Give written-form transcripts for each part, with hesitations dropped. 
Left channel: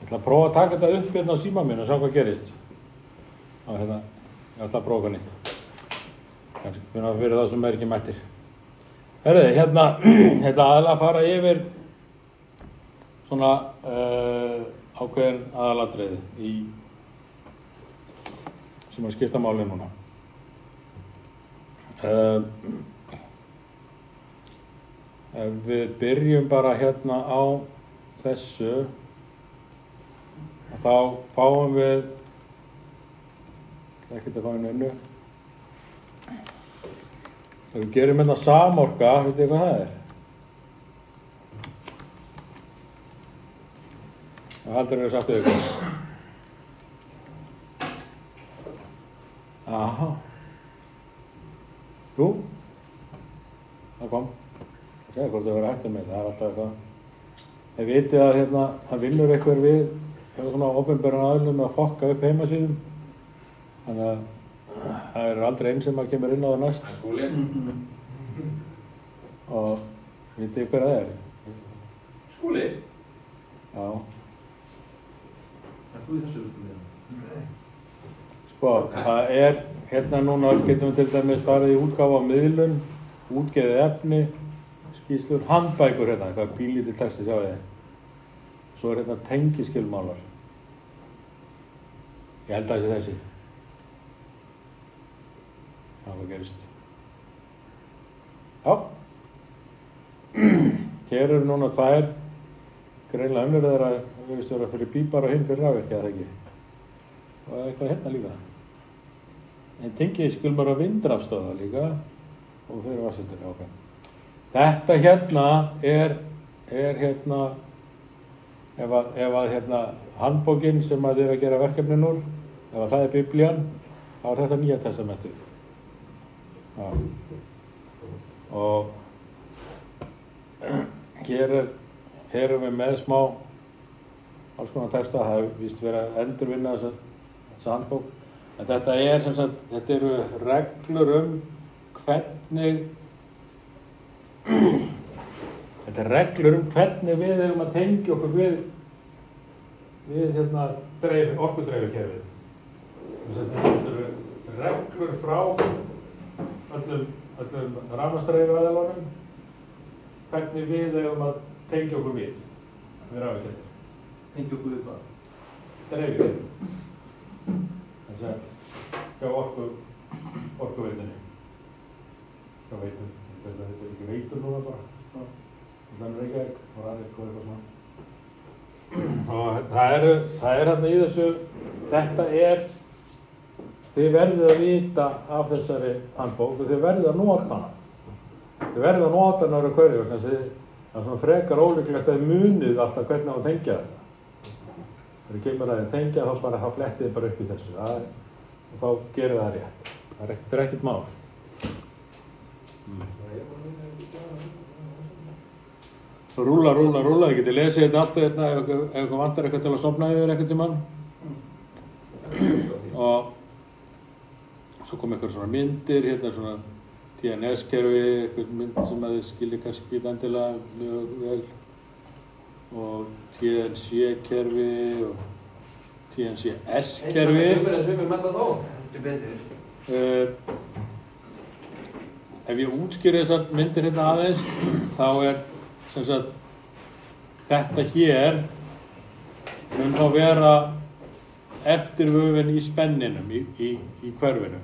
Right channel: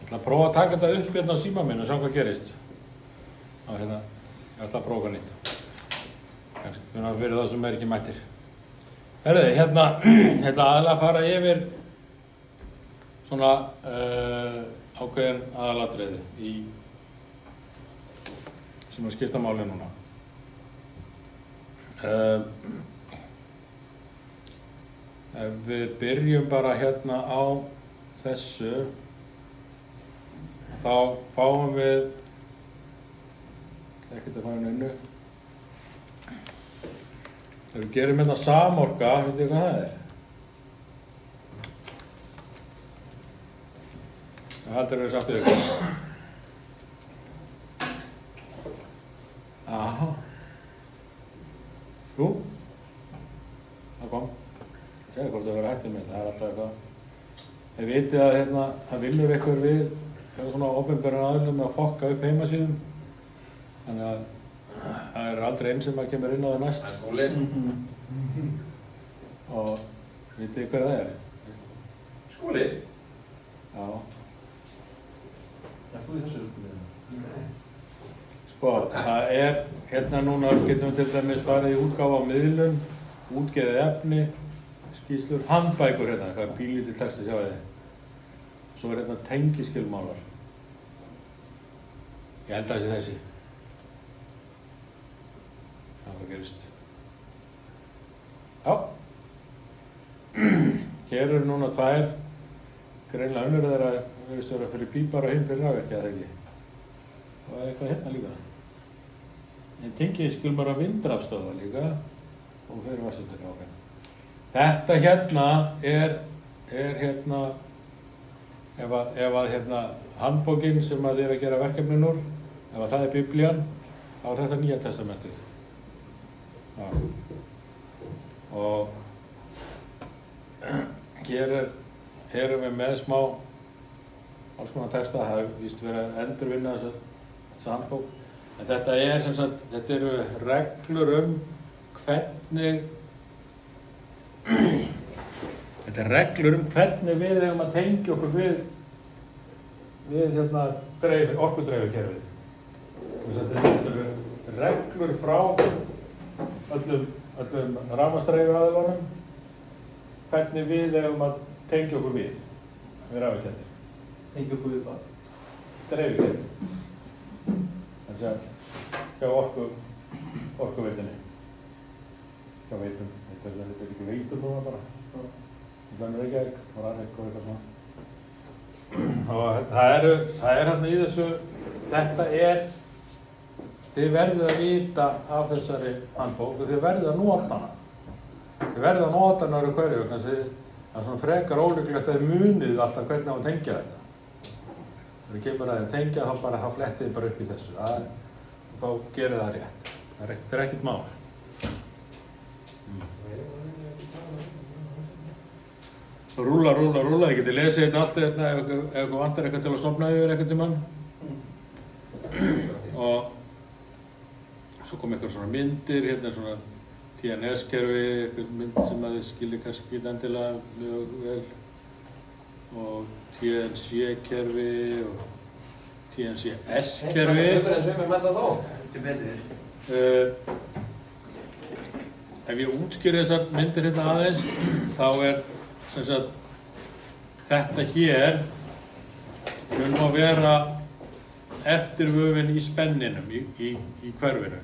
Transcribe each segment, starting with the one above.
Ég ætla að prófa að taka þetta upp hérna á síma minn og sjá hvað gerist. Ég ætla að prófa hvað nýtt. Þannig fyrir þá sem ekki mættir. Herðu, hérna aðalega að fara yfir svona ákveðin aðalatriði sem að skipta máli núna. Ef við byrjum bara hérna á þessu, þá fáum við ekkert að fá innu. Ef við gerum hérna samorka, veitir hvað það er? Það heldur við samt yfir. Aha. Jú. Það kom. Ég segi hvort það verður hættur með, það er alltaf eitthvað. Það vitið að hérna, það vinnur eitthvað við svona opinberan aðilum með að fokka upp heimasíðum. Þannig að það er aldrei einn sem að kemur inn á það næst. Það er Skúli. Og vitið hver það er? Skúli? Já. Það þú í þessu meina? Sko, það er, hérna núna getum við til dæmis farið í útgáfa á miðlun, útgefið efni, skýrslur, handbækur hérna, eitthvað bílítill texti, sjáu þið. Svo er hérna tengiskilmálar. Ég held að það sé þessi. Það gerist. Já. Hér eru núna tvær, greinlega önnur þeirra virðist vera fyrir bípar og hinn fyrir rafvirkja, eða ekki? Og eitthvað hérna líka. En tengiskilmálar vindrafstöða líka og fyrir vatnsveitur, ok. Þetta hérna er hérna, ef að hérna handbókin sem að þið er að gera verkefnin úr, ef að það er Biblían, þá er þetta Nýja testamentið. Já. Og hér erum við með smá alls konar texta, það er víst verið að endurvinna þessa handbók. En þetta er sem sagt, þetta eru reglur hvernig þetta er reglur hvernig við eigum að tengja okkur við hérna orkudreifikerfið. Þetta eru reglur frá öllum rafmagnsdreifiaðilunum hvernig við eigum að tengja okkur við rafmagnskerfið. Tengja okkur við hvað? Dreifikerfið. Þannig að hjá orkuveitunni. Hjá veitum. Þetta er ekki veitur núna bara. Þannig er ekki og Rarik og eitthvað svona. Og það er hérna í þessu, þetta er, þið verðið að vita af þessari handbók og þið verðið að nota hana. Þið verðið að nota hana á hverju, þannig að það er svona frekar ólíklegt að þið munið alltaf hvernig á að tengja þetta. Þegar þið kemur að þið tengja þá flettið þið bara upp í þessu og þá gerir það rétt. Það er ekkert mál. Rúlla, ég geti lesið þetta alltaf hérna ef ykkur vantar eitthvað til að sofna yfir eitthvað tímann. Og svo kom eitthvað svona myndir, hérna svona TNS-kerfi, eitthvað mynd sem að þið skiljið kannski ekki endilega mjög vel. Og TNC-kerfi og TNCS-kerfi. Sumir blanda þó. Ekki betur. Ef ég útskýri þessar myndir hérna aðeins, þá er sem sagt, þetta hér mun þá vera eftirvöfin í spenninum, í hverfinu.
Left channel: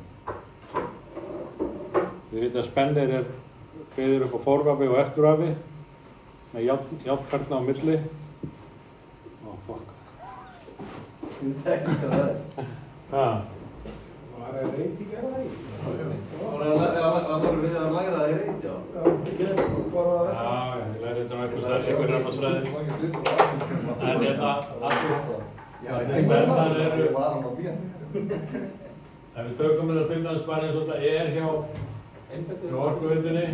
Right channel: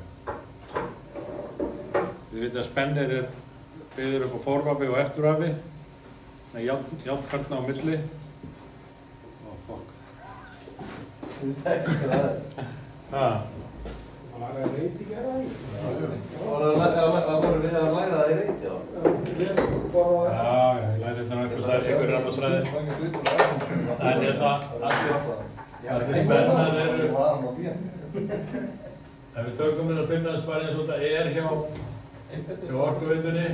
Þið veit að spennir er byggður upp á forvafi og eftirvafi með járnkarna á milli. Ó, fokk. Þið tekst það. Ha? Það er reyti ekki það í. Það voru við að læra það í reyti, já. Já, ég læri þetta eitthvað sæs ykkur rafmagnsfræði. En hérna, spennan eru... Ef við tökum þetta til dæmis bara eins og þetta er hjá orkuveitunni,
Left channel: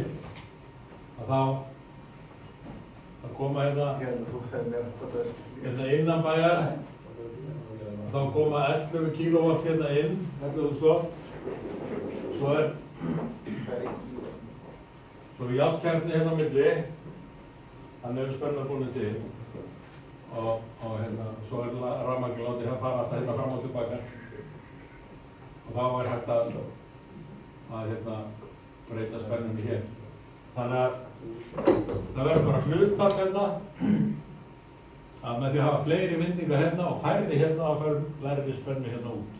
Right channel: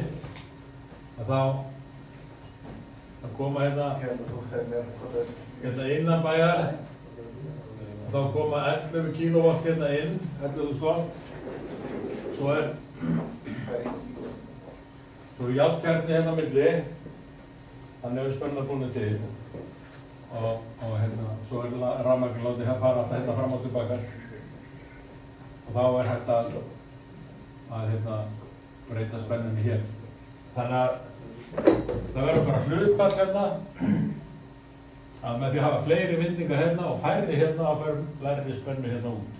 þá koma hérna innan bæjar, þá koma 11 kílóvatt hérna inn, 11.000 watt. Svo er járnkjarni hérna á milli, þannig er spenna búin til. og svo rafmagnið látið fara alltaf fram og tilbaka og þá hægt að breyta spennunni hér. Þannig að það verður bara hlutfall að með því að hafa fleiri vindinga og færri þá fyrir lægri spennu út.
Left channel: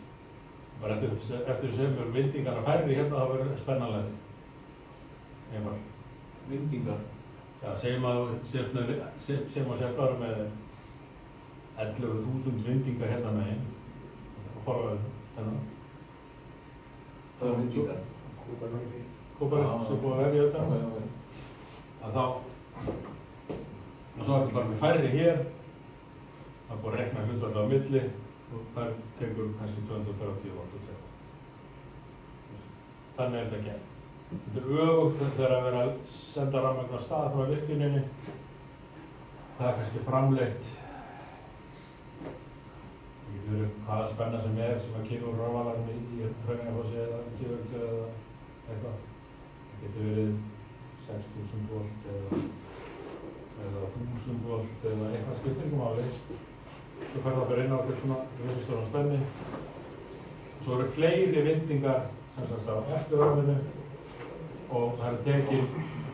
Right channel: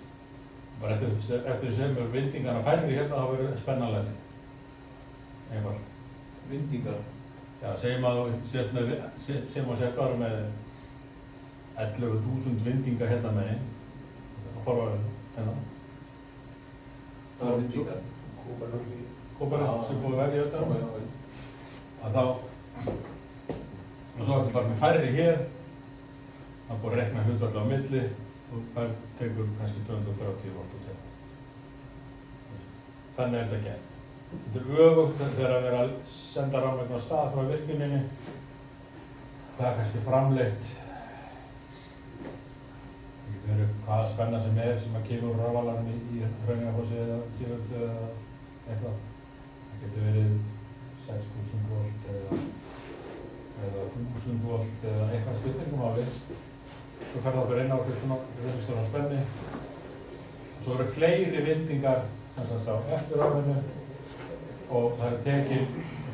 Bara eftir sem vindingarna færri þá verður spenna lægri. Einfalt. Vindingar? Já, segjum að sér bara með 11.000 vindinga megin og forvarðin Það var vindingar? Kóparinn sem búið að veðja þetta að þá og svo ertu bara með færri hér það búið að reikna hlutfall á milli og þar tekur kannski 230 volt og þannig þetta gert. Þetta öfugt þegar að vera að senda rafmagn á stað frá virkjuninni það kannski framleitt það getur verið hvaða spenna sem að kemur rafalarinn í Hraunjarfossi eða Tíðvöldu eða eitthvað. Það getur verið 6.000 volt eða 1.000 volt eða eitthvað skiptingum áli. Svo fer það bara inn á eitthvað svona registóran spenni. Svo eru fleiri vindingar sem sagt á eftirofinu og það er tekið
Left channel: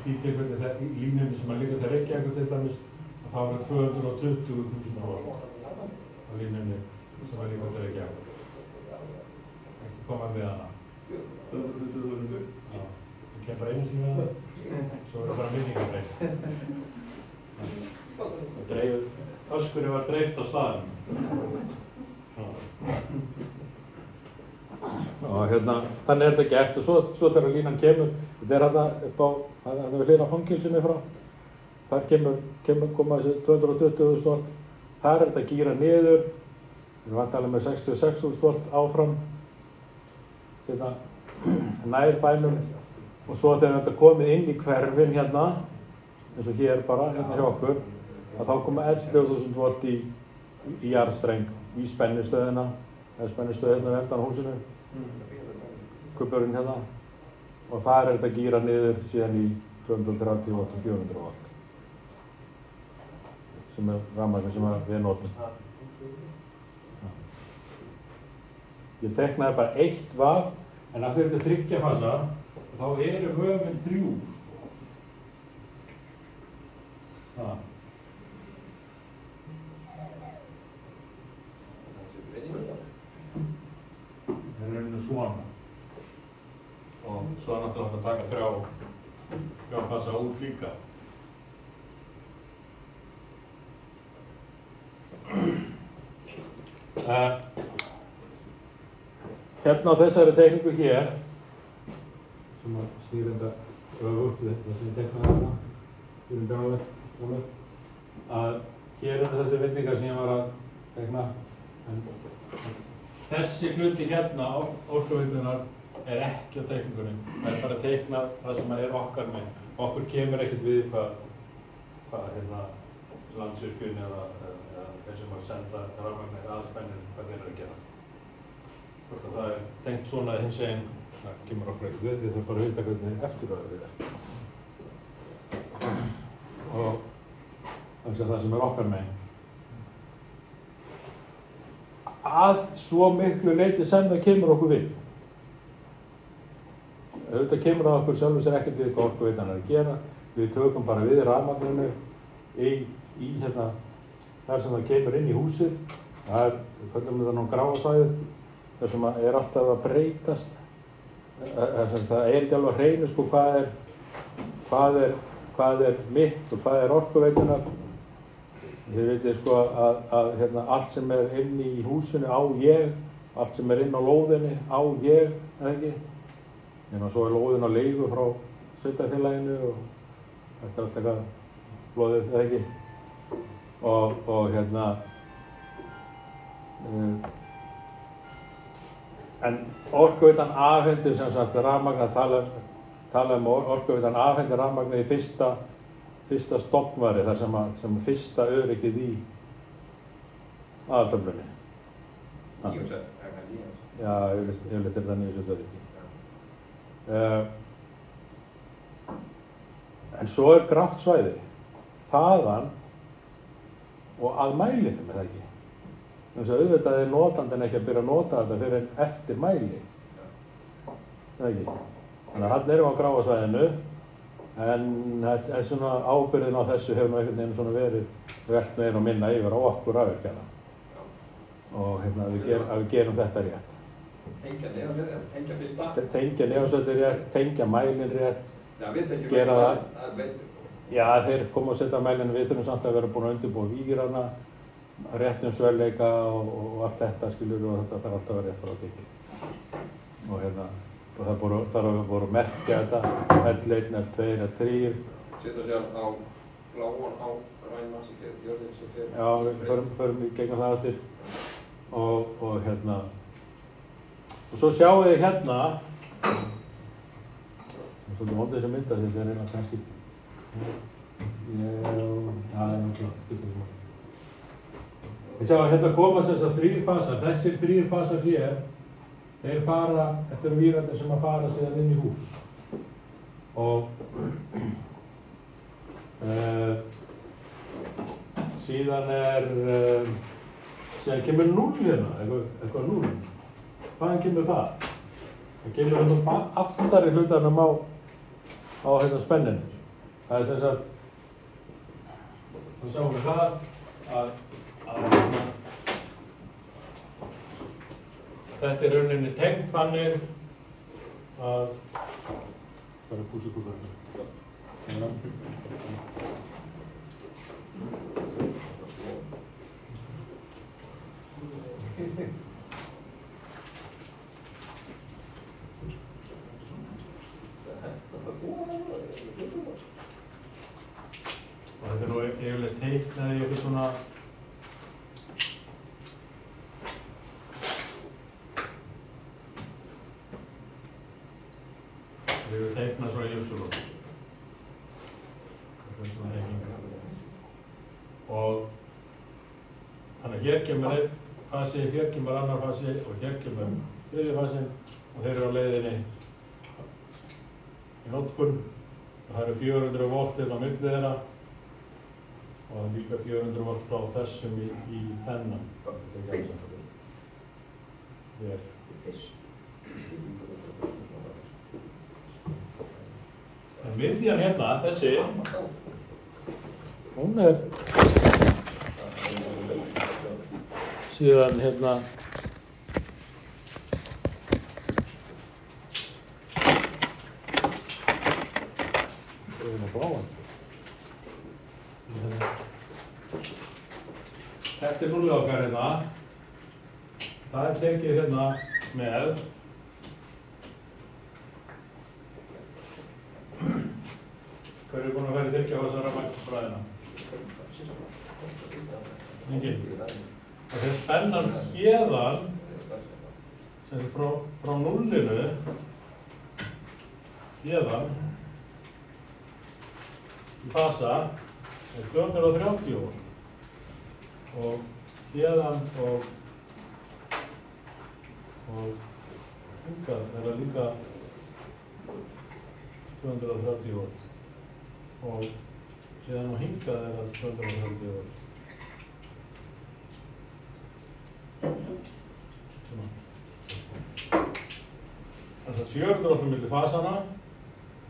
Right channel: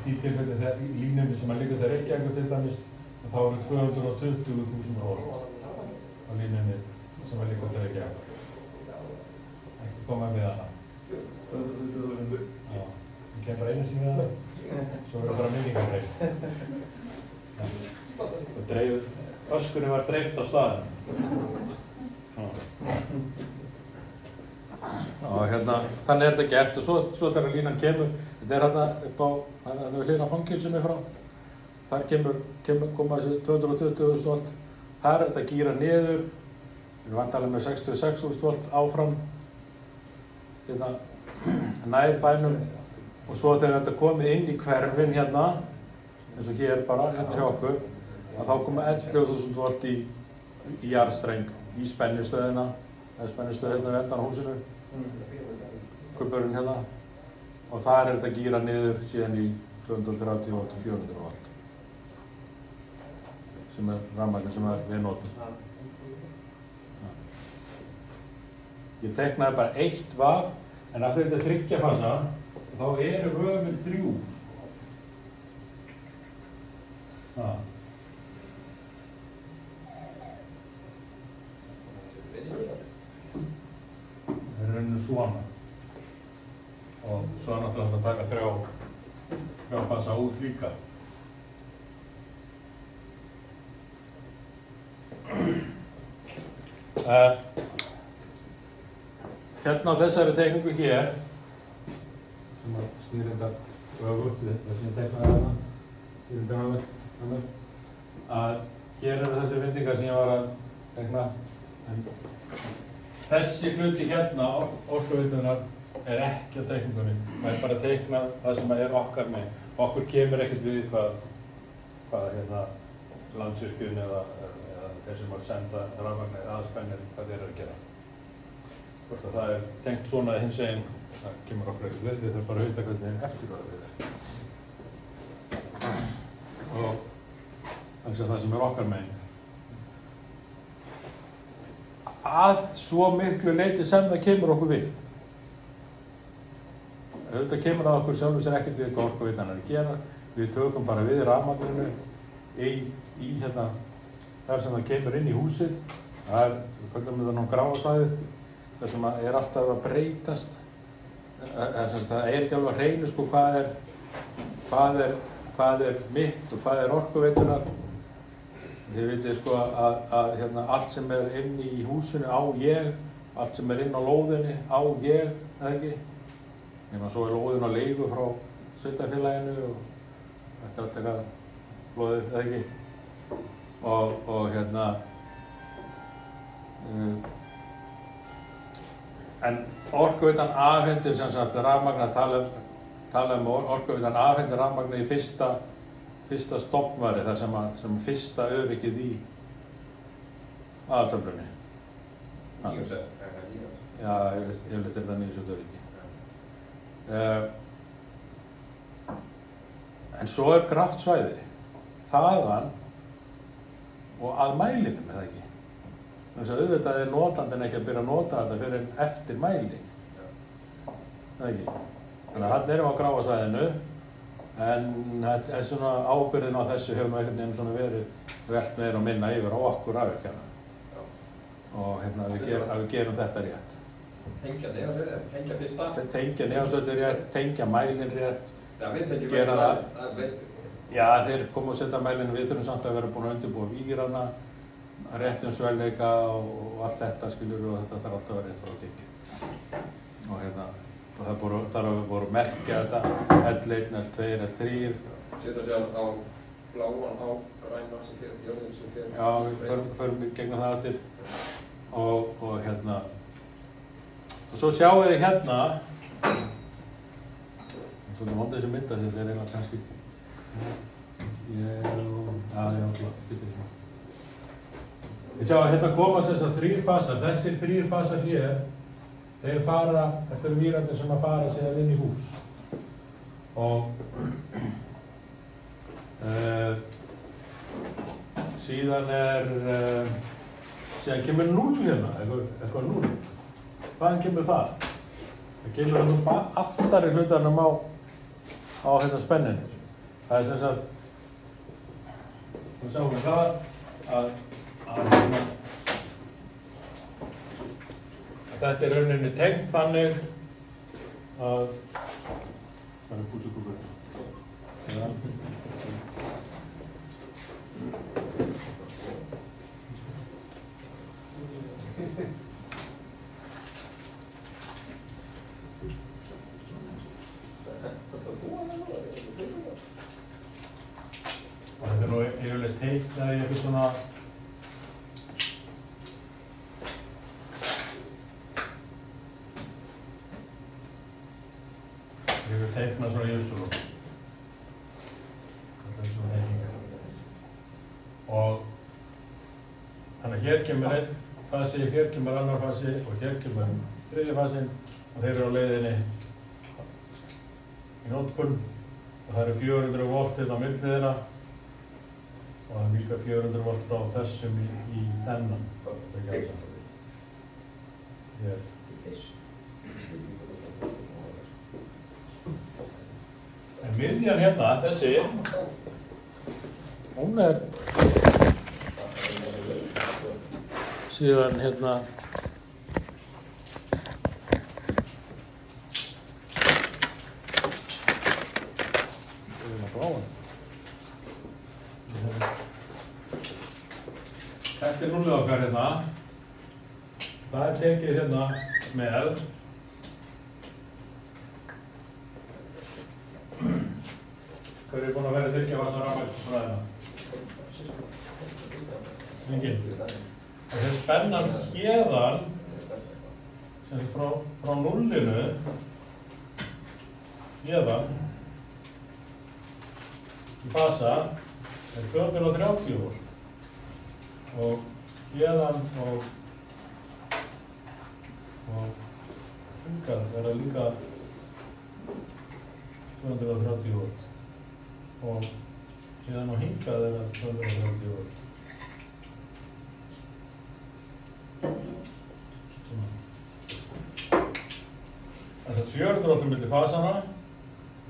því tilfelli þegar í línunni sem að liggja til Reykjavíkur til dæmis og þá eru 220.000 volt á línunni sem að liggja til Reykjavíkur. Ekki komað við hana. 220.000. Já, það kemur einu sinni við hana, svo eru bara vinningarreið. Öskunni var dreift á staðnum. Og þannig er þetta gert og svo þegar línan kemur, þetta er upp á, það er hlýna fangilsinu frá, þar koma þessi 220.000 volt, þar er þetta gíra niður, við erum vantanlega með 66.000 volt áfram, nær bænum og svo þegar þetta komið inn í hverfin eins og hér bara, hjá okkur, að þá koma 11.000 volt í jarðstreng, í spennistöðina, það er spennistöð vendan á húsinu, kuppurinn og þar er þetta gíra niður síðan í 230 volt og 400 volt, sem er rafmagnið sem við notum. Ég teknaði bara 1 vaf, en af því þetta er 3 fasa, þá eru vöfin 3. Það er rauninu svona. Og svo er náttúrulega hægt að taka 3 fasa út líka. Hérna á þessari teikningu hér, sem að snýrindar öfugt við þessi teiknaði hana, að hér eru þessi vindingar sem ég var að teikna. Þessi hluti orkuveitunar er ekki á teikningunni. Það er bara að teikna það sem er okkar með. Okkur kemur ekkert við hvað Landsvirkjun eða þeir sem að senda rafmagnið aðspennir hvað þeir eru að gera. Hvort að það er tengt svona hins einn, það kemur okkur ekkert við, við þurfum bara að vita hvernig eftirorðið við er. Og það sem er okkar megin. Að svo miklu leyti sem það kemur okkur við. Auðvitað kemur það okkur sjálfur sér ekkert við hvað orkuveitan er að gera. Við tökum bara við rafmagninu í þar sem það kemur inn í húsið. Það er, við kallum þetta nú gráasvæðið, þar sem er alltaf að breytast. Það er ekki alveg að hreinu sko hvað er mitt og hvað er orkuveitunar. Þið vitið sko að allt sem er inn í húsinu á ég, allt sem er inn á lóðinni á ég, eða ekki? Nema svo er lóðin á leigu frá sveitarfélaginu og þetta er allt eitthvað lóðið, eða ekki? En orkuveitan afhendir sem sagt rafmagn að tala orkuveitan afhendir rafmagnið í fyrsta stofnværi, þar sem fyrsta öryggið í aðaltöflunni. Já, yfirleitt er það 9. öryggi. En svo er grátt svæði. Þaðan og að mælinum, eða ekki? Þannig að auðvitað notandinn ekki að byrja að nota þetta fyrir en eftir mæli. Eða ekki? Þannig að hann erum á gráa svæðinu, en svona ábyrgðin á þessu hefur einhvern veginn svona verið velt meira og minna yfir á okkur rafvirkjana. Og að við gerum þetta rétt. Tengja nefnir, tengja fyrsta. Tengja nefnstöðu rétt, tengja mælinn rétt, Já, við tengjum gera það. veitur. Já, þeir koma og setja mælinn, við þurfum samt að vera búin að undirbúa vírana, réttum svelleika og allt þetta skilur og þetta þarf alltaf að vera rétt frá gengið. Og það þarf að voru að merkja þetta, L1, L2, L3. Setja sér á bláan, á græna sem fyrir, jörðin sem fyrir. Já, við förum í gegnum það eftir. Og svo sjáum við hérna, það er svolítið vondið þessi mynda, þetta er eiginlega kannski, skilur ekki maður. Við sjáum að hérna koma þessar 3 fasar, þessir 3 fasar hér, þeir fara, þetta eru vírarnir sem að fara síðan inn í hús. Og síðan kemur 0 hérna, eitthvað 0. Hvaðan kemur það? Það kemur hérna aftari hlutanum á hérna spenninu. Það er sem sagt, þá sjáum við það að þetta er rauninni tengt þannig að það er pútsukúkur. Þetta er nú yfirleitt teiknaði eitthvað svona við teikna svona jöfnsulú. Þetta er svona teikningar. Og þannig að hér kemur einn fasi, hér kemur annar fasi og hér kemur þriðji fasinn og þeir eru á leiðinni í notkun og það eru 400 volt inn á milli þeirra og það er líka 400 volt frá þessum í þennan. Hér. En miðjan hérna, þessi, hún er síðan hérna bláan. Þetta er núlið okkar hérna. Það er tekið hérna með hver er búinn að vera þyrkja á þessa rafmagnsfræðina? Enginn. Það er spennan héðan sem frá núllinu héðan í fasa er 230 volt og héðan og hingað er það líka 230 volt og héðan og hingað er það 230 volt. Það er 400 voltum milli fasana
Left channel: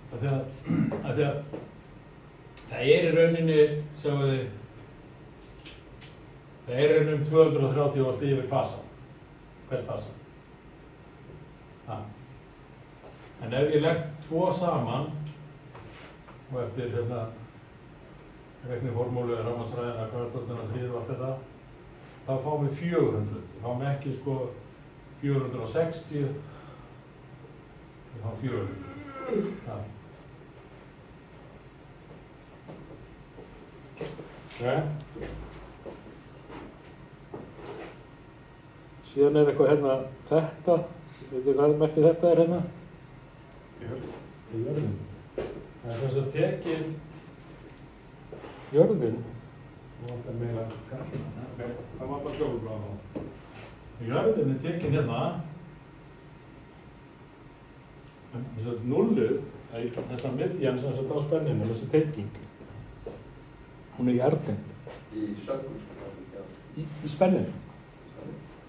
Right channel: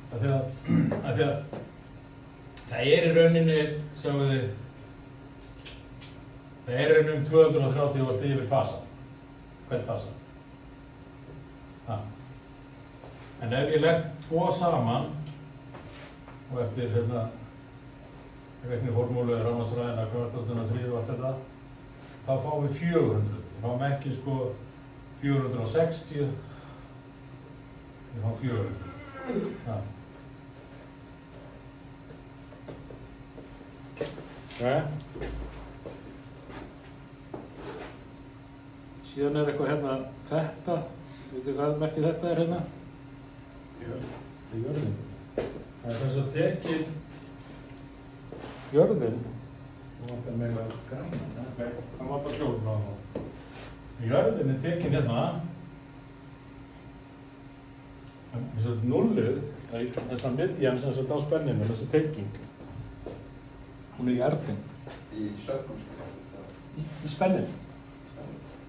af því að það er í rauninni, sjáum við, það er í rauninni 230 volt yfir fasa, hver fasa. En ef ég legg 2 saman og eftir reikniformúlu, rafmagnsfræðina, kvöldvölduna, 3 og allt þetta, þá fáum við 400. Við fáum ekki 460, við fáum 400. Síðan er eitthvað hérna þetta, veitu hvað merkið þetta er hérna? Það er jörðin. Það er þess að tekið jörðin og okkar meira græna. Það má bara sjóðu frá þá. Jörðin er tekin hérna eins og núlluð, þessa miðjan sem satt á spenninu, þessi tenging. Hún er jarðtengd. Í Sauðhúsinu. í spenninu.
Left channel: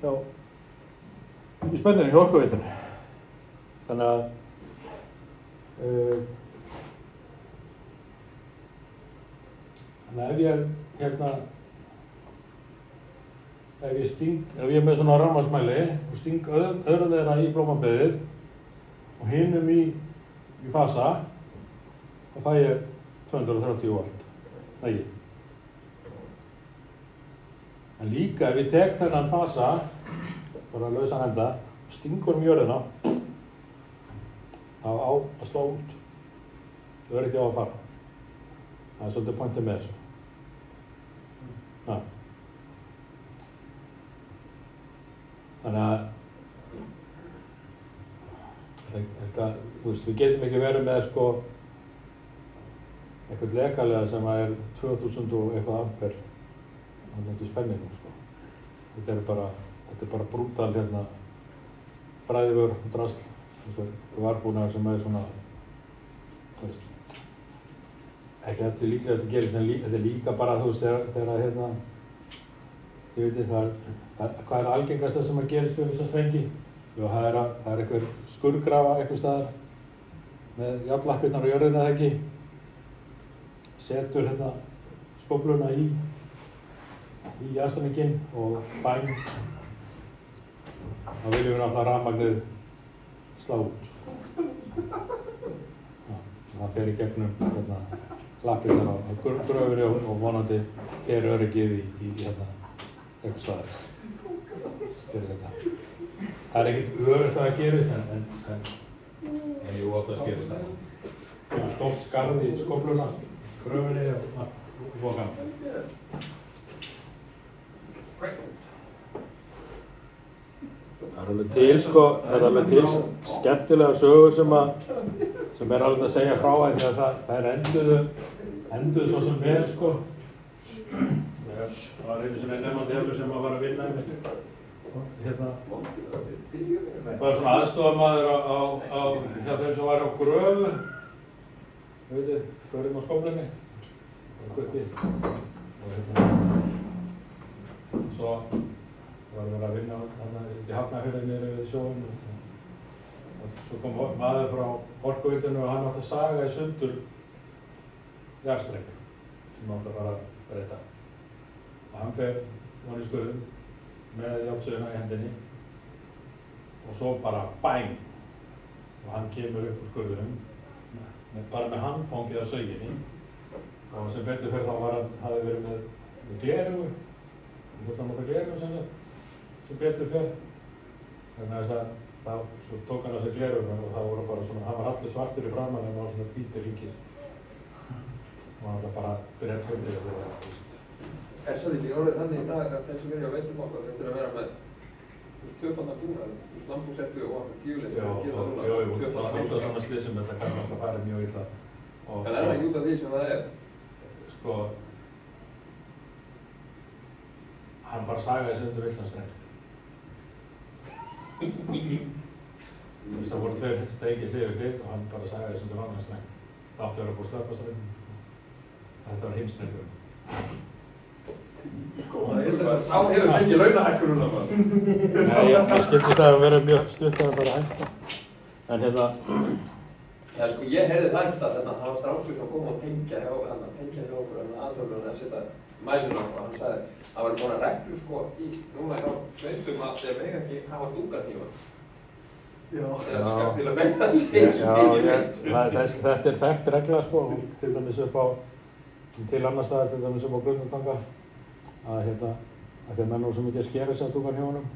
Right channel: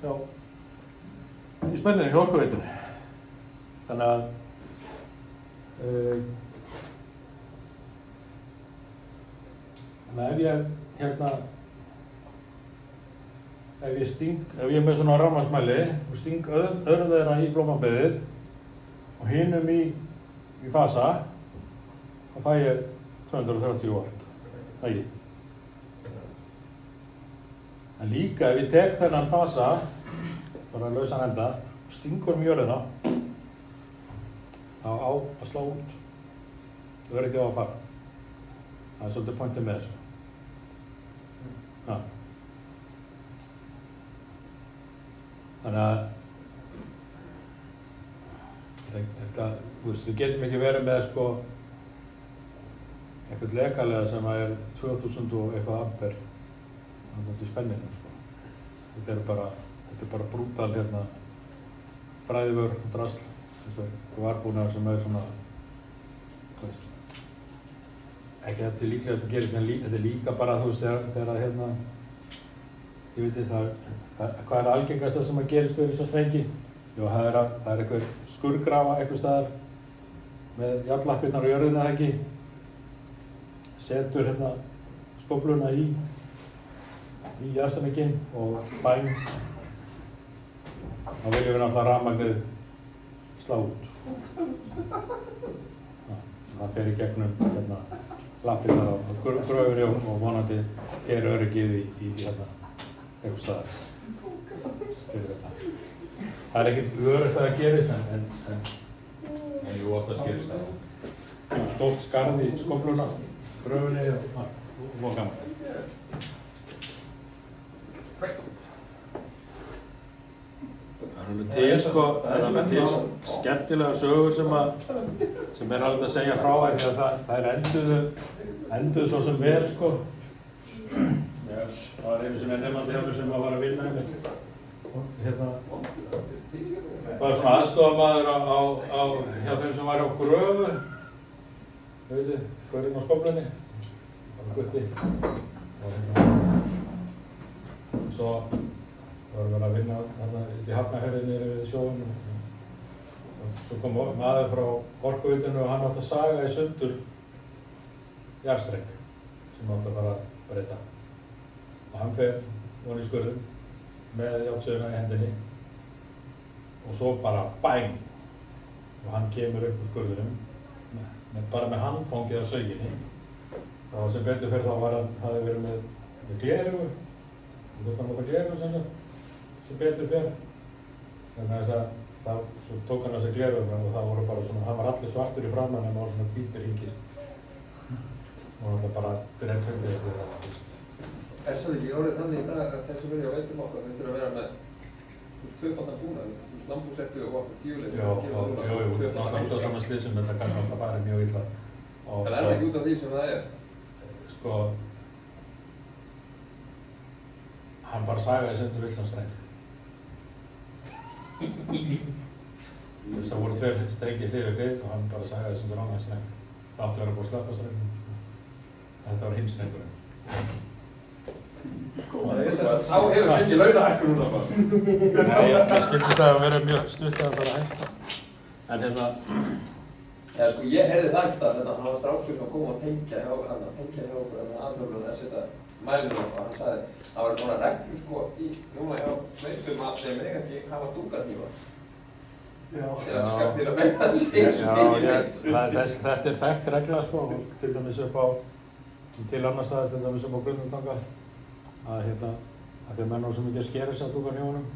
Já, í spenninu í Orkuveitunni. Þannig að ef ég er með svona rafmagnsmæli og sting öðru þeirra í blómabeðið og hinum í fasa, þá fæ ég 230 volt. Ekki. En líka ef ég tek þennan fasa, bara lausan enda, og stingur jörðina, þá á að slá út. Þú verður ekki á að fara. Það er svolítið pointið með þessu. Ja. Þannig að þetta, við getum ekki verið með eitthvað legalega sem er 2000 og eitthvað amper á móti spenninu. Þetta er bara brútal bræðivör og drasl. Varbúnaður sem er svona, ekki þetta er líklega að þetta gerist, en þetta er líka bara, þegar ég veit það, hvað er algengast það sem að gerist við þessa strengi? Jú, það er einhver skurðgrafa einhvers staðar með járnlappirnar á jörðina, eða ekki? Setur skófluna í jarðstrenginn og bæn. Þá viljum við náttúrulega rafmagnið slá út. Það fer í gegnum lappirnar á gröfinni og vonandi fer öryggið í einhvers staðar fyrir þetta. Það er ekkert öruggt að það gerist, en jú, oftast gerist það. Stórt skarð í skófluna, gröfinni og gaman. Það er alveg til skemmtilega sögur sem er alveg að segja frá því að það enduðu svo sem vel, Það var einu sinni nefnandi sem var að vinna það var svona aðstofamaður hjá þeim sem var á gröfu, hverjum á skóflunni, bara gutti. Svo var að vera að vinna í Hafnarfirðinni við sjóinn og svo kom maður frá Orkuveitunni og hann átti að saga í sundur jarðstreng sem átti að bara breyta. Og hann fer ofan í skurðinn með járnsöguna í hendinni og svo bara bæng og hann kemur upp úr skurðinum bara með handfangið af sauginni. Og sem betur fyrir þá hafði verið með gleraugu. Þú þurfti að nota gleraugu sem betur fyrir. Þannig að svo tók hann á sig gleraugu og það voru bara svona, hann var allir svartur í framan en var svona hvítir hringir. Og hann var bara drepphjóðið fyrir það, Er það ekki orðið þannig í dag að þeir sem vilja á veitum okkar, þeir þurfa að vera með tvöfaldan búnað, lambhúsettu og djúleik Jú, það er svona slysum, þetta kann alltaf farið mjög illa. En er það ekki út af því sem það er? Hann bara sagaði sig undir villan streng. Það voru tveir strengir hlið við hlið og hann bara sagaði sig undir annan streng. Það átti að vera búið að slökkva strenginn. Þetta var hinn strengurinn. Þá hefur ekki launahækkun núna bara. Nei, ég skildi það að vera mjög stutt að bara hætta. En Já, ég heyrði það ekki það var strákur sem kom og tengja hjá okkur aðtöflunum að setja mælinu og hann sagði það var bara reglu núna hjá veitum að þeir mega ekki hafa dúkarhnífa. Þetta er þekkt regla til dæmis til annars staðar, til dæmis upp á Grundartanga að þegar menn voru svo mikið að skera sig á dúkarhnífunum.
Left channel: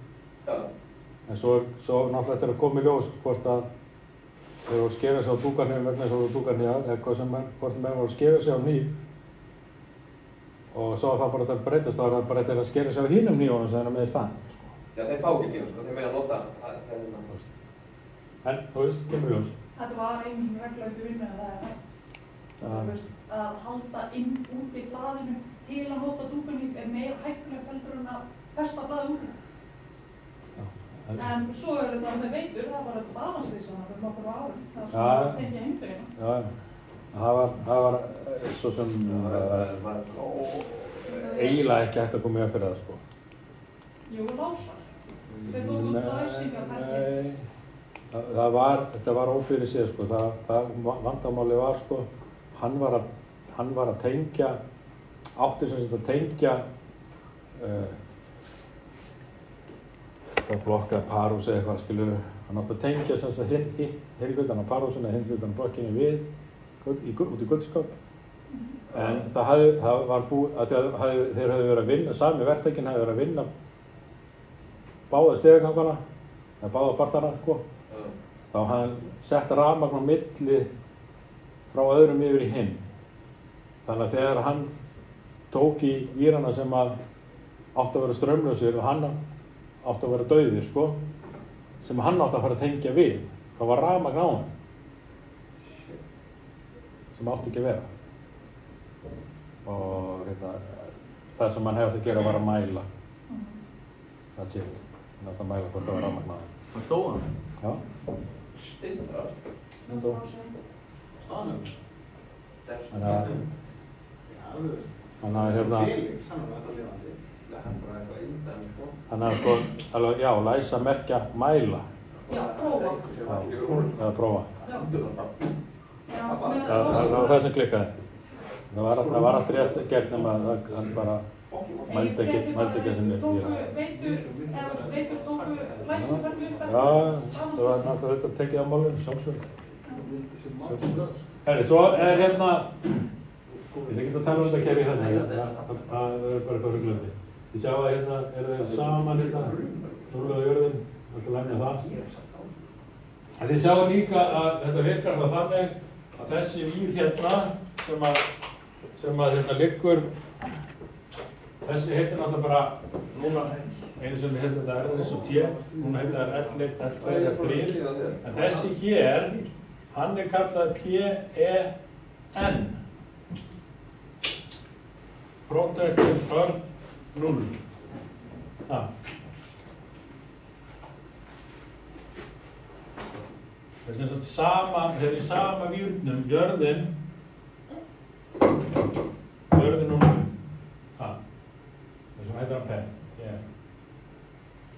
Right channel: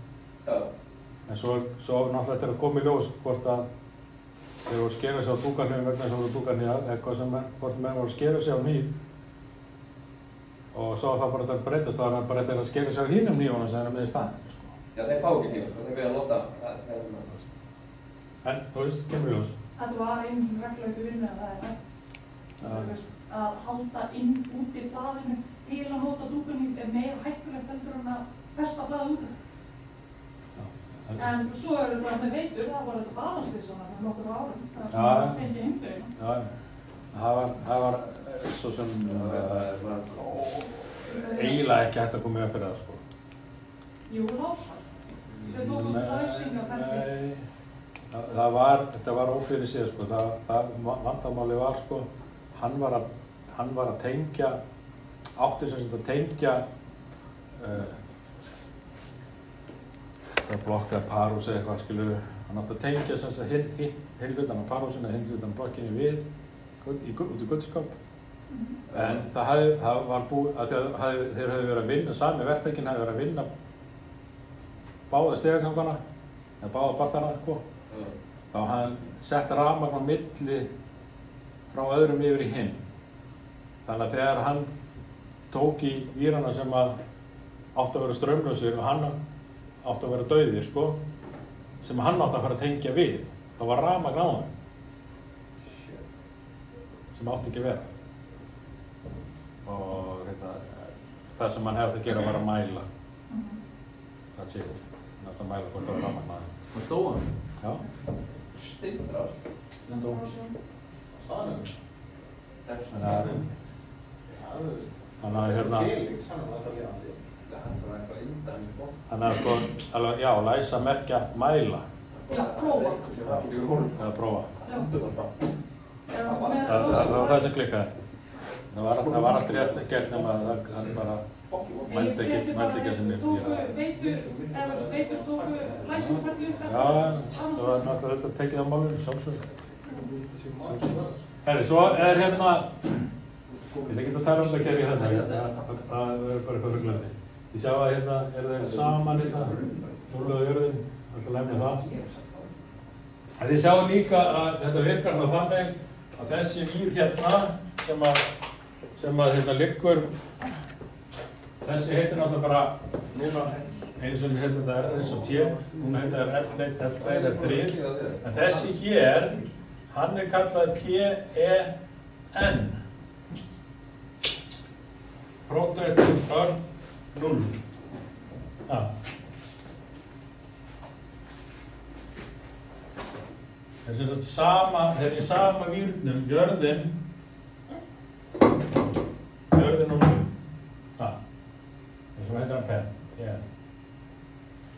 En svo náttúrulega þetta að koma í ljós hvort að þeir voru að skera sig á dúkarhnífum vegna þess að það voru dúkarhnífar eða hvort menn voru að skera sig á hníf og svo var það bara að breytast, það var bara að skera sig á hinum hnífunum sem það er með í staðinn. Já, þeir fá ekki hnífum, þeir mega nota það. En, þú veist, kemur í ljós. Þetta var einu svona regla upp í vinnu að það er hægt. Að halda úti blaðinu til að nota dúkarhníf er meira hættulegt heldur en að festa blaðið úti. En svo þetta með veitur, það var þetta balanslis fyrir nokkur árum. Það er svona að tengja heimdögina. Já, það var svo sem eiginlega ekki hægt að koma í veg fyrir það, Jú, Lásar. Þau tóku læsingaferli. Nei, þetta var ófyrir séð sko, það vandamáli var sko, hann var að tengja, átti sem sagt að tengja það blokkaði parhús eða eitthvað skilur, hann átti að tengja sem sagt hinn hlutan á parhúsinu, hinn hlutan á blokkinni við, út í Guttormskóp. En það var búið, þeir höfðu verið að vinna, sami verktakinn höfðu verið að vinna báða stigagangana, eða báða partana, sko. Þá hafði hann sett rafmagn á milli frá öðrum yfir í hinn. Þannig að þegar hann tók í vírana sem áttu að vera straumlausir og hann áttu að vera dauðir, sko, sem hann átti að fara að tengja við, þá var rafmagn á hann, sem átti ekki að vera. Og það sem hann hefði að gera var að mæla. That's it. Hann átti að mæla hvort það var rafmagn á hann. Það dó hann? Já. Steinbrast. En dó. Staðan? Þannig að Felix, hann alltaf lifandi. Hann bara eitthvað innan, sko. Þannig að sko, alveg, já, læsa, merkja, mæla. Já, prófa. Já, eða prófa. Já. Það var það sem klikkaði. Það var allt rétt gert nema að hann bara mældi ekki sem er Veitur tóku læsingaferli upp. Já, það var náttúrulega þetta tekið á málinu, sjálfsög. Herri, svo er hérna, ég vil ekki að tala þetta kæri hérna, það er bara eitthvað ruglandi. Ég sjá að hérna þeir saman hérna, núlega jörðin, alltaf lemja það. En þið sjáum líka að þetta virkar það þannig að þessi vír hérna sem að hérna liggur, þessi heitir náttúrulega bara, núna einu sem heitir þetta R eins og T, núna heitir það L1, L2, L3, en þessi hér, hann er kallað PEN, Protected Earth 0. Það er sem sagt þeir eru í sama vírnum, jörðin og núna. Þess vegna heitir hann PEN.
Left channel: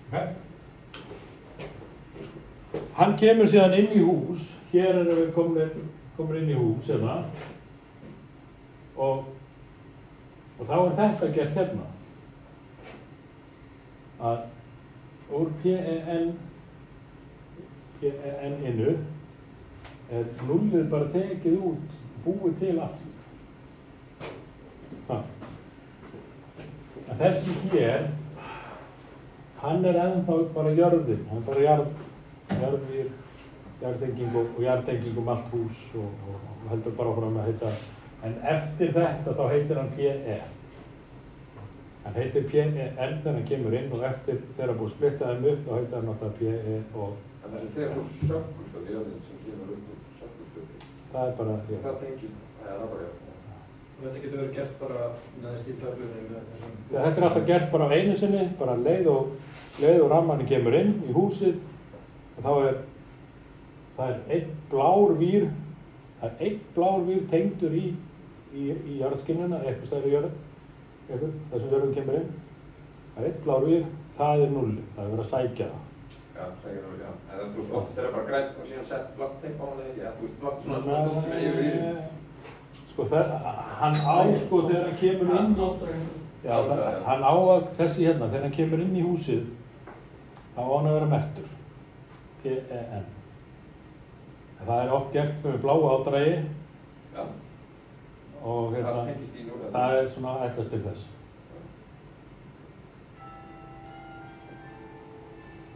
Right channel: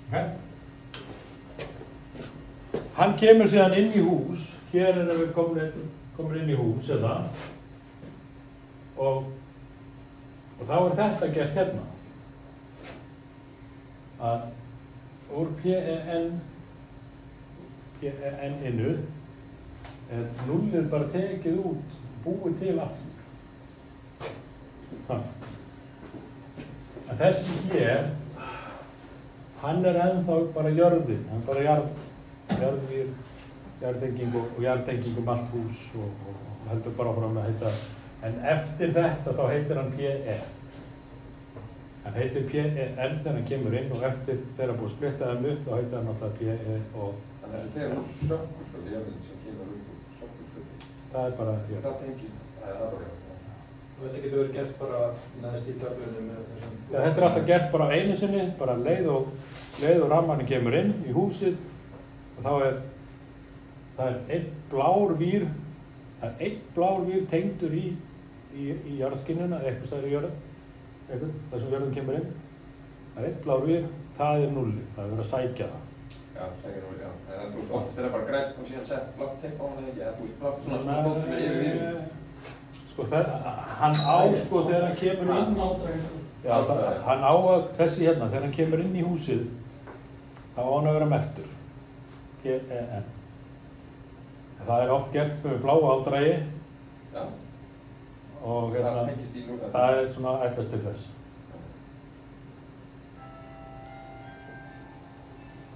Okay. Hann kemur síðan inn í hús, hér erum við komin inn í hús og þá er þetta gert hérna. Að úr PEN-inu er nullið bara tekið út, búið til aftur. Að þessi hér, hann er ennþá bara jörðin, hann er bara jarðvír, jarðtenging og jarðtenging allt hús og heldur bara áfram að heita, en eftir þetta þá heitir hann PE. Hann heitir PEN þegar hann kemur inn og eftir þegar hann búið að splitta þeim upp þá heitir hann alltaf PE og... Þannig að þegar hún sökkur sko, jörðin sem kemur upp og sökkur splitti. Það er bara, já. Það tengir, það er bara jörðin. Þetta getur verið gert bara neðst í töflunni með þessum... Þetta er alltaf gert bara á einu sinni, bara leið og rammarnir kemur inn í húsið og þá það er einn blár vír tengdur í jarðskinnuna, eitthvað stærri jörð, þar sem jörðin kemur inn. Það er einn blár vír, það er nullið, það er verið að sækja það. Já, sækja nullið, já. En þú veist, oftast er það bara grænt og síðan sett blátt teip á hann eða ekki, eða þú veist, blátt svona bótt sem er yfir vír. Sko hann á sko þegar hann kemur inn í... Já, hann á þessi hérna, þegar hann kemur inn í húsið, þá á hann að vera merktur. PEN. Það er oft gert með bláu ádrægi. Já. Og hérna, það er svona ætlast til þess.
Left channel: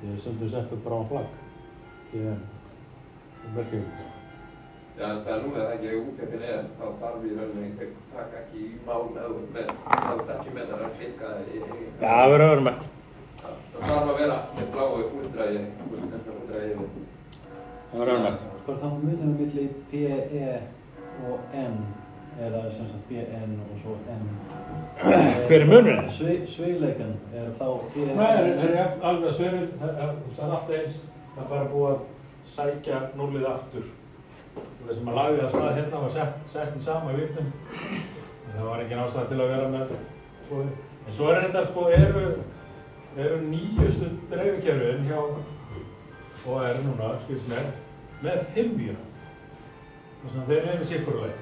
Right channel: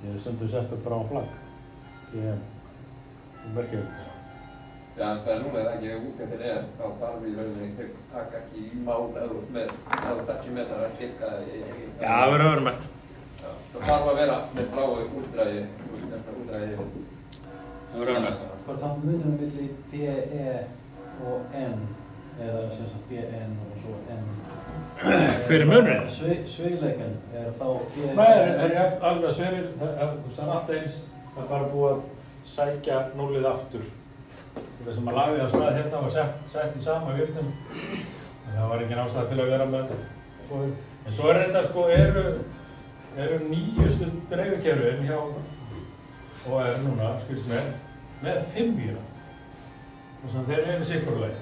Ég hef stundum sett upp bráan flagg. PEN. Og merkjum. Já, en það er núna það ekki út eftir þá þarf við rauninni taka ekki í mál eða ekki með það að klikka í... Já, það verður að vera merkt. Það þarf að vera með bláu úldrægi yfir. Það verður að vera merkt. Sko er það milli PE og N, eða sem sagt PN og svo N. Hver er munurinn? Sveigleikan er þá PE... Nei, það er alveg sveigir, það er alltaf eins, það er bara búið að sækja núllið aftur. Það sem að lagði að stað hérna var sett í sama virknum. Það var engin ástæða til að vera með... En svo er þetta sko, eru nýjustu dreifikerfin hjá OR núna, skilst mér, með 5 víra. Þannig að þeir eru sikkurlegi.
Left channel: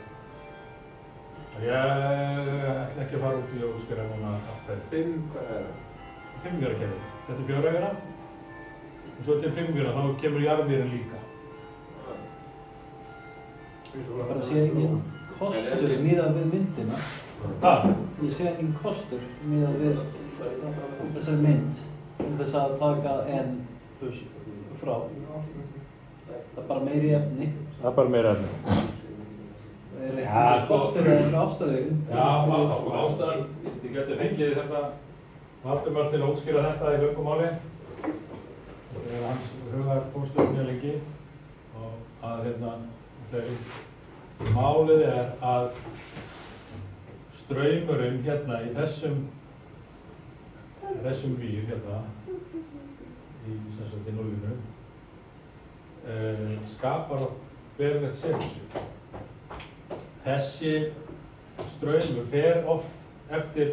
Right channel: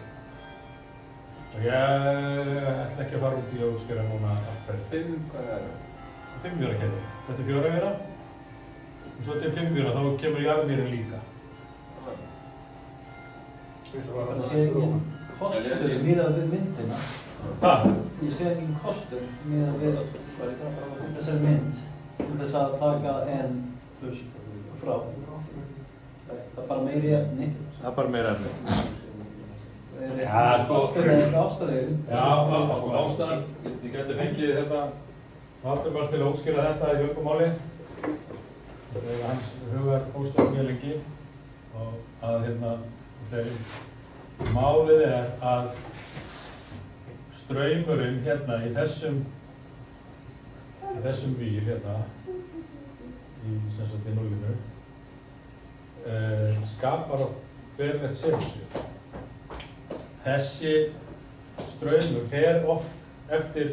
Og ég ætla ekki að fara út í og útskýra núna af hverju. 5, hvað er það? 5 víra kerfi. Þetta er 4 víra. Og svo til 5 víra, þá kemur jarðvírinn líka. Það sé engin kostur miðað við myndina. Hvað? Ég sé engin kostur miðað við þessar mynd til þess að taka en frá. Það er bara meiri efni. Það er bara meira efni. Það er kostur eða ástæðum. Já, sko ástæðan, ég geti fengið þetta Valdimar til að útskýra þetta í löngumáli. Það er hans hugarfóstur mjög lengi og að þegar málið er að straumurinn hérna í þessum vír hérna í sem sagt í núlinu skapar og verulegt segulsvið. Þessi straumur fer oft eftir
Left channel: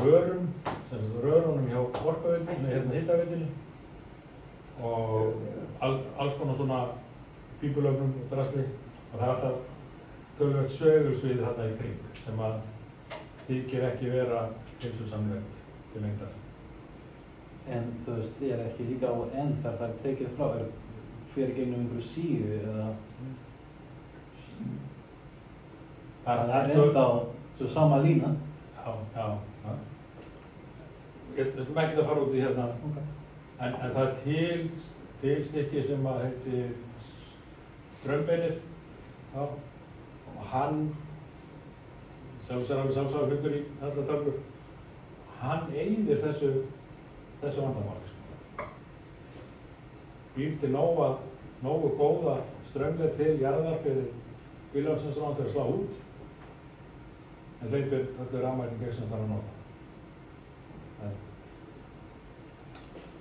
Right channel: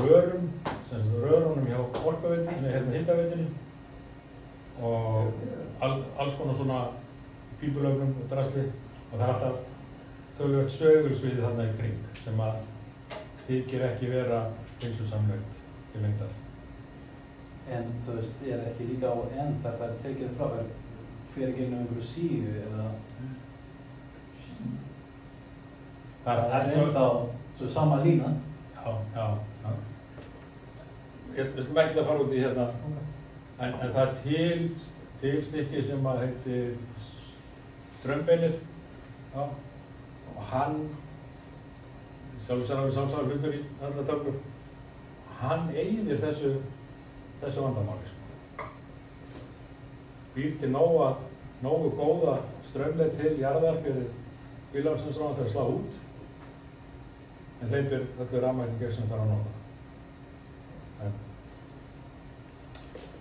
rörum, sem sagt rörunum hjá orkuveitunni, hérna hitaveitunni og alls konar svona pípulögnum og drasli og það er alltaf töluvert sögursvið þarna í kring sem að þykir ekki vera heilsusamlegt til lengdar. En þú veist, er ekki líka á enn þegar það er tekið frá, fer gegnum einhverju síðu eða það er ennþá svo sama lína. Já. Við ætlum ekki að fara út í hérna, en það er til stykki sem að heitir strömbeinir, og hann, sjálfsagður hlutur í allar tölkur, hann eyðir þessu vandamáli. Býr til nógu góða strömleið til jarðar fyrir bílansins til að slá út, en hleypir öllu rafmagni gegn sem þarf að nota.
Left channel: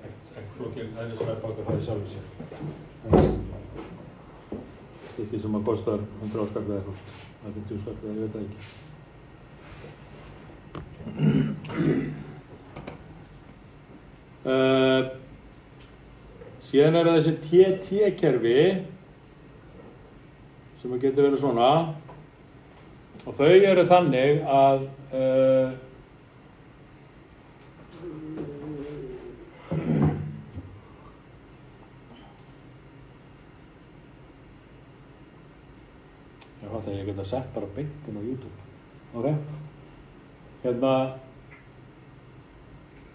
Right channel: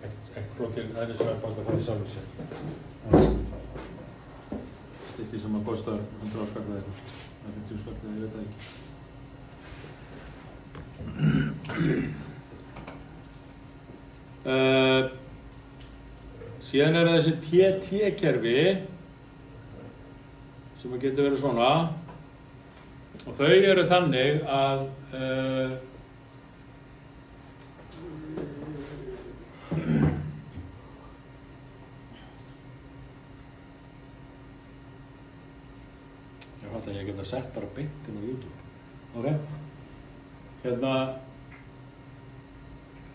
Ekkert flókinn aðri sem baka það í sjálfu sér. Stykki sem að kostar 100 skall eða eitthvað, 50 skall eða ég veit það ekki. Síðan eru þessi TT-kerfi sem að getur verið svona og þau eru þannig að ég fatt að ég geta sett bara beint inn á YouTube. Ok? Hérna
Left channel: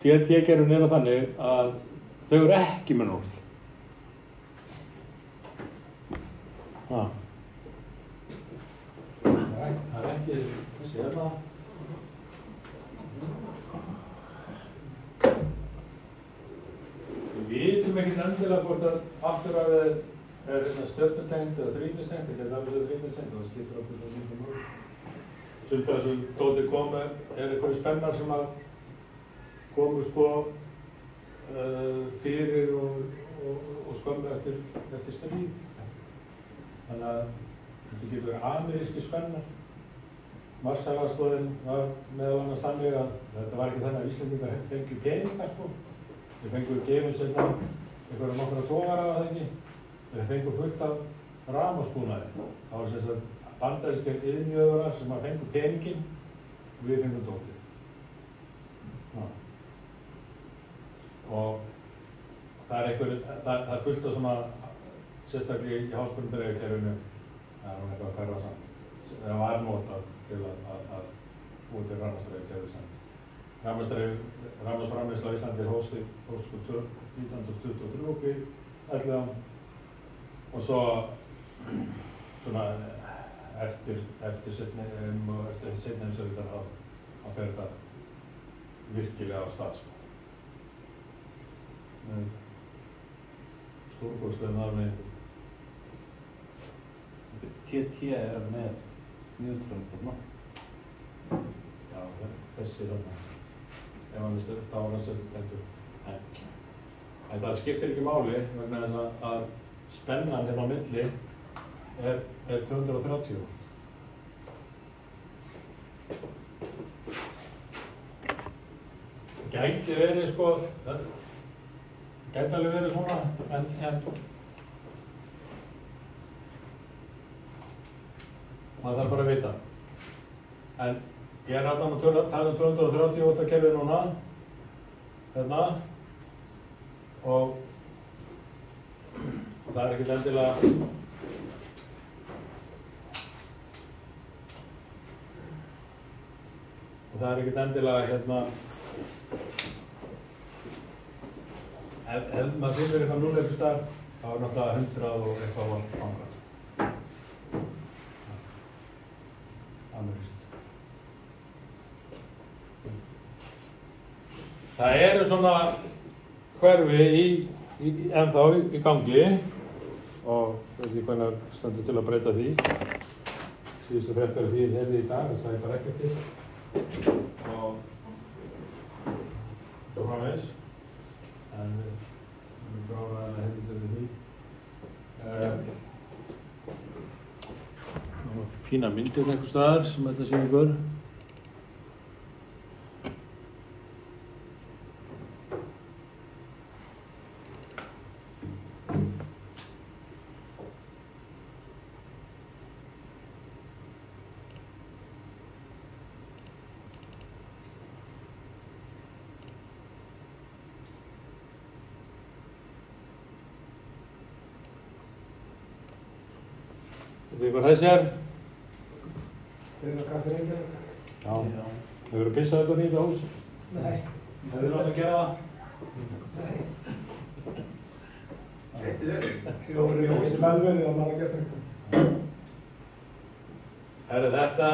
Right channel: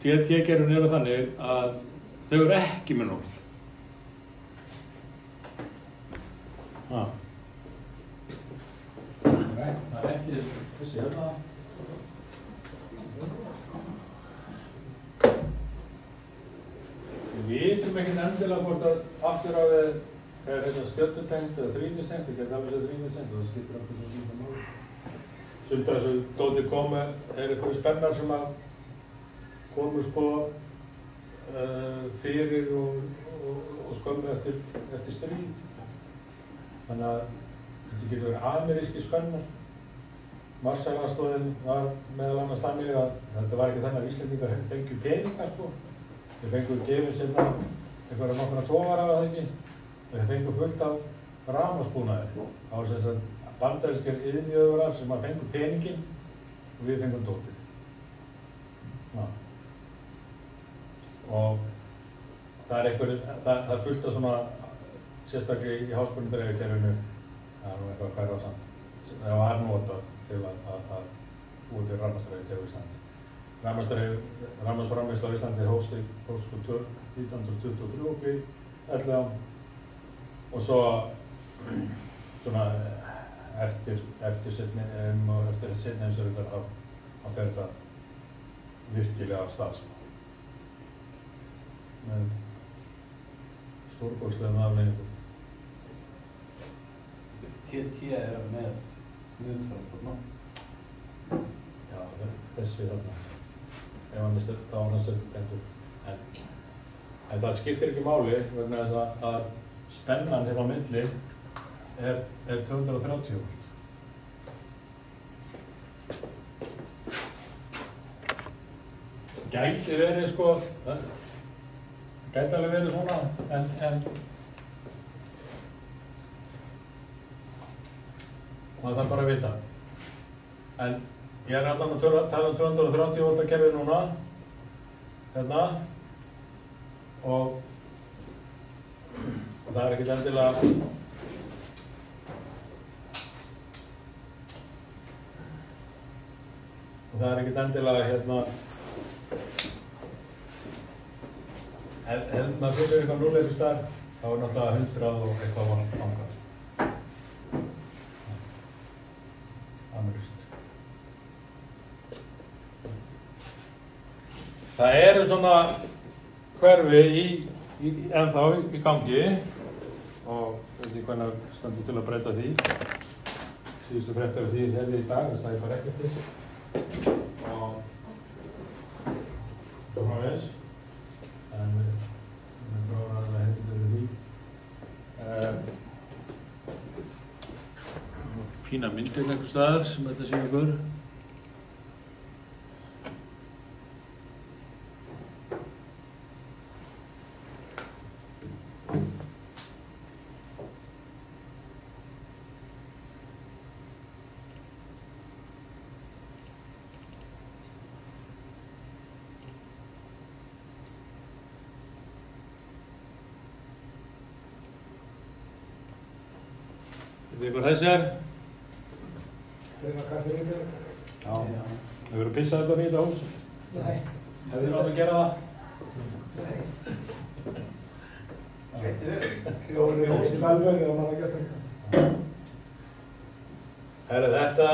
TT-kerfin eru þannig að þau eru ekki með núll. Það er ekki þessi hérna. Við vitum ekkert endilega hvort að afturhafið er stjörnutengt eða þrýnistengt, það getur alveg þrýnistengt, það skiptir okkur svo líka mál. Sumt af þessu dóti komu er einhverju spennar sem að komu sko fyrir og skömmu eftir stríð. Þannig að þetta getur verið ameríski spennar. Marshallstöðin var meðal annars þannig að þetta var ekki þannig að Íslendingar fengju peningar sko. Þeir fengu gefið sérna einhverja nokkra togara af það ekki. Þeir fengu fullt af rafmagnsbúnaði. Það var sem sagt bandarískir iðnjöfurar sem að fengu peninginn og við fengum dótið. Og það er fullt af svona, sérstaklega í háskóladreifikerfinu, það er eitthvað að hverfa samt. Það var notað til að búa til rafmagnsdreifikerfi í Íslandi. Rafmagnsframleiðsla á Íslandi hófst 1923 upp í 11 og svo svona eftir seinni heimsstyrjöldar þá fer þetta virkilega af stað sko. Með stórkostlegum afleiðingum. TT er með neutron, Já, þessi þarna. Ef hann vistu, þá var hann sem tendur. En það skiptir ekki máli vegna þess að spennan hérna á milli er 230 volt. gæti verið sko, gæti alveg verið svona, en maður þarf bara að vita. En ég er allan að tala um 230 volta kerfi núna, hérna, og það er ekkert endilega hérna ef maður finnir eitthvað núleipur starf þá er náttúrulega 100 og eitthvað vant framkvæmt. Alveg víst. Það eru svona hverfi ennþá í gangi og veit ekki hvernig stendur til að breyta því. Síðustu fréttir af því hefði í dag, það er bara ekkert til. Og svona veist. En við gráðum að hefði til því. Fína myndir einhvers staðar sem þetta sé ykkur. Veit hvað þessi er? Já. Hefur þú pissað þetta nýtt á hús? Nei. Hefur þið látið að gera það? Nei. Ég voru í hús til velvöni og mann að gera þetta. Herri, þetta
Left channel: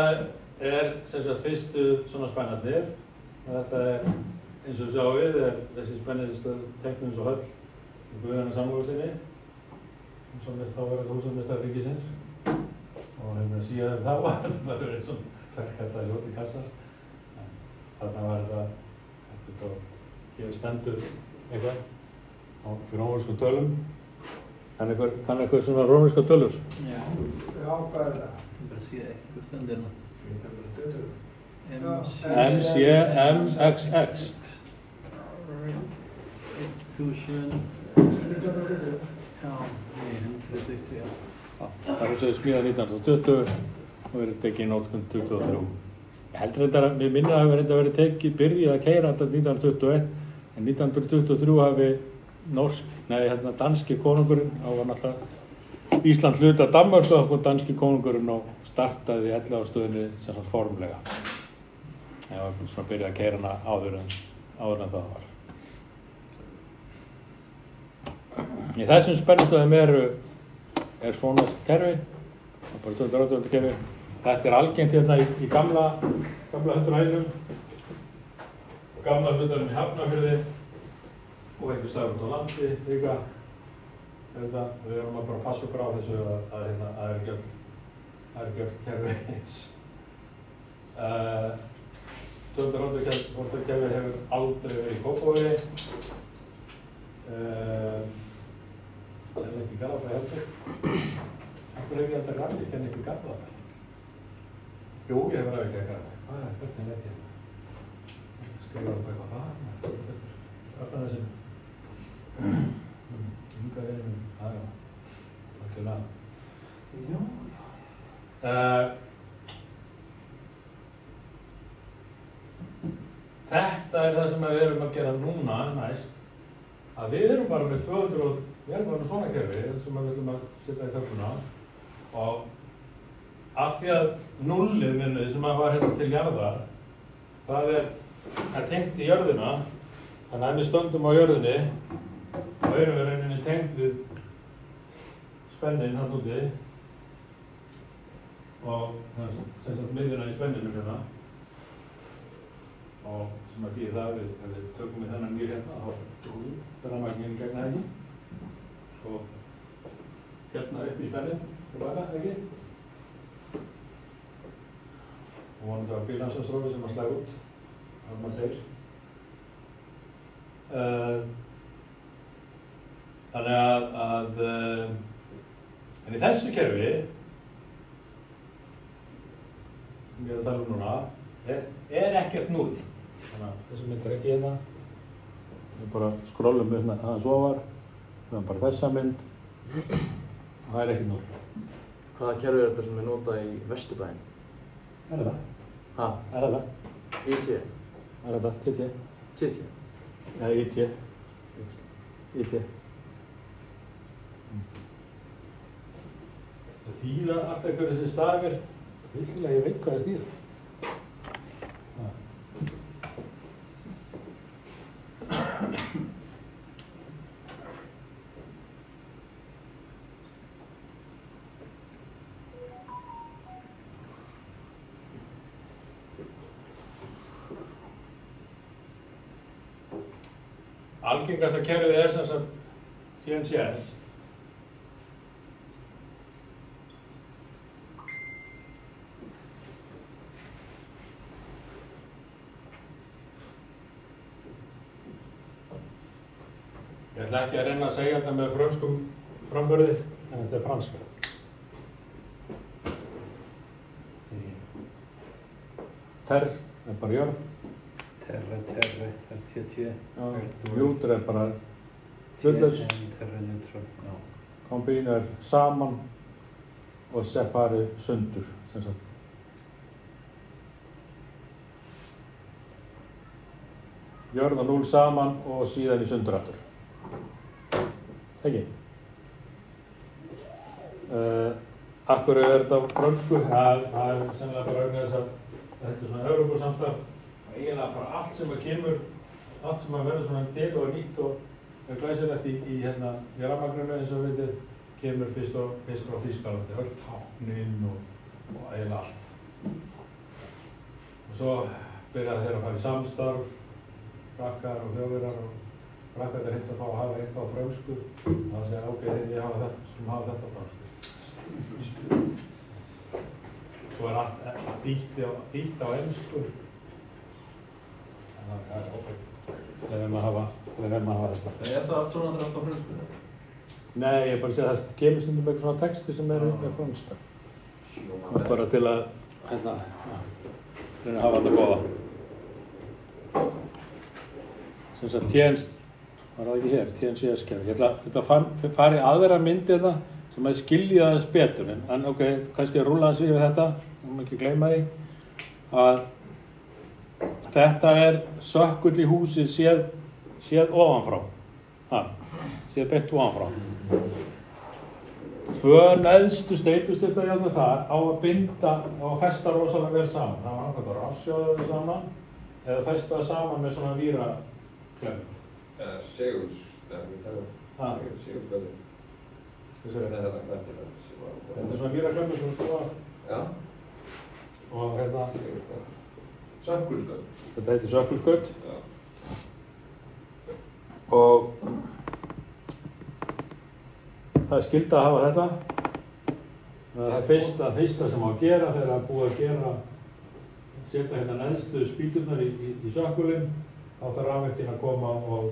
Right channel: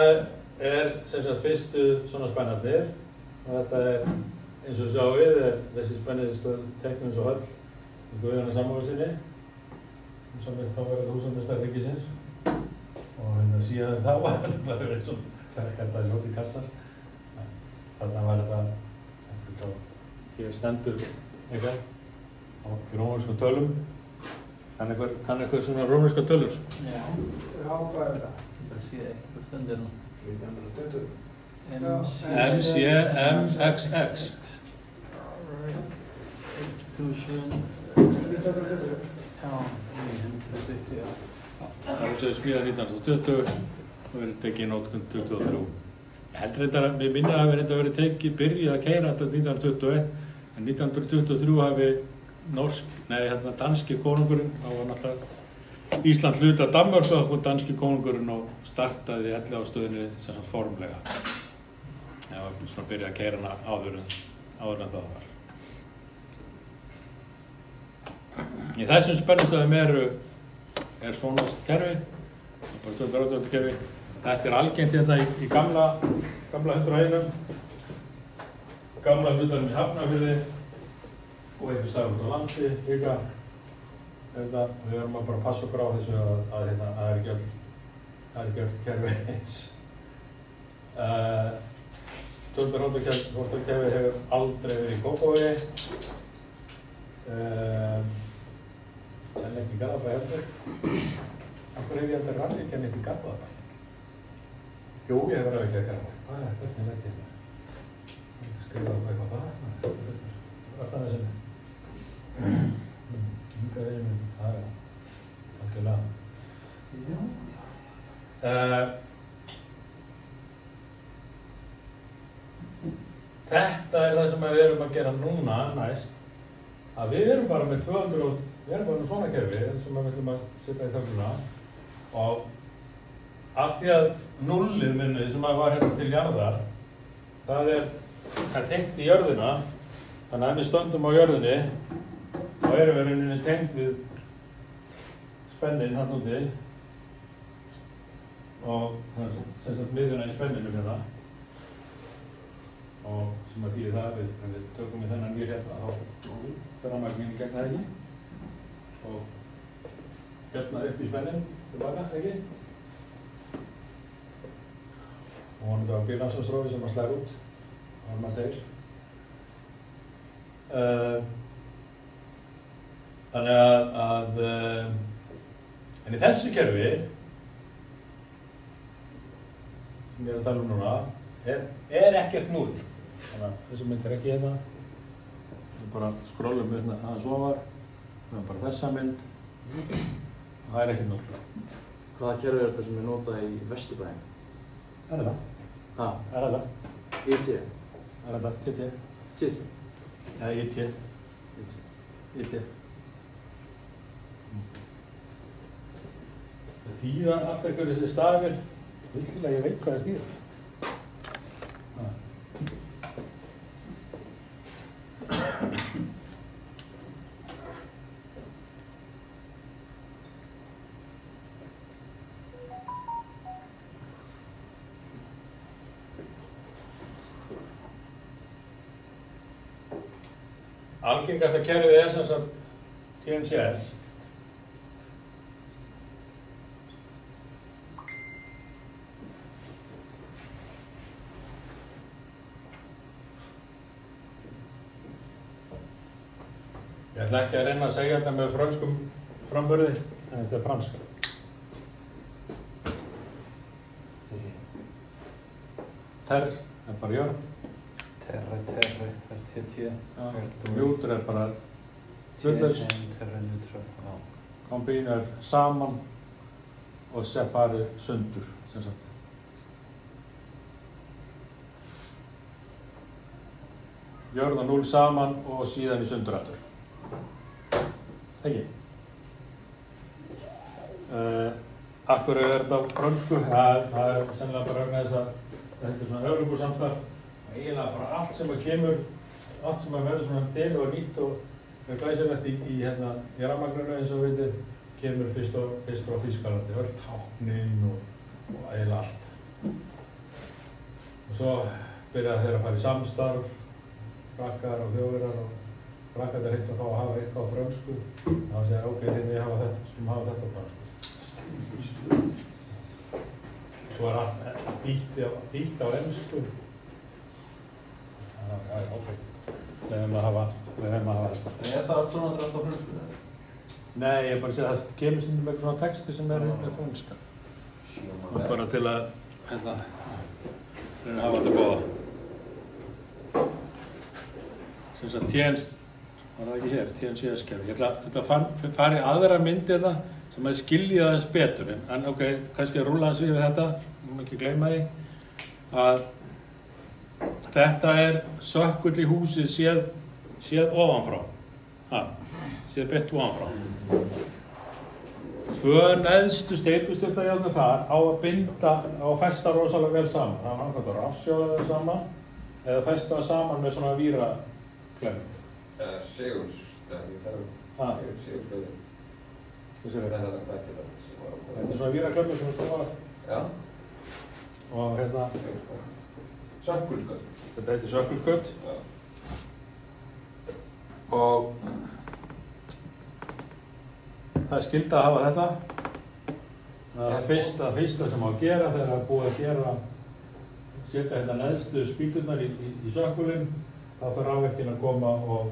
er sem sagt fyrstu svona spennarnir. Þetta er, eins og við sjáum er þessi spenniðstöð teiknuð eins og höll í Guðjóni Samúelssyni. Þá verður húsameistari ríkisins. Og síðan það var þetta eins og ferkættaði ljóti kassar. Þarna var þetta hér stendur eitthvað fyrir rómverskum tölum. Kann eitthvað svona rómverskar tölur? Já. Já, hvað er það? Ég sé ekki hvað stendur hérna. MCMXX. 1000. Það er svo smíðað 1920 og verið tekið í notkun 23. Ég held reyndar að mér minna hafi reyndar verið tekið byrjað að keyra þetta 1921 en 1923 hafi danski konungurinn, þá var náttúrulega Ísland hluti af Danmörku og þá kom danski konungurinn og startaði Elliðaárstöðinni sem sagt formlega. Það var svona byrjað að keyra hana áður en það var. Í þessum spennistöðum er svona kerfi, það er bara 280 kerfi. Þetta er algengt hérna í gamla 101, gamla hlutunum í Hafnarfirði og einhver staðar út á landi líka. Við erum að bara passa okkur á þessu að það er ekki öll kerfi eins. 280 kerfi hefur aldrei verið í Kópavogi. Kenni ekki Garðabæ heldur. Af hverju hef ég þetta rann? Ég kenni ekki Garðabæ. Jú, ég hef verið að ekki Garðabæ. Hvað er þetta þetta? Skrifa upp eitthvað það. Vartannesinu. Ingarinu. Það er algjörlega. Já. Þetta er það sem við erum að gera núna næst. Að við erum bara með 200 Við erum bara með svona kerfi sem við ætlum að setja í töfluna og af því að nullið minnið sem var hérna til jarðar það er tengt í jörðina þannig að við stöndum á jörðinni og erum við rauninni tengt við spennin hann úti og sem sagt miðjuna í spenninu hérna og sem að þýðir það að við tökum við þennan nýr hérna þá fer rafmagnið gegn henni og hérna upp í spennin tilbaka, ekki? Og vonandi var bílansastrófi sem að slæða út ef maður deyr. Þannig að en í þessu kerfi sem ég er að tala um núna er ekkert núll. Þannig að þessu mynd er ekki hérna Við bara skrollum upp með aðeins ofar. Við höfum bara þessa mynd. Það er ekki 0. Hvaða kerfi er þetta sem er notað í Vesturbæinn? Það er það. Ha? Það er það. IT? Það er það. TT. TT? Já, IT. IT. Það þýða allt eitthvað þessi stafir. Vissulega, ég veit hvað það þýða. Algengasta kerfið er sem sagt TNCS. Ég ætla ekki að reyna að segja þetta með frönskum framburði, en þetta er franska. Terr er bara jörð. Terra, RTT. Já, neutral er bara hlutlaus. Terra, neutral, já. Combine er saman og separi sundur, sem sagt. Jörð og 0 saman og síðan í sundur aftur. Ekki? Af hverju er þetta á frönsku? Það er sennilega bara vegna þess að þetta er svona Evrópusamstarf. Eiginlega bara allt sem að kemur, allt sem að verður svona del og nýtt og er glæsilegt í rafmagninu eins og vitið, kemur fyrst frá Þýskalandi, öll táknin og eiginlega allt. Og svo byrja þeir að fara í samstarf, frakkar og þjóðverjar og frakkar er heitt að fá að hafa eitthvað á frönsku. Það segja, ok, við skulum hafa þetta á frönsku. Svo er allt þýtt á ensku. Já, ok. Leðum að hafa þetta. En er það allt svona alltaf á frönsku? Nei, ég er bara að segja að það kemur stundum með eitthvað svona texti sem er franska. Það er bara til að reyna að hafa þetta góða. Sem sagt var það ekki hér, TNCS-kerfi. Ég ætla að fara í aðra myndi þetta sem að skilja þess betur. En ok, kannski að rúlla þess við þetta, ég má ekki gleyma því, að þetta er sökkull í húsið séð ofanfrá. Séð beint ofanfrá. 2 neðstu steypustyrktajárnir þar á að festa rosalega vel saman. Það var annað að rafsjóða þau saman eða festa það saman með svona víraklömm. Segulsklömm. Þetta er svona víraklömmur sem þú var. Já. Og hérna. Sökkulskaut. Þetta heitir sökkulskaut. Og það er skylda að hafa þetta. Það er fyrsta sem á að gera þegar það er búið að setja hérna neðstu spýturnar í sökkulinn. Þá þarf rafverkin að koma og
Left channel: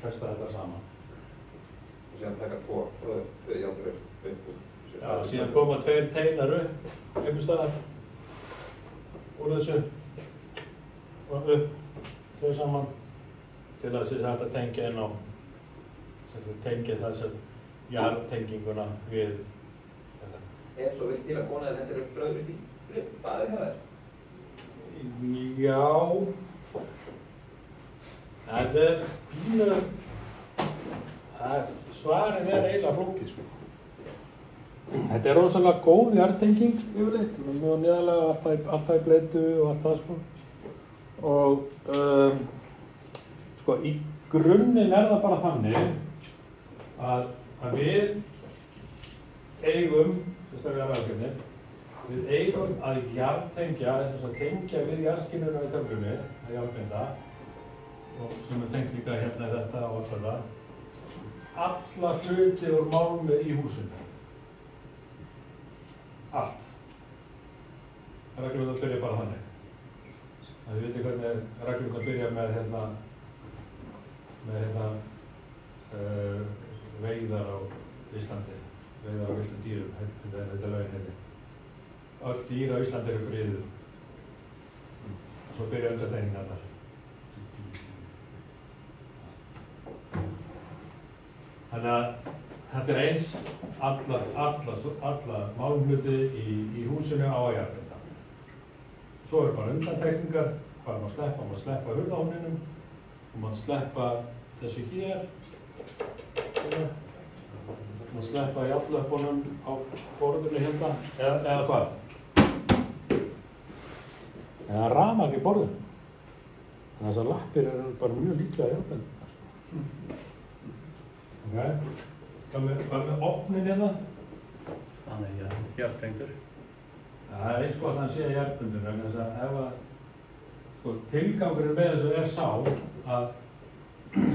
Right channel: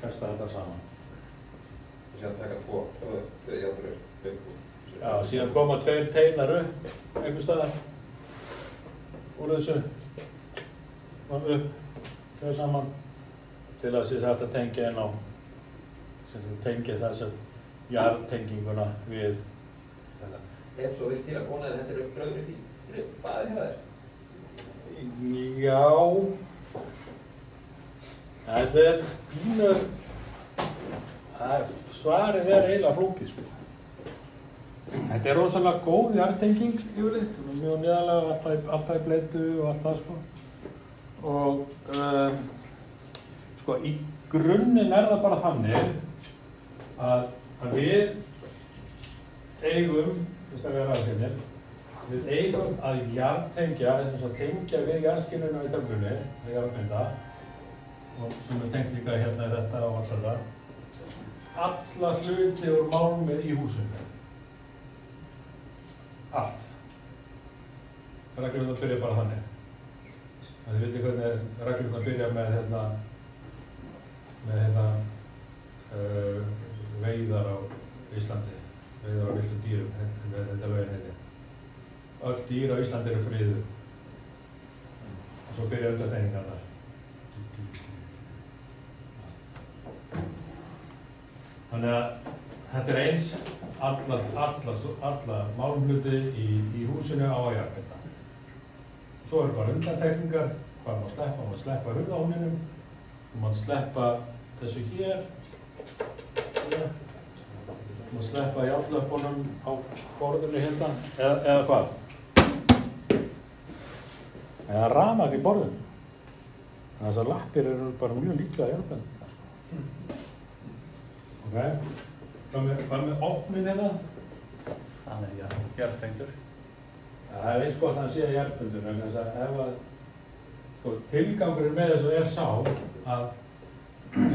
festa þetta saman. Og síðan taka 2 járnir upp. Já, síðan koma 2 teinar upp einhvers staðar úr þessu og upp þau saman til að þetta tengja inn á tengja þess að jarðtenginguna við þetta. Ef svo vilt til að kona þetta er bröðvist í baði hjá þér? Já, þetta er pínu, svarið er eiginlega flókið sko. Þetta er rosalega góð jarðtenging yfirleitt, mjög neðarlega og alltaf í bleitu og allt það sko. Og sko í grunninn er það bara þannig að við eigum, við eigum að jarðtengja, þess að tengja við jarðskinnuna í töflunni, að jarðbinda, og sem er tengt líka hérna þetta og allt þetta, alla hluti úr málmi í húsinu. Allt. Reglurnar byrja bara þannig. Þið vitið hvernig reglurnar byrja með veiðar á Íslandi, veiðar á villtum dýrum, þetta lögin heitir. Öll dýr á Íslandi eru friðuð. Og svo byrja undantekningarnar. Þannig að þetta er eins alla málumhluti í húsinu á að jarðbenda. Svo eru bara undantekningar, hvað maður sleppa hurðáninum, þú maður sleppa þessu hér, maður sleppa járnlöpunum á borðinu hérna, eða hvað? Eða rafmagn í borðinu. Þannig að þessar lappir eru bara mjög líklega jarðbenda. Ok, hvað með opnin hérna? Hann er jarðbendur. Það er eins gott að hann sé jarðbendur, en þess að ef að sko, tilgangurinn með þessu er sá að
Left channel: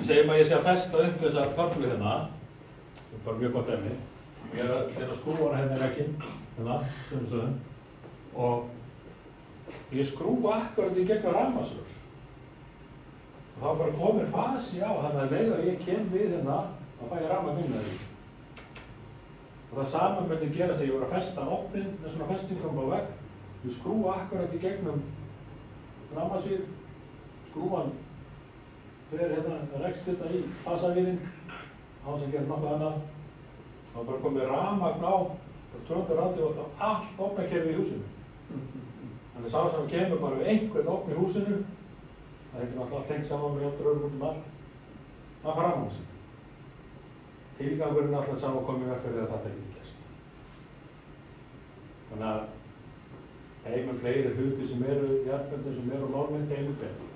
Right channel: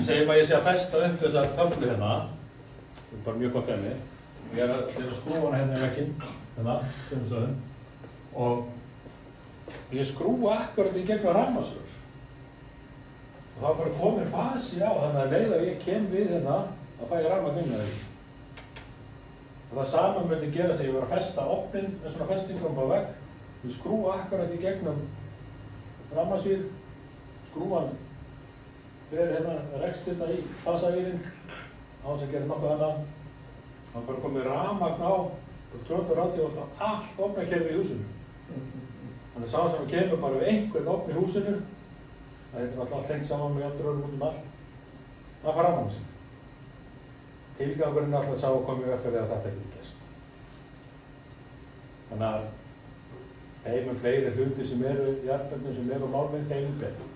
segjum að ég sé að festa upp þessa töflu hérna, þetta er bara mjög gott dæmi, ég er að skrúfa hana hérna í vegginn, hérna, sömu stöðum, og ég skrúfa akkurat í gegnum rafmagnsrör. Og þá bara komir fasi á, þannig að leið að ég kem við hérna, þá fæ ég rafmagn inn með því. Og það sama myndi gerast þegar ég var að festa opnin með svona festingum á vegg, ég skrúfa akkurat í gegnum rafmagnsvír, skrúfan fyrir hérna, rekst þetta í fasavírinn, á þess að gera nokkuð annað. Þá bara komið rafmagn á 280 volt á allt ofnakerfi í húsinu. Þannig sá sem kemur bara við einhvern ofn í húsinu, það heitir alltaf allt tengt saman með hjálpar öllum út allt, það var rafmagn sín. Tilgangurinn er alltaf sá að koma í veg fyrir að þetta geti gerst. Þannig að þeim fleiri hluti sem eru í jarðböndum sem eru á málminn, þeim betur.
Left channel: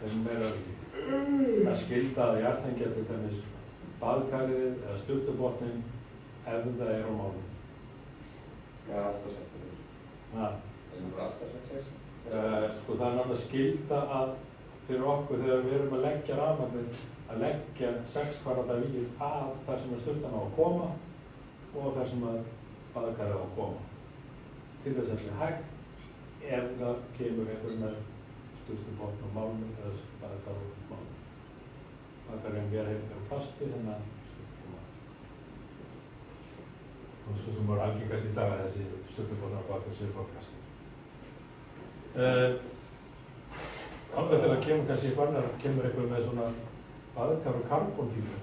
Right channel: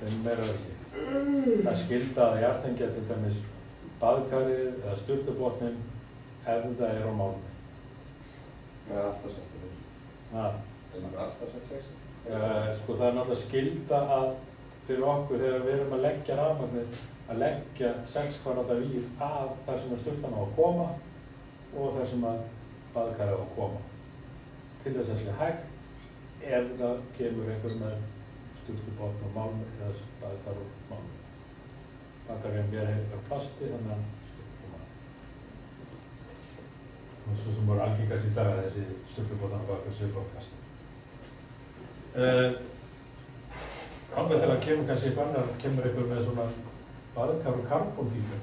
Þeim ekki. Það skylda að jarðtengja til dæmis baðkarið eða sturtubotninn ef það er á málminn. Það er alltaf sett með þessu. Það er alltaf sett sér. Sko það er náttúrulega skylda að fyrir okkur þegar við erum að leggja rafmagnið að leggja 6 kvadrata vír að þar sem sturtan á að koma og þar sem baðkarið á að koma. Til þess að þetta er hægt ef það kemur einhver með sturtubotn og málmi eða baðkar og málmi. Baðkarinn er plasti þannig að skiptir að. Og svo sem voru algengast í dag er þessi sturtubotnar baðkar séu bara plasti. Þangað til að kemur kannski kemur einhver með svona baðkar og karbóntífur.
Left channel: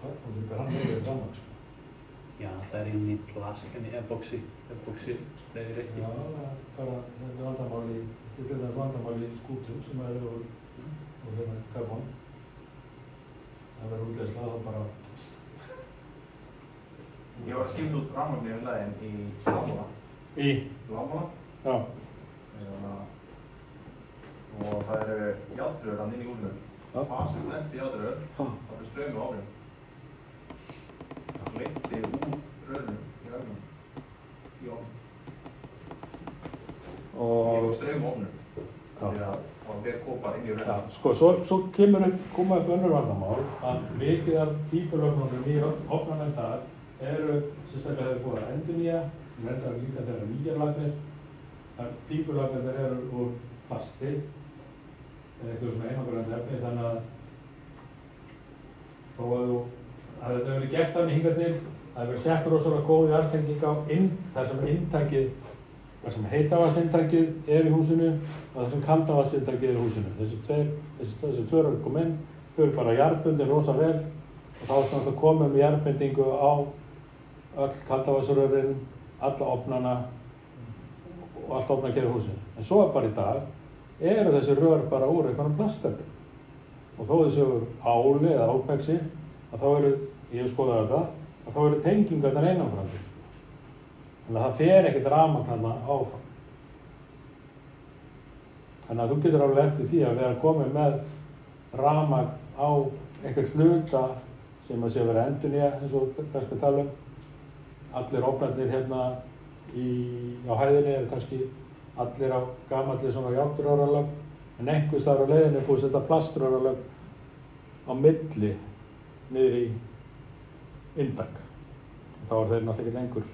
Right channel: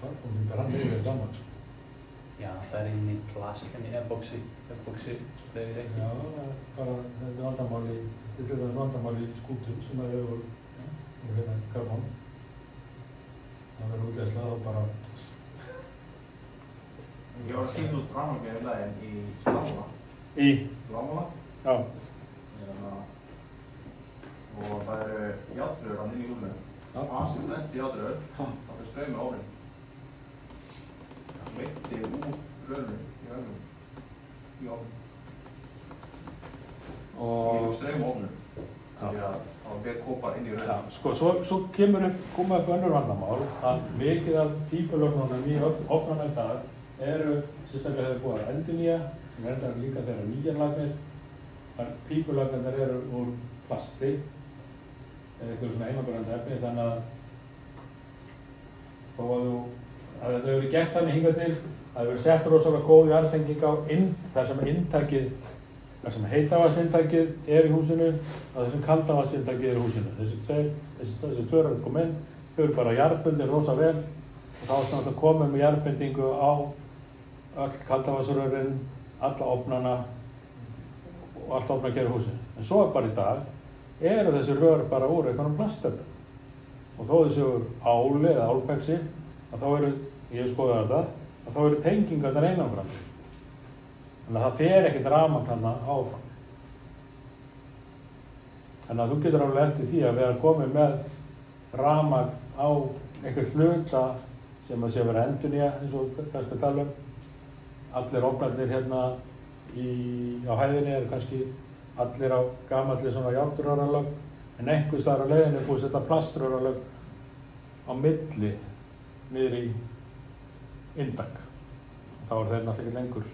Karbóntífur, hann er gaman. Já, það er inn í plast, inn í epoxy. Já, bara þetta er vandamáli, þetta er vandamáli skútum sem það eru úr hérna karbón. Það verður útleysla það bara. Ég var að skilja út rafmagnið daginn í Lámála. Í? Lámála? Já. Og það eru járnrör inn í húsinu. Fasið næst í járnrör, þá fyrir straumi á ofninn. Það leiddi úr rörunum í veggnum í ofninn. Og... Í straumi á ofninn. Því að það verið kopar inn í rörunum. Já, sko, svo koma upp önnur vandamál að mikið af pípulögnunum í ofnunum í dag eru sérstaklega hefur búið að endurnýja, en endar líka þegar nýjar lagnir. Pípulagnir eru úr plasti, eða eitthvað svona einangrandi efni, þannig að þó að þetta hefur verið gert þannig hingað til, það hefur verið sett rosalega góð jarðtenging á þar sem heitavatnsinntakið er í húsinu og þar sem kaldavatnsinntakið er í húsinu. Þessi tvö eru komið inn, þau eru bara jarðbundin rosa vel og þá er það komið með jarðbindingu á öll kaldavatnsrörin, alla ofnana og allt ofnakerfi í húsinu. En svo bara í dag eru þessi rör bara úr einhvern plastöflum. Og þó þessi úr áli eða álpexi, að þá eru, ég hef skoðað þetta, að þá eru tengingarnar einangrandi. Þannig að það fer ekkert rafmagn þarna áfram. Þannig að þú getur alveg lent í því að vera komið með rafmagn á einhvern hluta sem að sé að vera endurnýja, eins og kannski að tala um. Allir ofnarnir hérna á hæðinni eru kannski allir á gamalli svona járnröralög, en einhvers staðar á leiðinni er búið að setja plaströralög á milli niður í inntak. Og þá eru þeir náttúrulega ekki lengur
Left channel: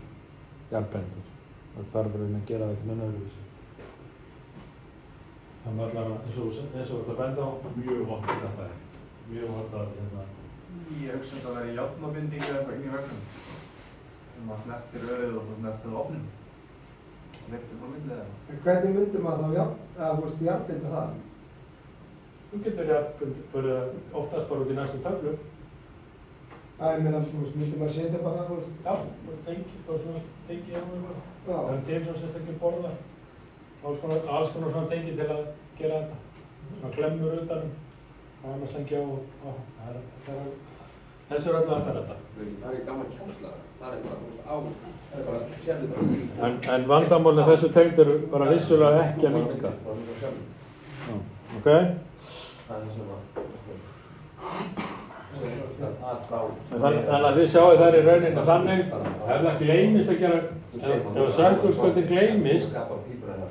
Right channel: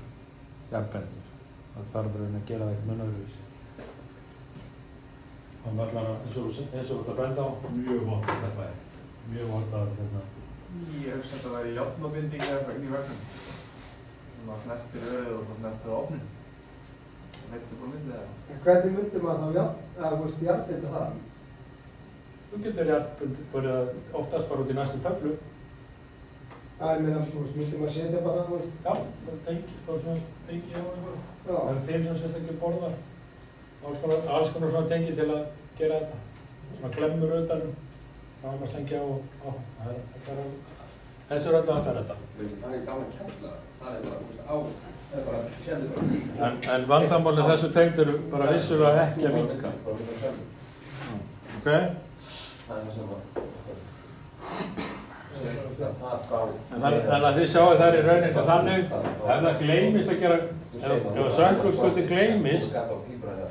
jarðbendur. Það þarf að gera það eitthvað öðruvísi. Þannig að allar eins og þetta benda á, mjög vont að þetta er. Mjög vont að hérna. Ég hugsa að það væri járnabinding eða eitthvað inn í veggnum. Sem að snertir rörið og snertir á ofninn. Það leittir bara milli eða. En hvernig myndi maður þá jarðbinda það? Þú getur bara oftast bara út í næstu töflu. Já, ég meina, þú veist, myndi maður setja bara, þú veist. Já, bara svona tengi á eitthvað. Já. Það er til sem sérstaklega borða. Alls konar svona tengi til að gera þetta. Svona klemmur utan, rafmagnstengi á. Þessu er alltaf hægt að þetta. Það er gaman kjallara. Það er bara, það er bara, sérðu bara. En vandamálið þessu tengd eru bara vissulega ekki að minnka. Ok? Þannig að þið sjáu þær í rauninni þannig, ef það gleymist að gera, ef sökkulskauti gleymist og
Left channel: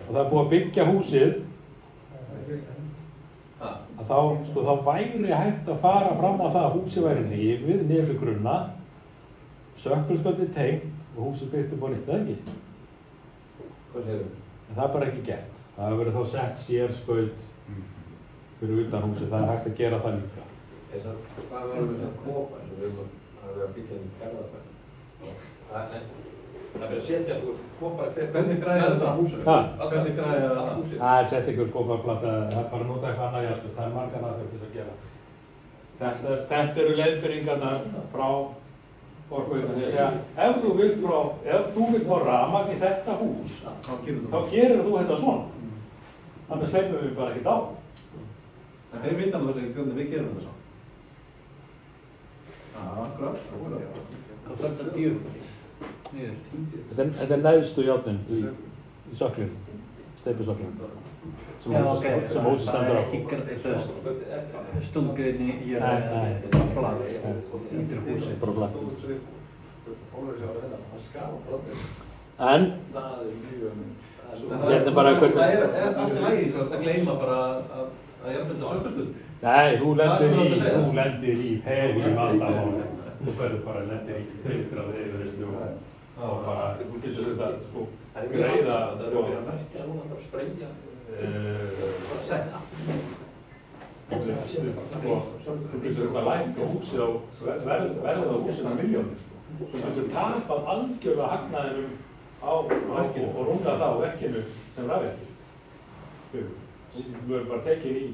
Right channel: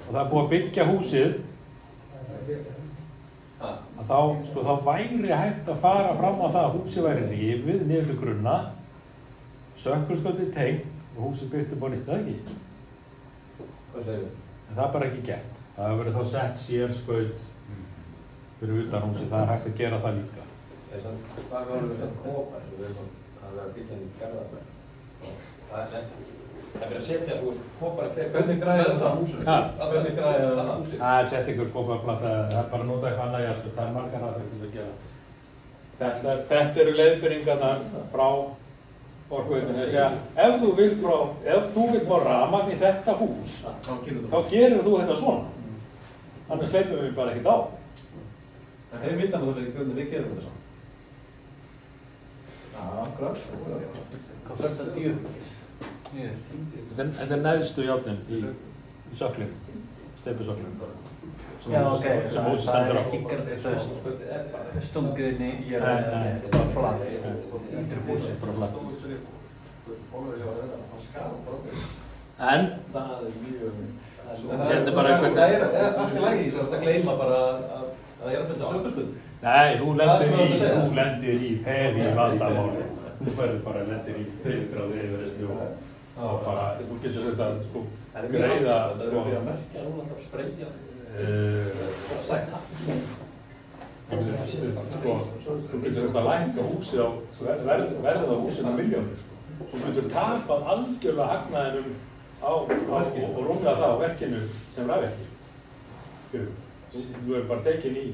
það er búið að byggja húsið, að þá væri hægt að fara fram á það að húsið væri rifið niður til grunna, sökkulskauti tengt og húsið byggt upp á nýtt, eða ekki? Hvað segir þau? En það er bara ekki gert. Það hefur verið þá sett sérskaut fyrir utan húsið, það er hægt að gera það líka. Hvað við varum með svona kópar sem við erum að byggja í Fjarðarberg. Það er að setja, þú veist, kópar Hvernig græðir það húsinu? Hvernig græðir það húsinu? Það er sett ykkur kóparplata, það er bara að nota eitthvað annað jafnveg, það er margar aðferðir að gera. Þetta eru leiðbyrningarnar frá Orkuveitunni að segja, ef þú vilt fá rafmagn í þetta hús, þá gerir þú þetta svona. Annars hleypum við bara ekkert á. En þeir vita náttúrulega hvernig við gerum þetta svona. Þetta er neðstu járnin í söklinn, steypusöklinn, sem húsið stendur á. Stunguðinni í bara flatt. En þetta er bara einhvern... Það er alltaf lægi að gleyma bara að ég þetta sökkulskauti. Nei, þú lendir í hefi vandamáli. Þú verður bara lendir í 3 gráðu yfirheyrslu og bara, þú getur þetta greiða þú getur þetta lækka húsið á verðið á húsinu milljónir. Þú getur tapað algjörlega hagnaðinum og rúmlega það á verkinu sem rafverki. Þú verður bara tekin í.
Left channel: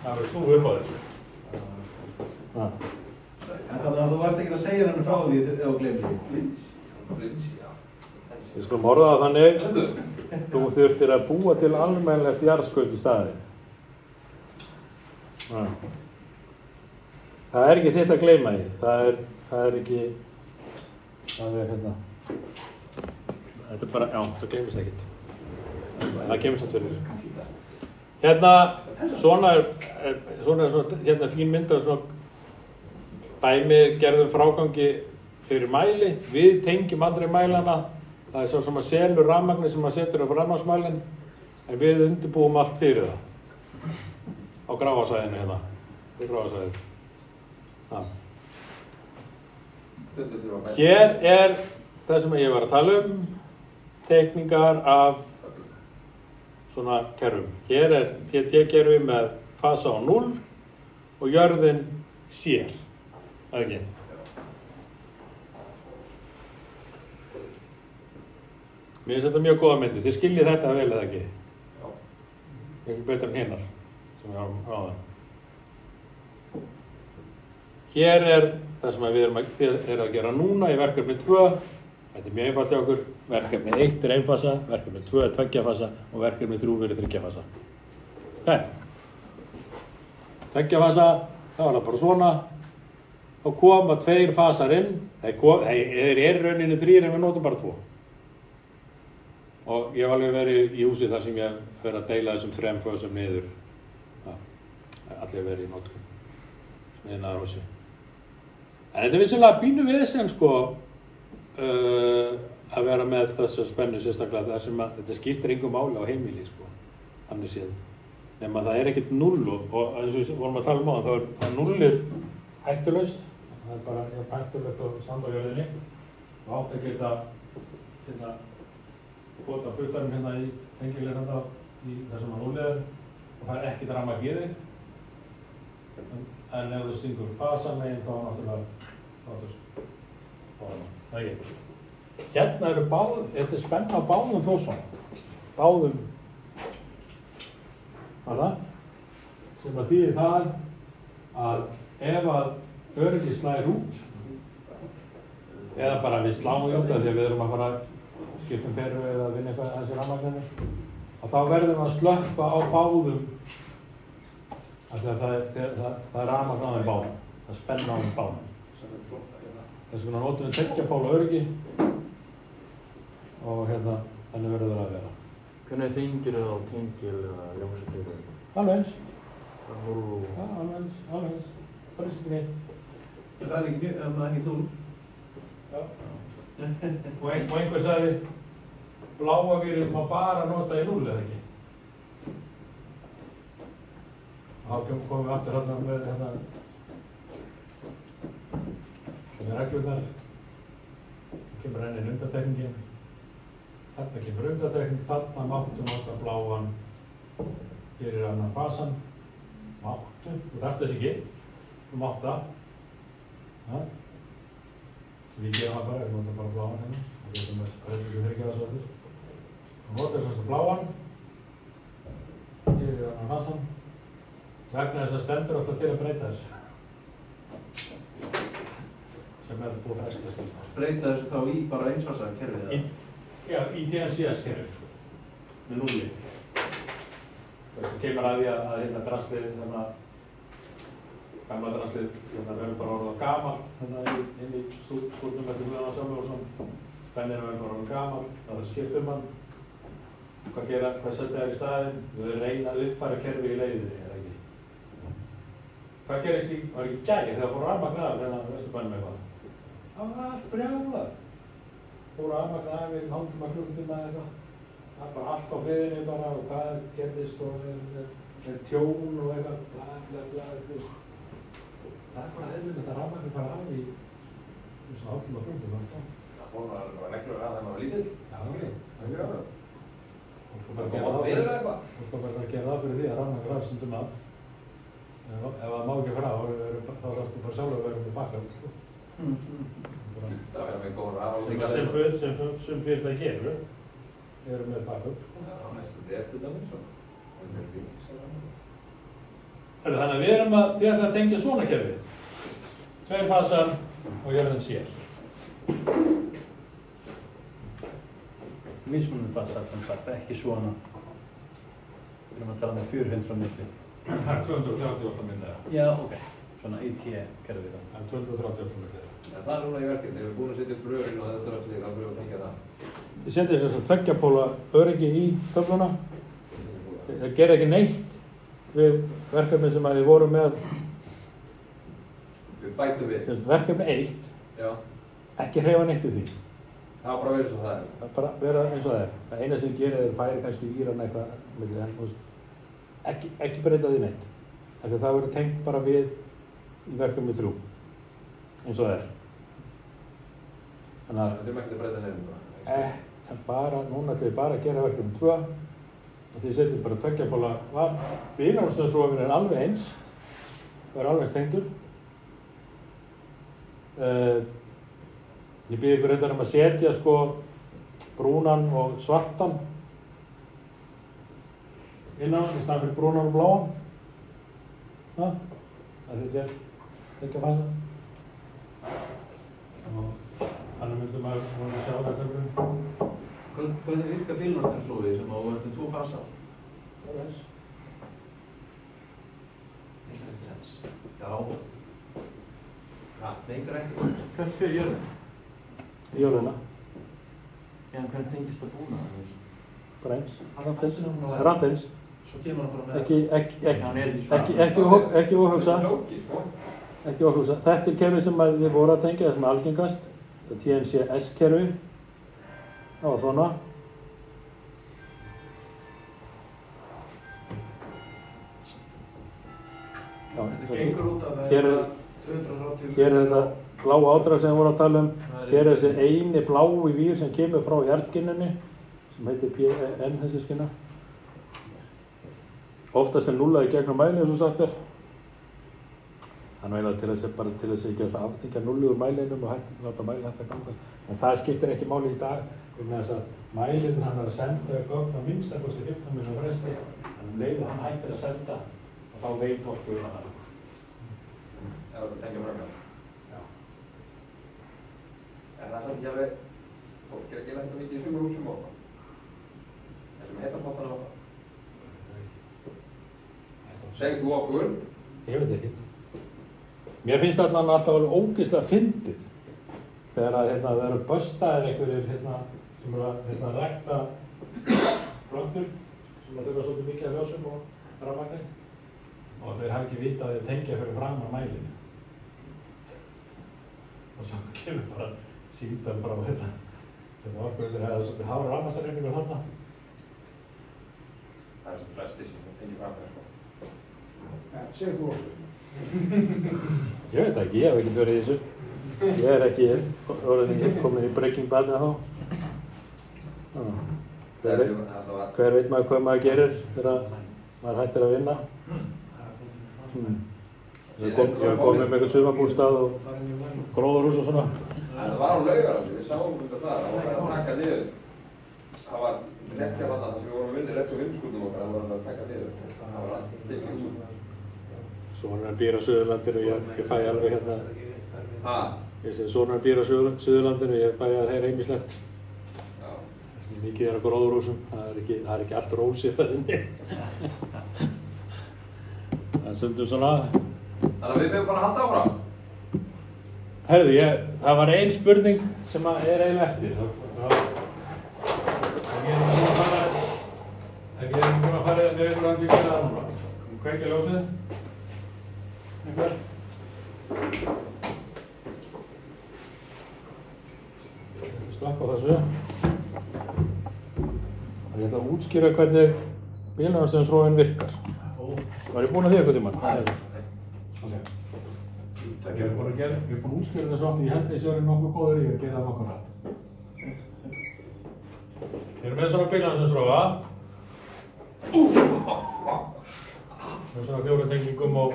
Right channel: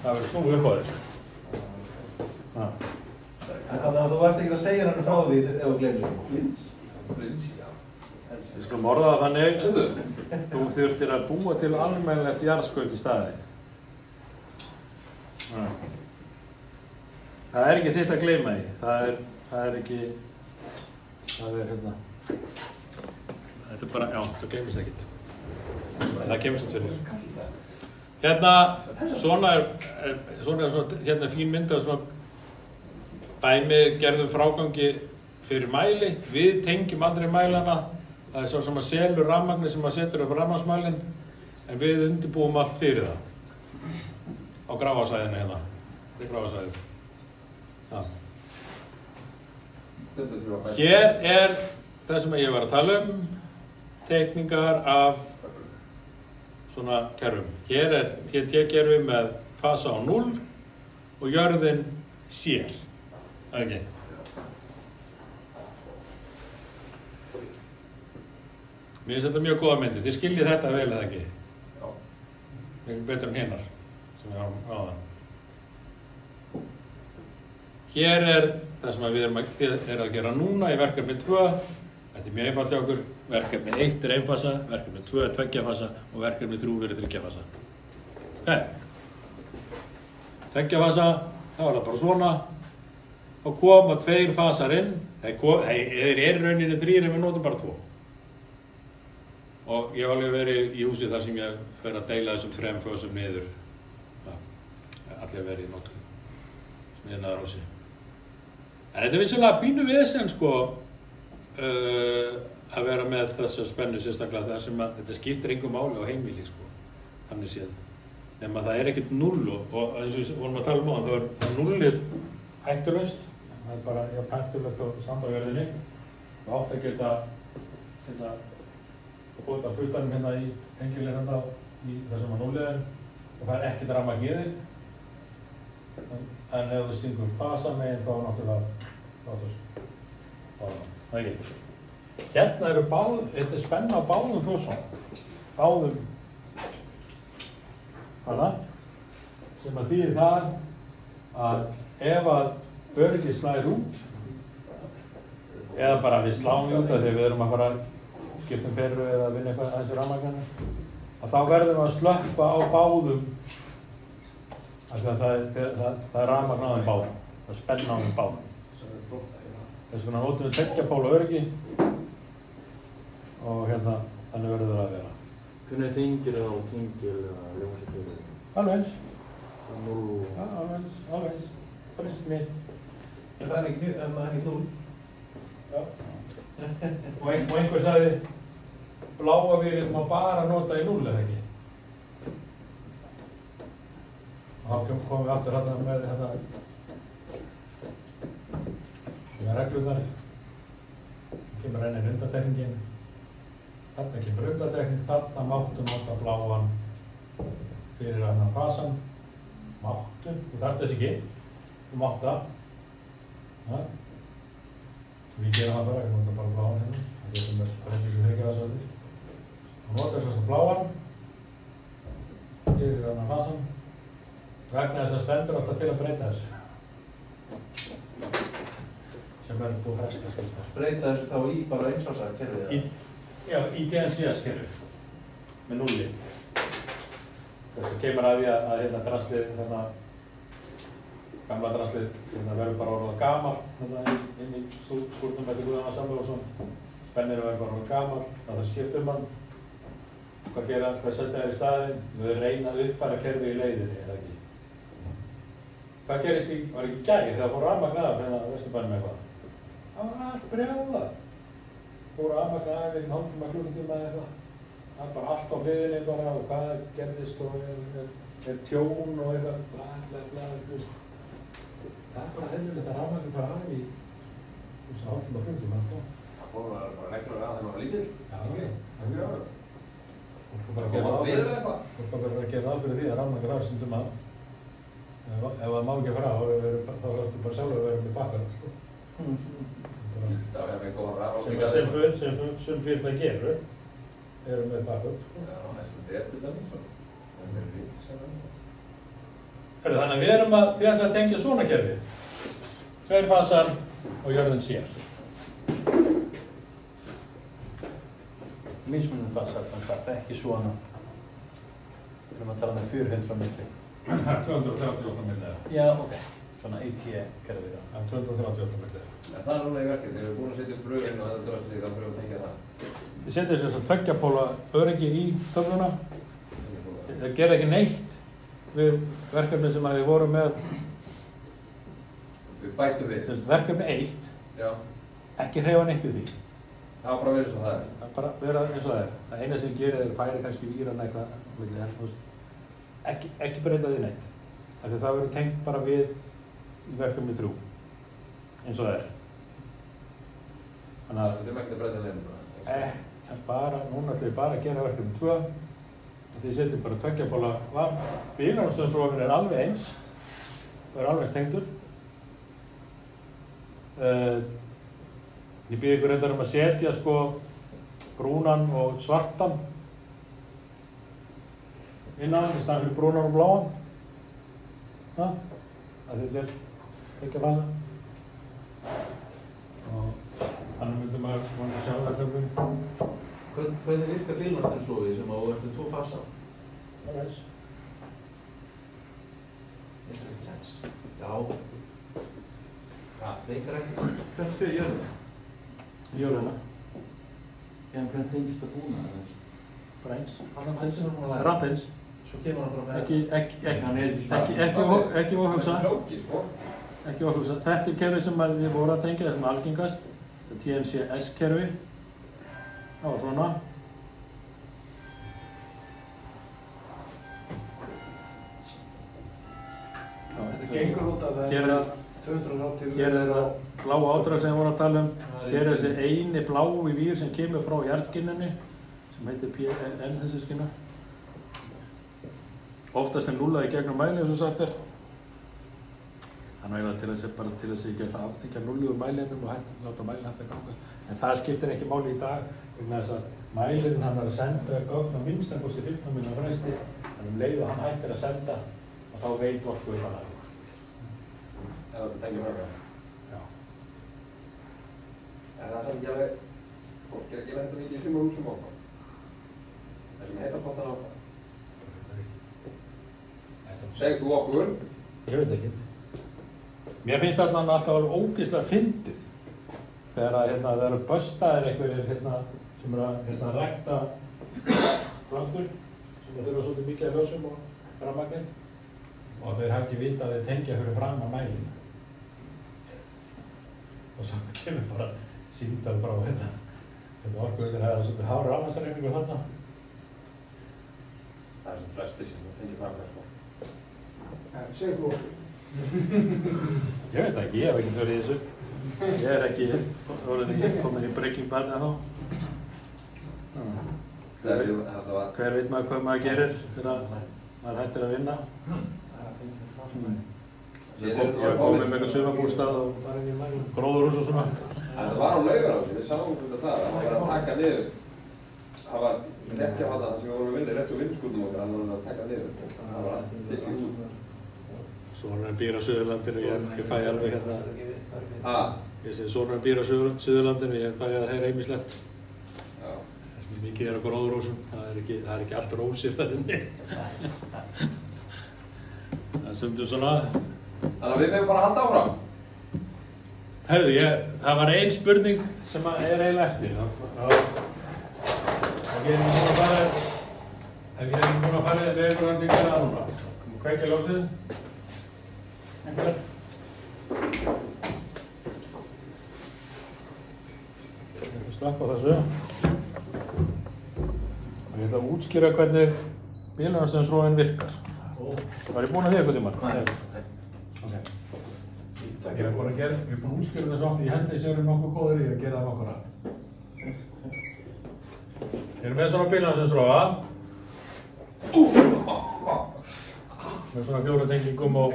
Það verður snúið upp á þessu. Þannig að þú ert ekki að segja henni frá því ef þú gleymir Flins, já. Við skulum orða það þannig, þú þurftir að búa til almennilegt jarðskaut í staðinn. Það er ekki þitt að gleyma því, það er hérna, þetta er bara, já, það gleymist ekkert. Það kemur samt fyrir. Hérna, svona hérna fín mynd af svona dæmi gerðum frágangi fyrir mæli, við tengjum aldrei mælana, það er svo sem að selur rafmagni sem að setur upp rafmagnsmælinn, en við undirbúum allt fyrir það á Gráasvæðinu hérna, Gráasvæðinu. Hér er það sem ég var að tala teikningar af svona kerfum. Hér er TT-kerfi með fasa á 0 og jörðin sér. Það er ekki. Mér finnst þetta mjög góða myndir. Þið skiljið þetta vel eða ekki? Já. Eitthvað betur en hinnar sem við hafa á það. Hér er það sem við erum að gera núna í verkefni 2. Þetta er mjög einfalt hjá okkur. Verkefni 1 er einfasa, verkefni 2 er 2 fasa og verkefni 3 er 3 fasa. Okay. 2 fasa, þá er það bara svona. Þá koma 2 fasar inn, þeir eru rauninni 3 en við notum bara 2. Og ég hef alveg verið í húsi þar sem ég hef verið að deila þessum 3 fösum niður. Allir verið í notkun, smiðnaðar húsi. En þetta er vissulega pínu vesen sko, að vera með þessa spennu sérstaklega þar sem að þetta skiptir engu máli á heimili sko, þannig séð. Nefn að það er ekkert 0 og eins og við vorum að tala um á það, þá er 0 hættulaust. Það er bara hættulegt á sandójörðinni og átt að geta bóta hlutanum hérna í tengileg hérna í þessum að 0 er og það er ekkert rafmagn í þig. En ef þú stingur fasamegin þá náttúrulega það er ekki. Hérna eru þetta er spenna á báðum fjósum. Báðum. Hvaða? sem að þýðir það að ef að öryggi slæðir út eða bara við sláum út af því að við erum að fara að skipta perru eða vinna eitthvað aðeins í rafmagninu að þá verðum við að slökkva á báðum af því að það er rafmagn á þeim báðum, það er spenna á þeim báðum. Þess vegna notum við 2 póla öryggi og þannig verður það að vera. Hvernig þingir eða tengil eða ljósakjöfum? Alveg eins. Það er Alveg eins. Bara eins neitt. Það er ekki mjög, ef maður er ekki þúl. Já. Og einhver sagði, bláa vírinn má bara nota í 0, eða ekki? Og þá komum við aftur hérna með reglurnar. Það kemur enn einn undantekningin. Þarna kemur undantekning, þarna máttu nota bláan fyrir annan fasan. Máttu, þú þarft þess ekki. Þú mátt það. Við gerum það bara, við notum bara bláan hérna. Það er sem bara ekki sem hengja það svo eftir. Þú notar þess að bláan. Fyrir annan fasan. Vegna þess að stendur alltaf til að breyta þessu. Sem er búið að fresta skildar. Breyta þessu þá í bara einsfasa kerfið eða? Já, í DNCS kerfið. Með 0. Þess að kemur að því að drasslið, gamla drasslið, verður bara orðað gamalt inn í skúrnum eftir Guðana Samúelsson. Spenninu verður bara orðað gamalt, það þarf skipt hann. Hvað setja þær í staðinn? Við reyna að uppfæra kerfið í leiðinni, eða ekki? Hvað gerist var ekki gæri þegar fór rafmagn af hérna á Vesturbænum eitthvað? Það var allt brjálað. Fór rafmagn af einn hálftíma, klukkutíma eða eitthvað. Það var bara allt á hliðinni bara og hvað gerðist og er tjón og eitthvað bla. Það er bara eðlilegt að rafmagn bara af í hálftíma, klukkutíma. Það fór bara reglur að þeim var lítill. Já, það er það. Þú bara verður að gera það fyrir því að rafmagn af stundum af. Ef það má ekki fara, þá varstu bara sjálfur að vera með backup. Það verður með góðan rafmagn. Sem fyrirtæki eru með backup. Já, mestum þetta til dæmis og Þannig að við erum að tengja svona kerfi. 2 fasar og jörðin sér. Mismunum fasar sem sagt, ekki svona. Við erum að tala með 400 milli. Það er 238 millir. Já, ok. Svona AT-kerfi. Það er 238 millir. Það er núna í verkið, þegar við erum búin að setja upp bröðurinn og þetta drasslið, þá byrjum við að tengja það. Þið setjum þess að 2 póla öryggi í töfluna. Það gerði ekki neitt við verkefni sem að þið voru með. Við bætum við. Verkefni 1. Já. Ekki hreyfa neitt við því. Það var bara verið svo það er. Það er bara vera eins og það er. Það eina sem gerir er færi kannski víran eitthvað milli henn. Ekki breyta því neitt. Af því að það verður tengt bara við í verkefni 3. Eins og það er. Þannig að Við þurfum ekki að breyta neina. núna ætlum við bara að gera verkefni 2 og því setjum bara 2 póla var. Bílárumstöðarsofinn er alveg eins og er alveg eins tengdur. Ég bið ykkur reyndar að setja sko brúnan og svartan innan í staðinn fyrir brúnan og bláan. Það þetta er 2 fasa. Og þannig myndum maður að sjá það hvernig. Hvernig virkar bílnastæmslófið sem á verður 2 fasa? Það er eins. Já. Neikar ekki. Hvert fyrir jörðin? Jörðina. En hvernig tengist það búna? Bara eins. Það er allt eins. Svo kemur hann bara með. Ekki óhugsa. Ekki óhugsa. Þetta er kerfi sem þið voru að tengja, sem er algengast. Þetta er TNCS kerfi. Það var svona. Gengur út að það Hér er 280. Hér er þetta bláa ádrag sem við vorum að tala um. Hér er þessi eini blái vír sem kemur frá hjartskinnunni sem heitir PN þessi skinna. Oftast er núllaði gegnum mæli eins og sagt er. Þannig að til þess að ekki að aftengja nullu úr mælinum og láta mælinn hægt að ganga. En það skiptir ekki máli í dag vegna þess að mælinn hann er að senda gögn á minnstakosti 15 mínútur fresti. En leið og hann hættir að senda þá þá veit Orkuveitan það. Það er að tengja mörgum. Já. En það er samt ekki alveg, fólk ekki lenda mikið í 5 húsum á það. Þessum heita pottana á það. Segð þú okkur? Ég veit ekkert. Mér finnst allan alltaf alveg ógeðslega fyndið þegar að það eru böstaðir einhverjir sem eru að rækta plantur sem að þurfa svolítið mikið af ljósum og rafmagni og þeir hafa ekki vitað að þeir tengja fyrir fram að mælinu. Og svo kemur bara símtal bara á Orkuveitur hefði svolítið hára rafmagnsreiningu þarna. Það er sem flestir sem tengja fram með sko. Ja, segð þú okkur. Ég veit ekki, ég hef ekkert verið í þessu. Ég er ekki komin í Breaking Bad en þá. Hver veit maður hvað maður gerir þegar maður hættir að vinna? Ég var komið með eitthvað sumarbústað og gróðurhús og svona. Það var á Laugarási, við sáum það var að taka niður. Það var rétt hjá þarna sem við vorum að vinna, rétt hjá vinskúlum okkar, það var að taka niður. Það var allt til húsum. Svona býr á Suðurlandinu, ég fæ alveg Ég segi svona býr á Suðurlandinu, ég fæ að heyra ýmislegt. Mikið á gróðurhúsum, það er ekki allt rósið þar inni. Það er stundum svona. Þannig að við mögum bara að halda áfram. Heyrðu, það var ein spurning sem er eiginlega eftir. Ef ég er búin að fara við ykkur andið ykkur að núna. Kveikja ljósið. Einhver? Ég ætla að slappa á þessu. Og ég ætla að útskýra hvernig bílunarstæðisrófin virkar. Var ég búinn að því eitthvað tímann? Nei. Ok. Ég er búinn að útskýra þessu oft. Ég held að ég sé orðið nokkuð góður í að gera það nokkuð rætt. Við erum með svona bílunarstæðisrófa. Með svona 4 tengingum og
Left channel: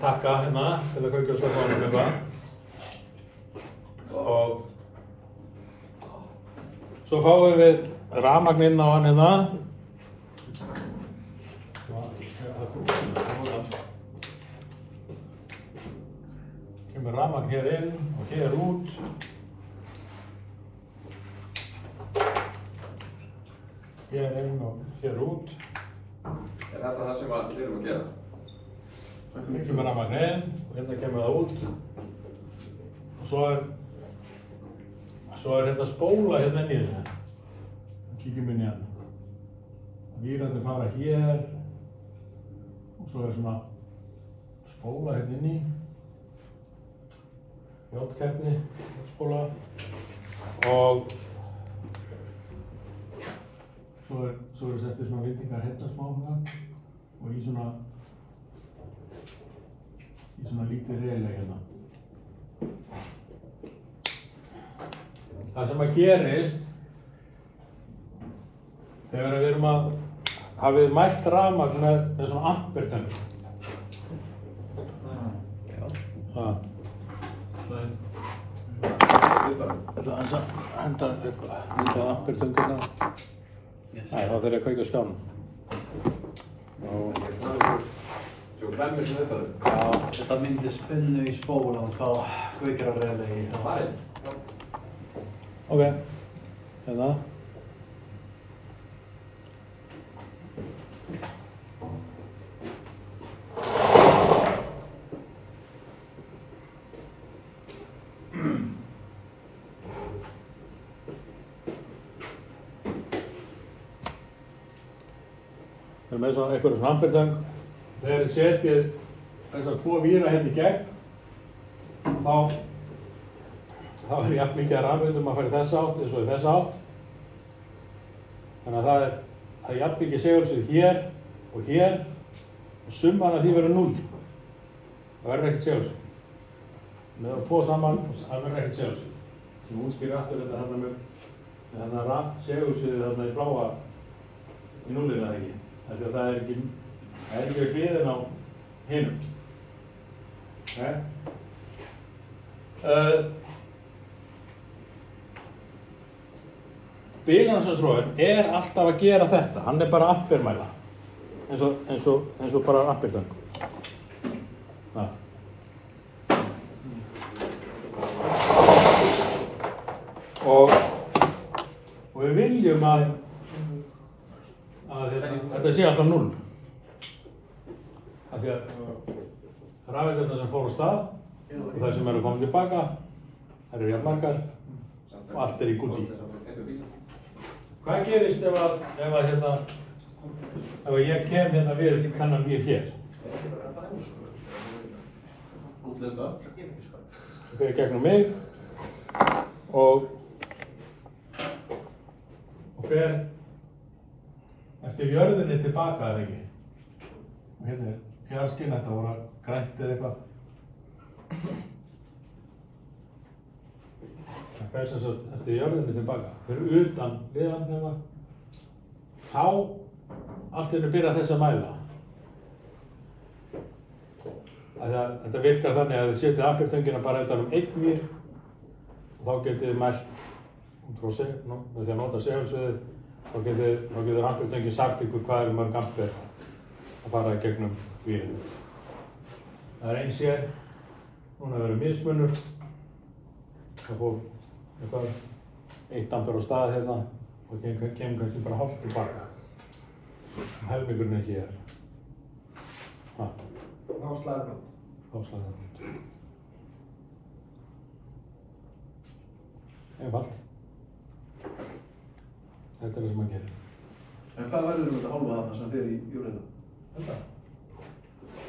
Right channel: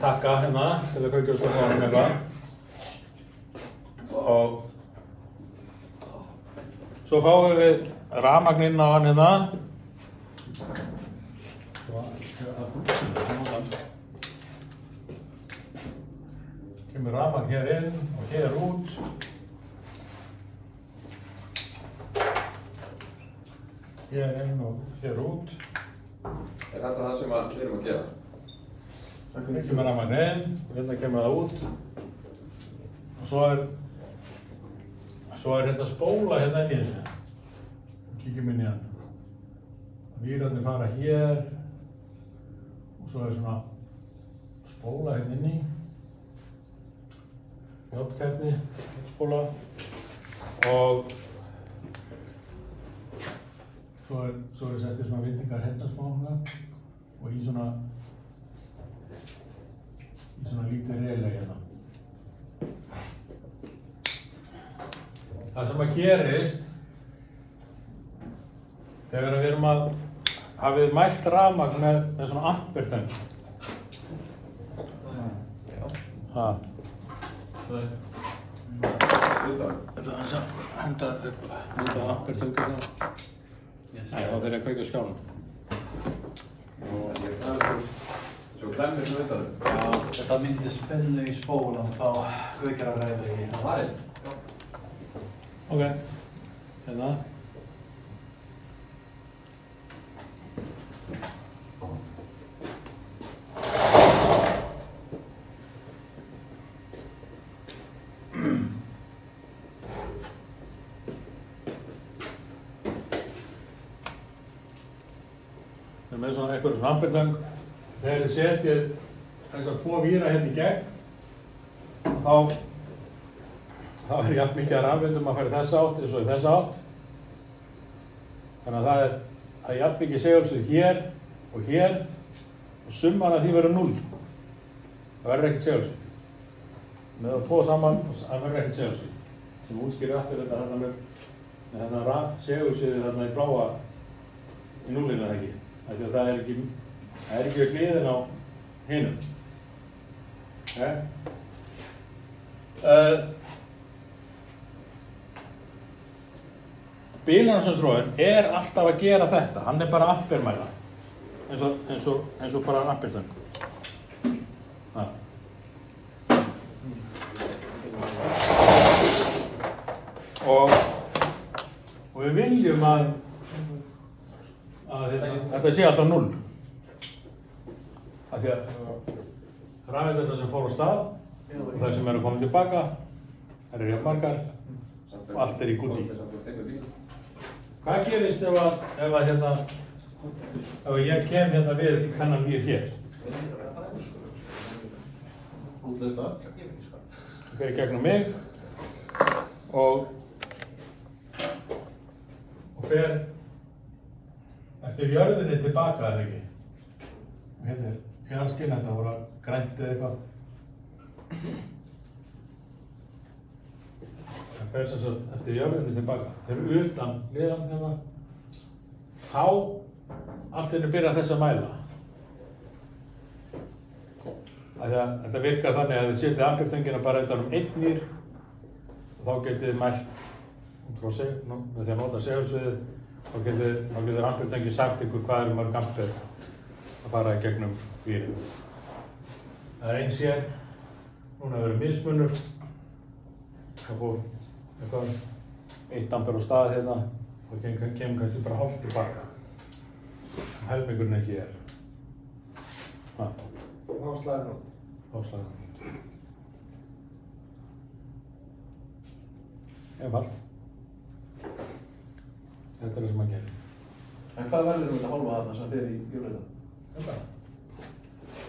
takka hérna til að kveikja og slökkva á honum eitthvað. Og svo fáum við rafmagn inn á hann hérna. Kemur rafmagn hér inn og hér út. Hér inn og hér út. Er þetta það sem við erum að gera? Hérna kemur rafmagn inn, hérna kemur það út. Og svo er hérna spóla hérna inn í þessu. Kíkjum inn í hann. Vírarnir fara hér. Og svo er svona spóla hérna inn í. Játkerni spóla. Og svo er settir svona vindingar hérna smá og í svona lítið relay hérna. Það sem að gerist þegar við erum að hafið mælt rafmagn með svona ampertöng. Þetta er að henda myndað ampertönguna. Nei, þá þeir að kveikja á skjánum. Svo klæmur sem þetta. Já, þetta myndi spennu í spólan þá kveikjar að reyða í þetta farið. Ok, hérna. Við erum með eitthvað svona ampertöng. Þegar þið setjið þessar 2 víra hérna í gegn, þá er jafn mikið að rafvindum að fara í þessa átt eins og í þessa átt. Þannig að það er jafn mikið segulsvið hér og summan af því verður 0. Það verður ekkert segulsvið. Með það 2 saman, það verður ekkert segulsvið. Sem útskýrir aftur þetta þarna með þarna segulsviðið þarna í bláa í 0-inu eða ekki. Því að það er ekki við hliðin á hinum. Bílunarstæðisrófinn er alltaf að gera þetta. Hann er bara ampermæla. eins og bara ampertöng. Og við viljum að þetta sé alltaf 0. Af því að rafeindirnar sem fóru á stað og þær sem eru komið tilbaka, þær eru jafn margar og allt í gúti. Hvað gerist ef ég kem hérna við þennan við hér? Það fer í gegnum mig og fer eftir jörðinni tilbaka, eða ekki? Og hérna skinn þetta voru grænt eða eitthvað. Það fer sem sagt eftir jörðinni tilbaka. Þeir eru utan liðan hérna. Þá allt inni byrja þess að mæla. Þetta virkar þannig að þið setið ampertöngina bara utan 1 mýr og þá getið þið mælt með því að nota segulsviðið, þá getur ampertöngin sagt ykkur hvað mörg amper að fara í gegnum mýrin. Það eins hér, núna verður mismunur, það fór eitthvað 1 amper á stað hérna og kemur kannski bara hálft tilbaka. Helmingurinn ekki er. Áslagarbrot. Einfalt. Þetta er það sem maður gerir. En hvað verður þetta hálfa þarna sem fer í júrið? Þetta?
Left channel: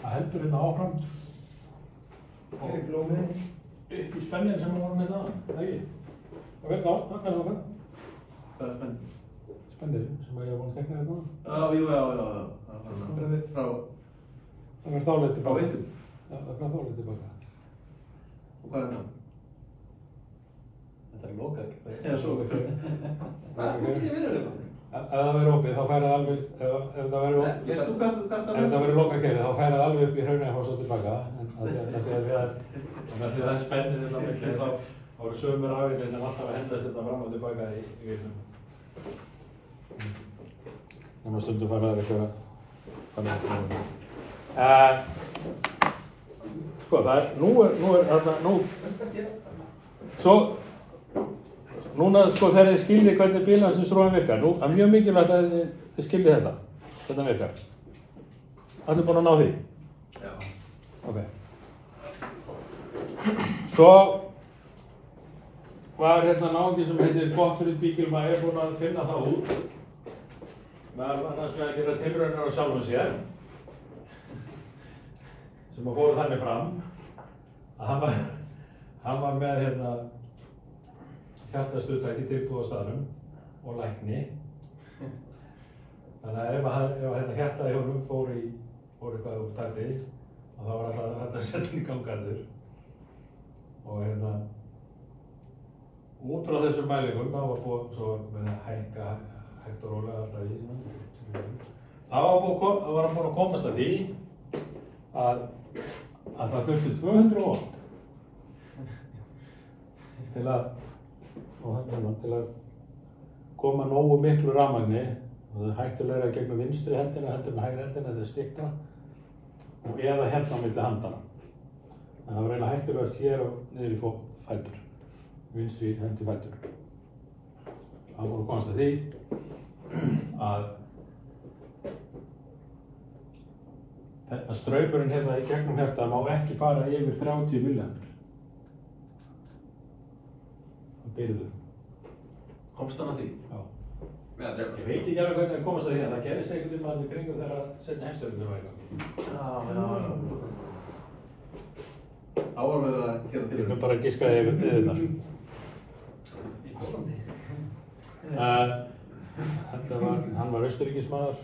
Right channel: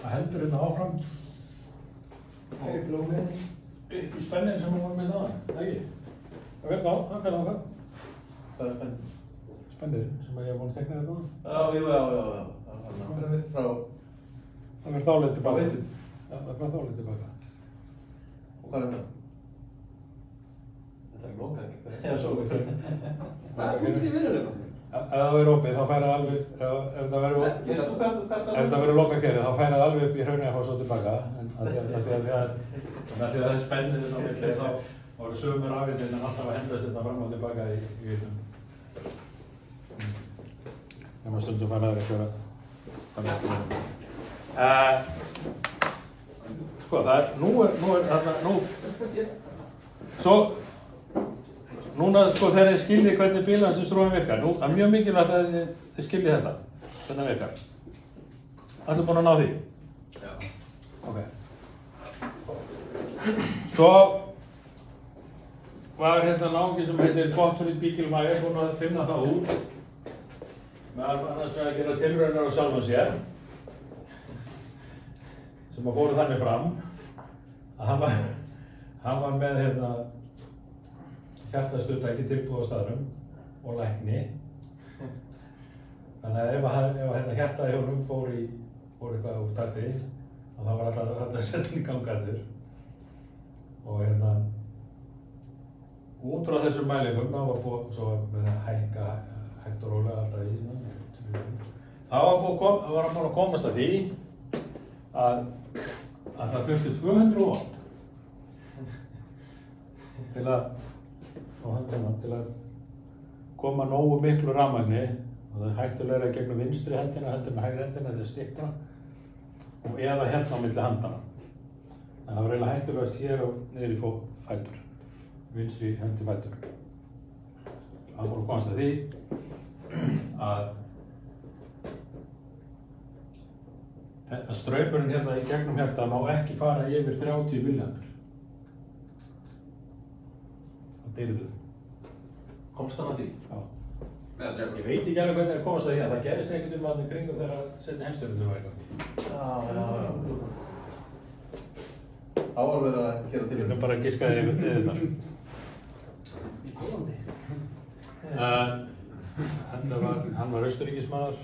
Það heldur hérna áfram. Það er blómið. Upp í spennin sem við vorum hérna aðan, það ekki? Það verður það fer áfram. Hvað er spennin? Spennið sem ég hef búin að tekna hérna aðan. Já. Það verður þáleið tilbaka. Á vittum? Það verður þáleið tilbaka. Og hvað er þetta? Þetta er lokað. Eða svo ekki. Hvað er í vinnuleika? Ef það verður opið þá fær það alveg, ef það verður lokakerfið þá fær það alveg upp í Hrauneyjafoss og tilbaka. En af því að það er spennið þetta milli þá voru sömur afvitinn en alltaf að hendast þetta fram og tilbaka í vittum. Nefnum stundum fær það eitthvað sko það er, nú er þarna, núna sko þegar þið skiljið hvernig bílansins-rófin virkar, nú er mjög mikilvægt að þið skiljið þetta, hvernig virkar. Allir búin að ná því? Já. Ok. Svo var hérna náungi sem heitir Gottfried Bigelmeier búin að finna það út meðal annars með að gera tilraunir á sjálfum sér sem að fóru þannig fram að hann var með hérna hjartastuðtæki tilbúið á staðnum og lækni. Þannig að ef hérna hjartaði hjá honum fór eitthvað úr starti þá var alltaf þetta sett í gangaður. Og hérna út frá þessum mælingum þá var búið svo að hækka hægt og rólega alltaf í þá var hann búinn að komast að því að það þurfti 200 volt til að koma nógu miklu rafmagni og það er hættulegra gegnum vinstri hendina heldur en hægri hendina þegar styttra og eða hérna á milli handana. En það var eiginlega hættulegast hér og niður í fætur, vinstri hendi fætur. Það voru komast að því að straumurinn hérna í gegnum hjartað má ekki fara yfir 30 milliampere. Það deyrðu. Komst hann að því? Já. Ég veit ekki alveg hvernig það komast að því að það gerist einhvern veginn í kringum þegar seinni heimsstyrjöldin var í gangi. Já. Það var verið að gera til. Ég ætlum bara að giska þig yfir þar. Hann var austurríkismaður.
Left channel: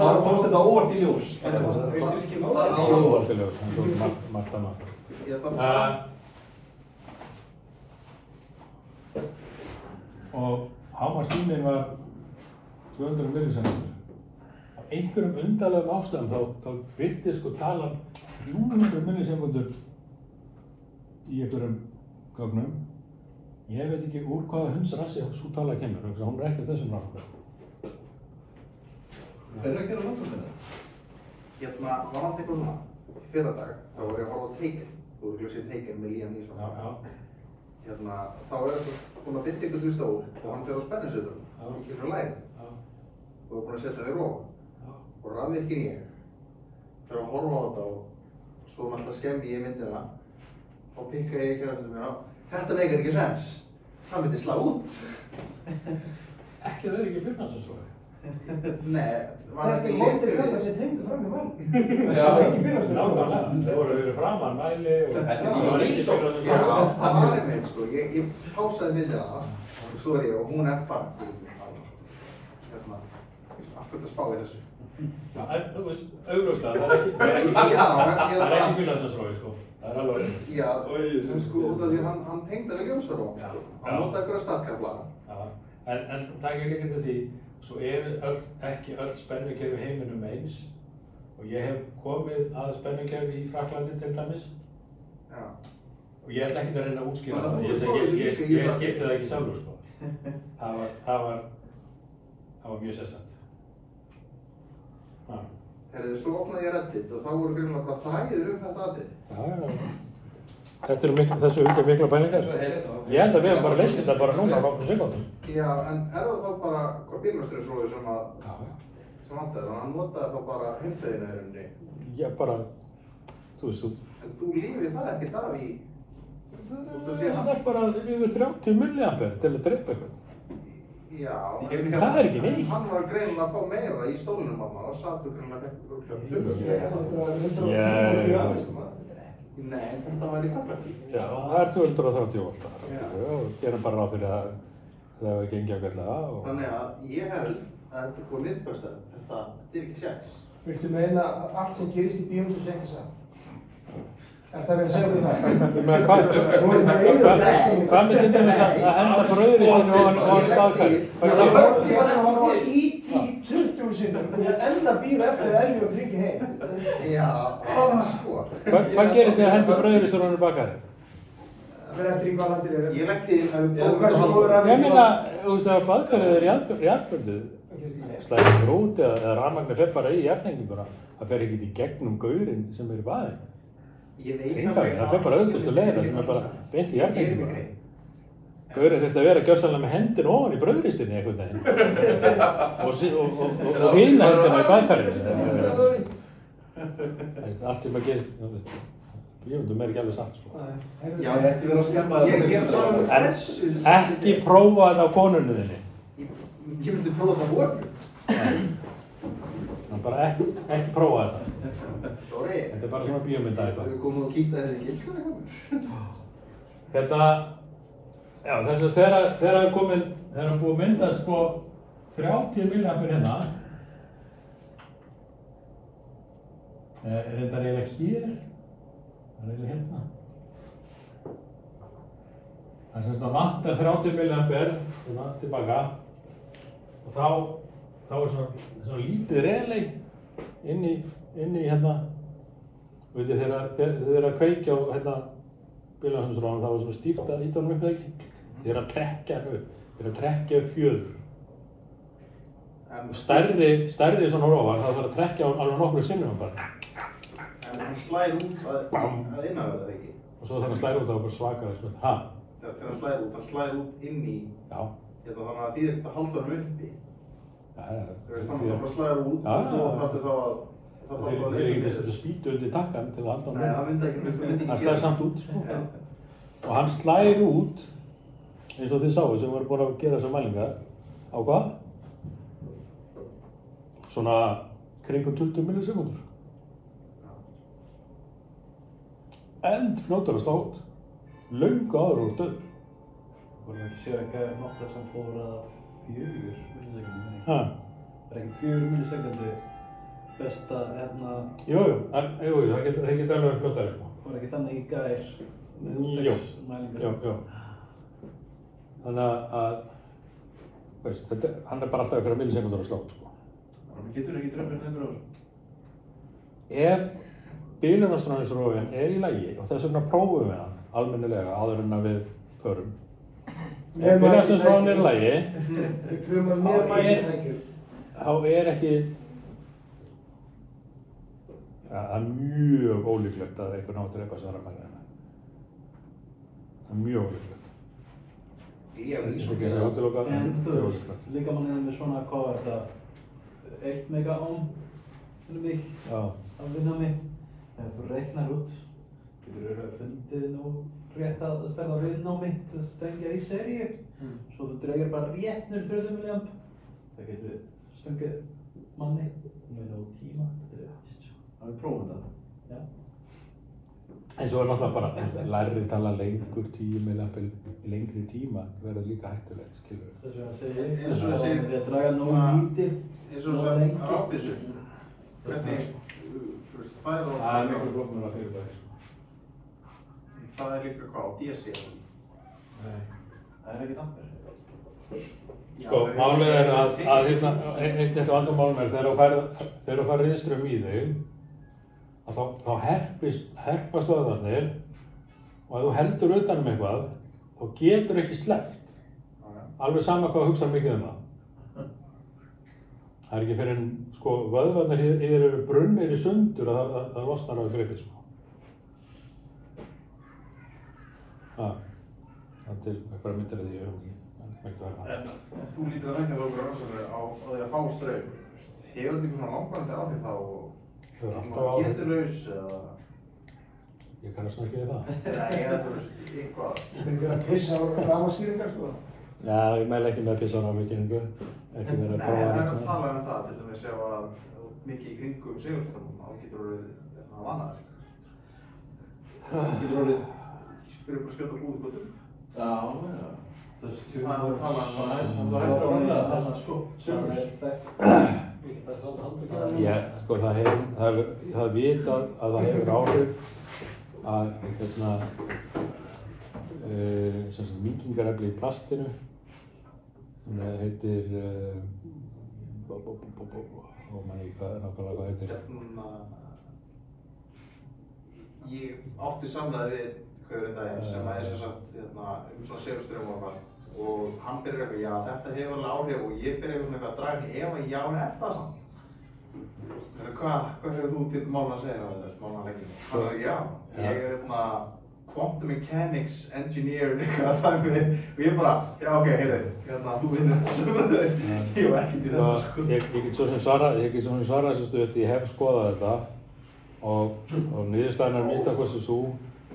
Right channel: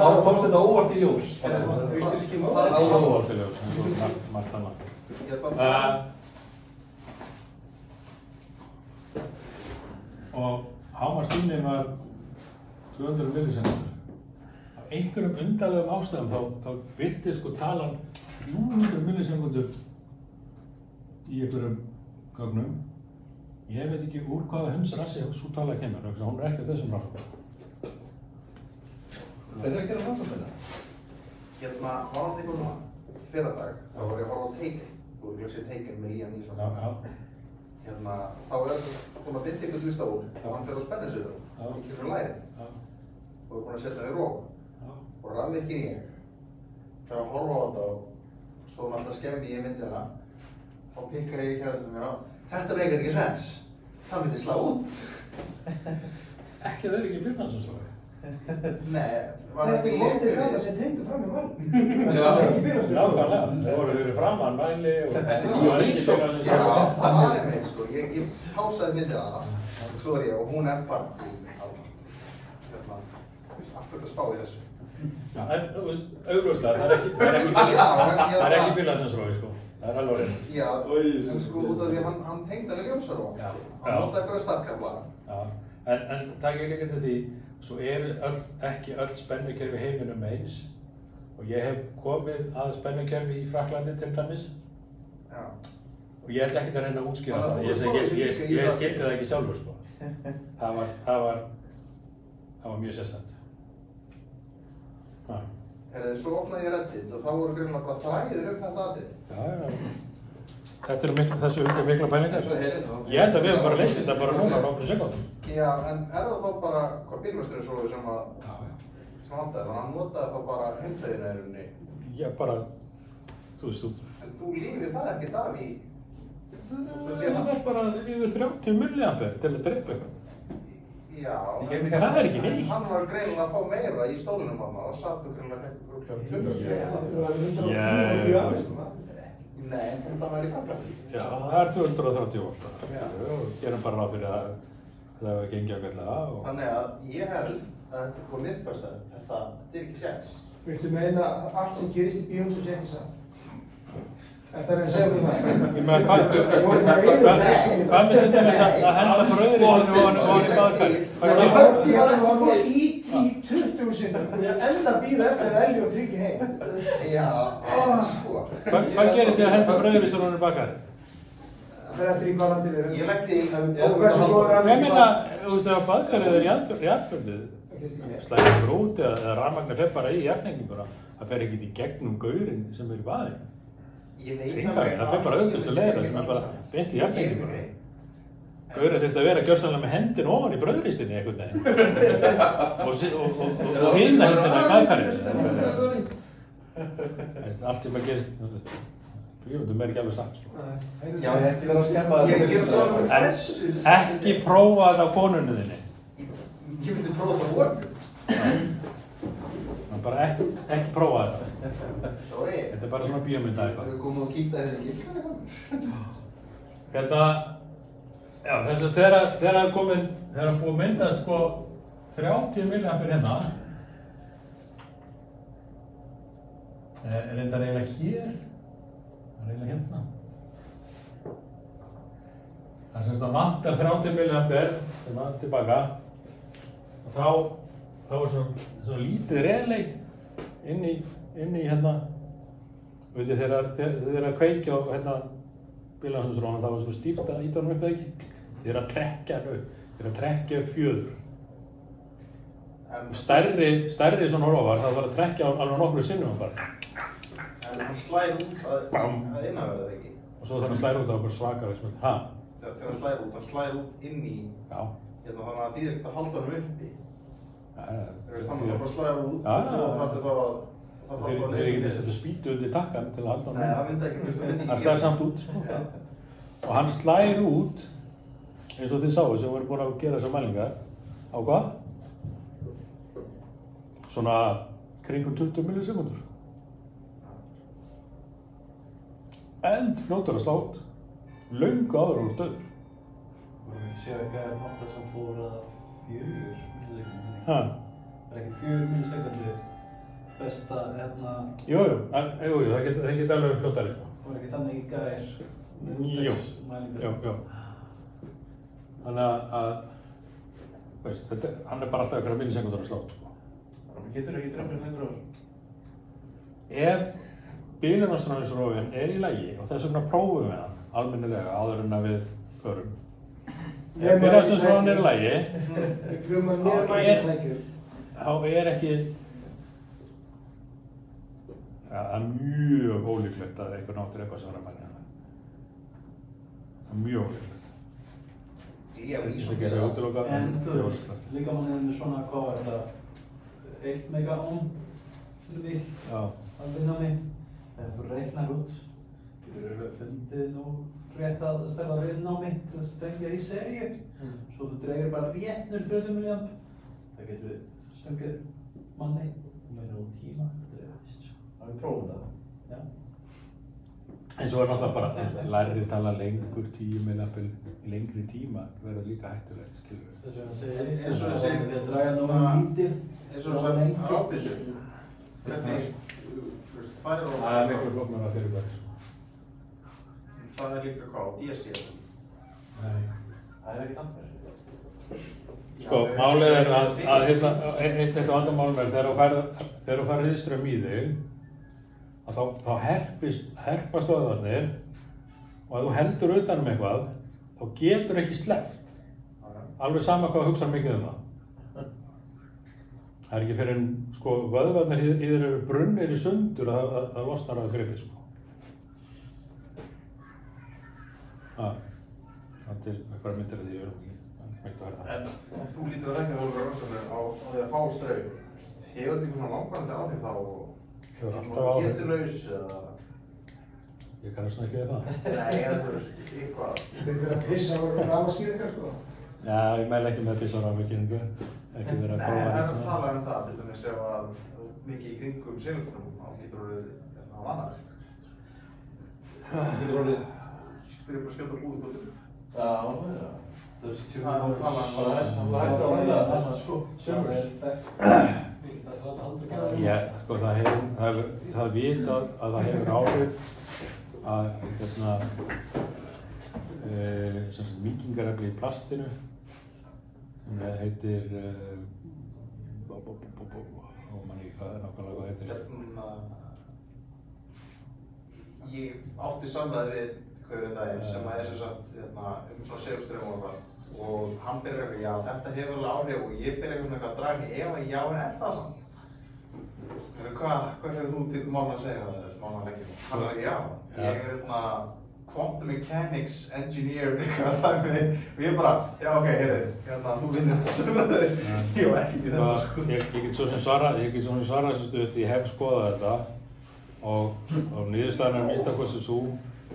Það komst þetta óvart í ljós. Óvart í ljós, eins og margt annað. Og hámarkstíminn var 200 millisekúndur. Af einhverjum undarlegum ástæðum þá birtist sko talan 300 millisekundur í einhverjum gögnum Ég veit ekki úr hvaða hundsrassi sú tala kemur, hún ekki þessum rannsóknum. Ekki að rannsóknum? Var hann eitthvað núna, fyrradag, þá var ég að horfa á Taken. Þú voru ekki að sé Taken með Liam Neeson. Já. Þá búin að binda ykkur úr stól og hann fer á spennisviðum, ekki frá læri. Og búin að setja við róa. Og rafvirkinn ég, fyrir að horfa á þetta og svo alltaf skemmi ég í myndina. Og pikka ég í kærastunum mér á, þetta leikir ekki sens. Það myndi slá út. Ekki það ekki Byrnarsson. Nei, Þetta vondir gæði sem tengdu fram í mál. Já. Ekki Byrnarsson. Nákvæmlega, það voru fyrir framan mæli og... Þetta er ekki lísók. Já, það var einmitt sko, ég pásaði myndina og svo ég og hún bara af hverju að spá í þessu. Já, en þú veist, augljóslega, það er ekki Byrnarsson, sko. Það er alveg reynd. Já, en sko út af því hann tengdi alveg ljósarvon, sko. Hann notaði eitthvað starkabla. Já, en það er líka til því, svo ekki öll spennukerfi heiminum eins og ég hef komið að spennukerfi í Frakklandi til dæmis og ég ætla ekki að reyna að útskýra það. Ég skildi það ekki sjálfur, sko. Það var mjög sérstætt. Svo opnaði ég Reddit og þá voru greinilega bara þræðir upp þetta atrið. Já. Þessu mikla pælingar. Ég held að við hefum bara leist þetta bara núna á nokkrum sekúndum. Já, en það þá bara hvað bílmjöstrið sem vantaði? Þannig að hann notaði þá bara heimdeginu í rauninni. Já, bara, þú veist þú. En þú lífið það ekkert af í... Það er bara yfir 30 milliampere til að drepa eitthvað. Já, það er ekki neitt. Hann var greinilega að fá meira í stólunum hann og sattu greinilega Nei, þetta var í Frakklandi. Já, það er 230 voltar. Og gerum bara ráð fyrir að það hefur gengið ágætlega. Þannig að ég held að þetta er búið miðbæstað. Þetta er ekki séns. Viltu meina að allt sem gerist í bíómyndu sé ekki satt? Þetta er að segja um það. Ég meina, hvað með þetta með að henda brauðristinu ofan í baðkari? Ég horfði hérna og hann var í 20 sinnum og ég enda býða eftir að Elli og Tryggi heim. Já, sko. Hvað gerist þið að henda brauðristinu ofan í baðkari? Það er eftir í hvað landið er. Ég legg til Ég meina, þú veist, ef baðkarið er jarðböndið, slæðir út eða rafmagnið fer bara í jarðhenginguna, það fer ekki í gegnum gaurinn sem er í baðinu. Hringaveginn, það fer bara auðvitaðstu leiðina sem er bara beint í jarðhenginguna. Gaurinn þurfti að vera gjörsamlega með hendina ofan í brauðristinni einhvern veginn og hina hendina í baðkarinu. Allt sem að gerist, ég myndum ekki alveg satt, sko. Já, ég ætti verið að skemma En ekki prófa þetta á konunni þinni. Ég myndi prófa þetta á honum. Bara ekki prófa þetta. Dóri. Þetta er bara svona bíómynda eitthvað. Þú komið og kíkta þessi gildur eitthvað? Þetta, já, þegar það er búið að mynda sko 30 milliampere hérna. Reyndar eiginlega hér. Það er eiginlega hérna. Það er semst að vantar 30 milliampere hérna tilbaka. Og þá er svona lítið relay inn í hérna, veit ég, þegar þið er að kveikja á hérna bílahundsrónum, þá er svona stíft að íta honum upp eða ekki. Þið er að trekkja hann upp, þið er að trekkja upp fjöður. Stærri svona rófar, það þarf að trekkja alveg nokkru sinnum bara. En hann slær út að innanverða það ekki? Og svo þegar hann slær út, það var bara svakalega sem þetta, Já, þegar hann slær út inn í, þannig að því þetta halda honum uppi. Þannig að það slæður út og svo þarf þá að... Þeir ekki að setja spýtu undir takkan til að halda hann. Nei, það myndi ekki. Hann slær samt út, sko. Og hann slær út, eins og þið sáu sem voru búin að gera þessar mælingar, á hvað? Svona kringum 20 millisekundur. Fljótar að slá út. Löngu áður og stöður. Vorum ekki séð ekki nokkuð sem fór að 4 millisekundum. Það er ekki 4 millisekundur besta hérna... Jú, það geta alveg fljótari, sko. Það var ekki þannig í gær. Jú. Þannig að veist, hann er bara alltaf einhverja millisekundar að slá út, sko. Hann getur ekki drefnir lengur á þessu. Ef bílunarstráðinsrófin er í lagi og þess vegna prófum við hann almennilega áður en að við förum, byrjar sem svona niður í lagi, Krumar mér þá ekki, það er mjög ólíklegt að einhver ná að drepa svona mælina. Það er mjög ólíklegt. Ég er Þetta ekki að útilokað, En en þú mjög veist, ólíklegt. líkamanninn er með svona, hvað er þetta, 1 megaohm fyrir mig Já. að vinna mig. Ef þú reiknar út, getur þú fundið nú rétt að stærða viðnámi til að stengja í seríu. Svo þú dregur bara rétt 0,40 milliamp. Það getur stungið manni með tíma. Það er vist. Það er prófum það. Já. En svo er náttúrulega bara lærri tala lengur 10 milliamp í lengri tíma verður líka hættulegt, skilur við. Þess vegna segi ég, Eins og þessi- ég draga nú lítið. Eins og sem rafbyssu. Hvernig, þú veist, það er Það er miklu flóknara fyrirbæri. Það er líka hvað á DC. Nei. Það er ekki dampur. Sko, málið er að hérna, eitt vandamálum er þegar þú fær riðströmm í þig, að þá herpast vöðvarnir og ef þú heldur utan eitthvað, þá getur ekki sleppt. Alveg sama hvað þú hugsar mikið það. Það er ekki fyrir en sko, vöðvarnir í þér eru brunnir í sundur að losnar á gripið. Sko. Það er til eitthvað myndir að því við erum ekki mægt að verða það. En þú lítur að þetta voru rannsóknir á því að fá straum. Hefur þetta eitthvað svona langvarandi áhrif þá? Hefur alltaf áhrif. Getulaus eða? Ég kannast nú ekki við það. Nei, eða þú veist, eitthvað. Þetta er að pissa á rafskýringar, sko. Já, ég mæli ekki með pissanafvirkningu. Ekki verið að prófa neitt. neitt Það með. tala um það, til dæmis ef að mikið í kringum segulströmmum, þá getur orðið að vanna þér. Getur orðið, spyrir ykkur að skjóta búið skotum. Já, já. Þú veist, Það er að tala um það er Já, sko, það er vitað að það hefur áhrif að mýkingarefni í plastinu sem heitir manni ekki nákvæmlega hvað heitir. Ég átti samræði við hverjum daginn sem er sem sagt svona segulstraum og það og hann byrjar eitthvað, já þetta hefur alveg áhrif og ég byrjar eitthvað svona að draga henni ef já en er það samt? Hvað hefur þú til málun að segja á þess málunarleikinu? Hvað er já? Ég er quantum mechanics engineer eitthvað þannig og ég bara, já ok, heyrðu, þú vinnur þessu ég var ekkert í þetta sko. Ég get svo sem svara þessu stutt, ég hef skoðað þetta og niðurstaðan er mitt af hversu sú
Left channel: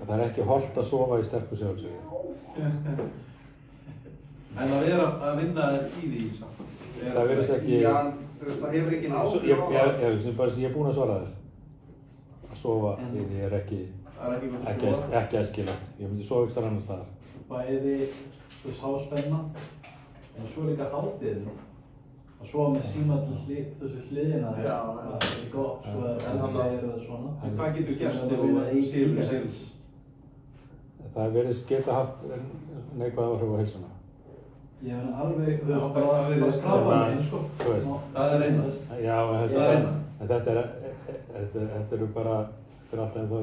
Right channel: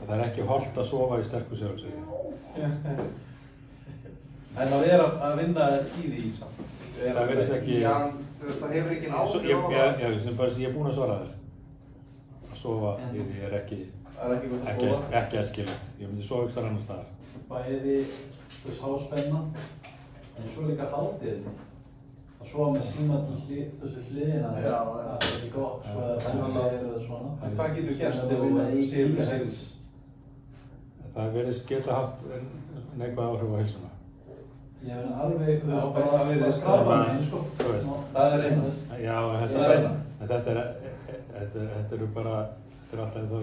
að það er ekki hollt að sofa í sterku segulsviði. En það er að vinna í því samt. Það verðist ekki... Já, þú veist, það hefur ekki náttúrulega. Ég er búinn að svara þér. Að sofa í því er ekki æskilegt. Ég myndi sofa ekki þar annars staðar. Bæði, þú veist, háspenna, en svo líka hátíðin. Að sofa með síma til þessu hliðina. Það er ekki gott, svo er það svona. Hvað getur gerst ef þú silfur? Það verðist geta haft neikvæð áhrif á heilsuna. Ég hef alveg, þú veist, bara þú veist. Það er einhvers. Já, en þetta er alltaf ennþá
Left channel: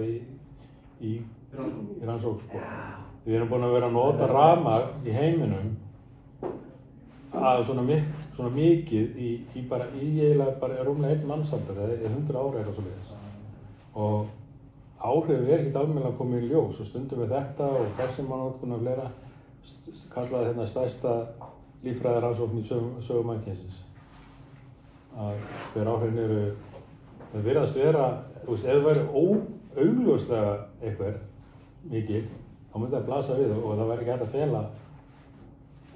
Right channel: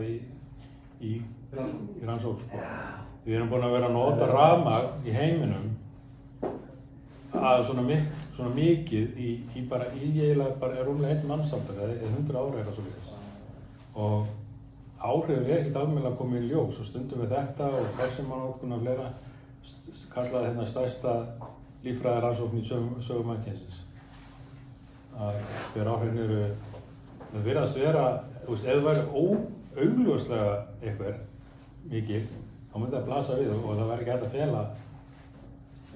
í rannsókn, sko. Við erum búin að vera að nota rafmagn í heiminum að svona mikið í eiginlega bara rúmlega 1 mannsamtaka, eða 100 ára eitthvað svoleiðis. Og áhrifin er ekkert almennilega komið í ljós og stundum við þetta og persónunotkun og fleira kallaði hérna stærsta líffræðirannsókn í sögu mannkynsins. Að hver áhrifin eru, það virðast vera, þú veist, ef það væri augljóslega einhver mikil, þá myndi það blasa við og það væri ekki hægt að fela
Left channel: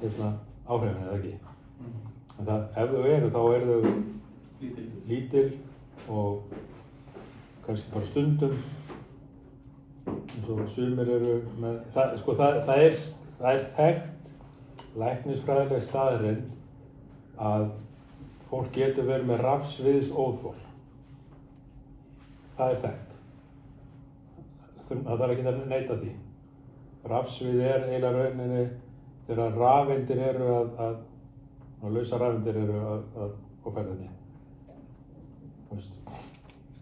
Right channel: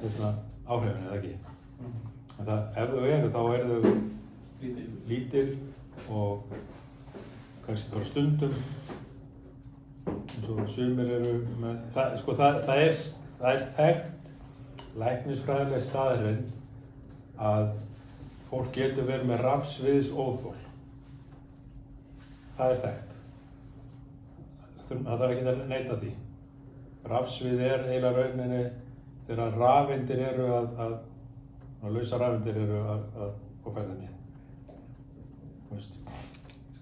hérna áhrifin eða ekki. En það, ef þau eru, þá eru þau lítil og kannski bara stundum eins og sumir eru með, það er þekkt læknisfræðileg staðreynd að fólk getur verið með rafsviðsóþol. Það er þekkt. Það þarf ekki að neita því. Rafsvið er eiginlega rauninni þegar rafeindir eru og lausa rafeindir eru á ferðinni. Þú veist.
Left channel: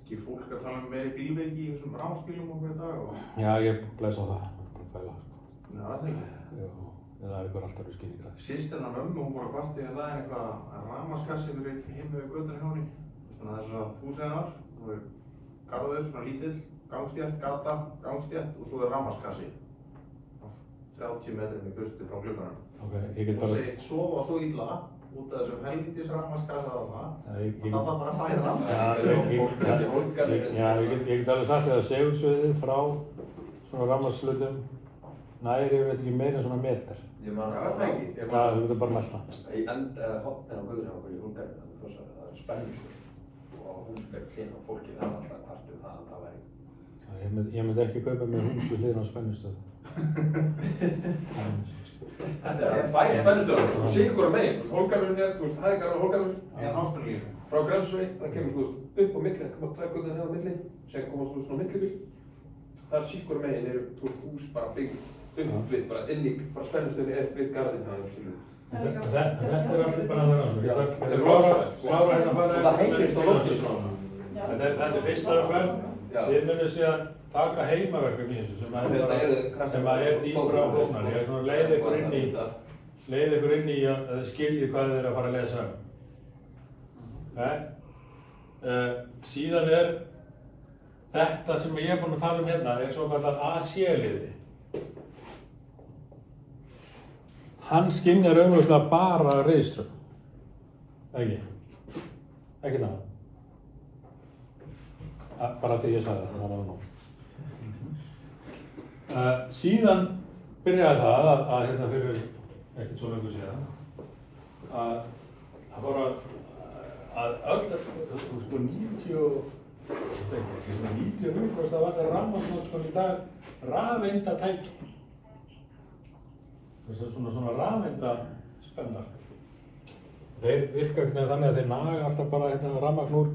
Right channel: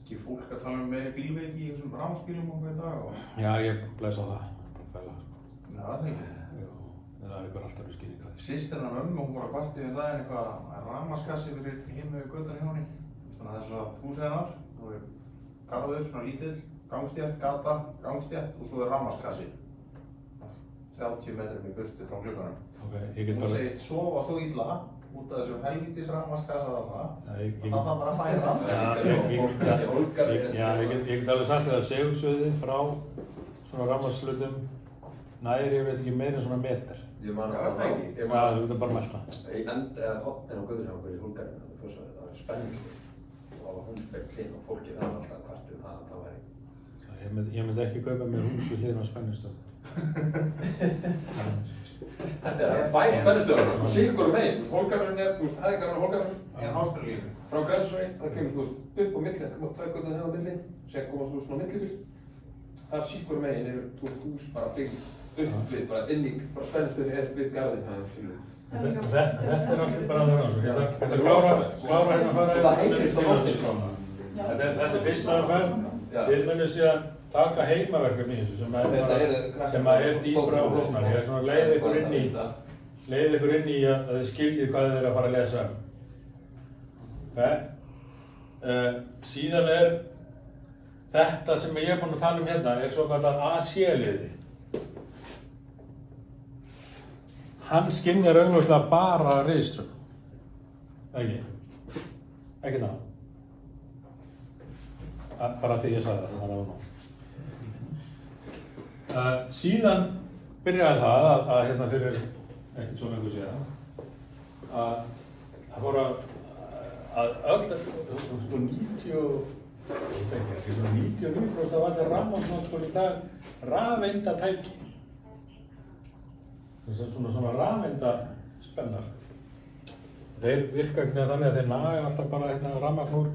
Ekki fólk að tala meiri bílveiki í þessum rafmagnsbílum og hverja dag? Já, ég blæs á það. Bara fæla. Já, það er ekki. Já, eða er eitthvað alltaf skýring á því? Systirinn af mömmu, hún fór að kvarta yfir daginn eitthvað rafmagnskassi fyrir hinn með göttan hjá henni. Þannig að það er svona húsið hennar, það er garður, svona lítill, gangstétt, gata, gangstétt og svo er rafmagnskassi. 30 metrum í burtu frá glugganum. Ok, ég get bara... Það segist sofa svo illa út af þessu helvítis rafmagnskassa þarna. Það var bara að færa. Ég get alveg sagt þér að segulsviðið frá svona rafmagnslutum næri, ég veit ekki meira en svona meter. Ég man það ekki. Já, þú getur bara melta. Í hotnin á Guðrún hjá okkur í Húlgarðinu, það er spennusvöld og húsbygg hlinn og fólki þar var alltaf kvartið það væri. Ég myndi ekki kaupa mér hús við hliðina á spennustöð. Þetta er tvær spennustöðar, sigur á meginn, Hólgarðurinn er, hæðingarinn á Hólgarðurinn. Eða háspennulínu. Frá Grensvegi, það kemur upp á milli, það koma 2 götur hérna á milli, sem koma svona millibíl. Þar sigur á meginn eru hús bara byggð upp við, bara inn í spennustöðinni við garðinn það skilur. Þetta er allir bara það rannsókn. Ég ætla að klára hérna að fara Það heyrist á lofti svona. Þetta er fyrsta verkefni. Við munum síðan taka heimaverkefni í þessu sem er dýpra á hljómar. Ég er svona leið ykkur inn í að þið skiljið hvað þið eru að fara að lesa. Síðan er þetta sem ég er búinn að tala um hérna er svo kallar AC-liði. Hann skynjar augljóslega bara reiðströmm. Ekki það. Bara því ég sagði það var nóg. Síðan byrjaði það að hérna fyrir ekkert svo lengur síðan að fór að öll, sko 99% það var það rafmagnsnotkun í dag rafeindatæki. Svona rafeindaspennar. Þeir virka ekki þannig að þeir naga alltaf bara hérna rafmagn úr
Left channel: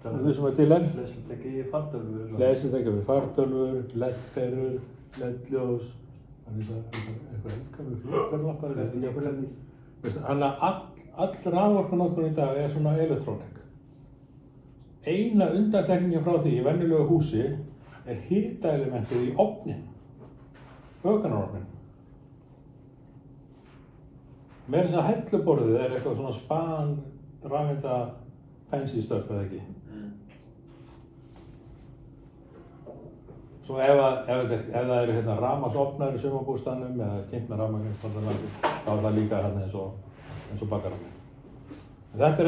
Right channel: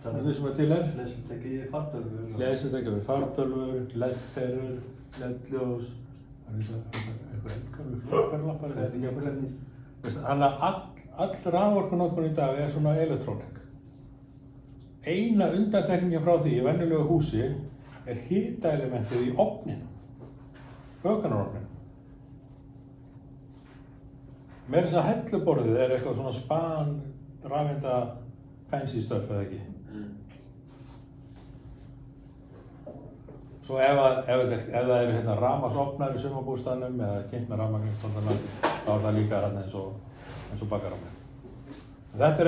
því sem til er. Hleðslutæki í fartölvur. Hleðslutæki við fartölvur, LED-perur, LED-ljós, eitthvað eldkarfi, flúperlappar, þetta ekki okkur. Þannig að all raforkunotkun í dag er svona elektrónik. Eina undantekningin frá því í venjulegu húsi er hitaelementið í ofninum, vökunarofninum. Meira þess að helluborðið er eitthvað svona span, rafeinda, fancy stuff eða ekki. Svo ef það eru hérna rafmagnsofnar í sumarbústaðnum eða kynnt með rafmagn í Stoltanlandi, þá er það líka hérna eins og bakarofnin. Þetta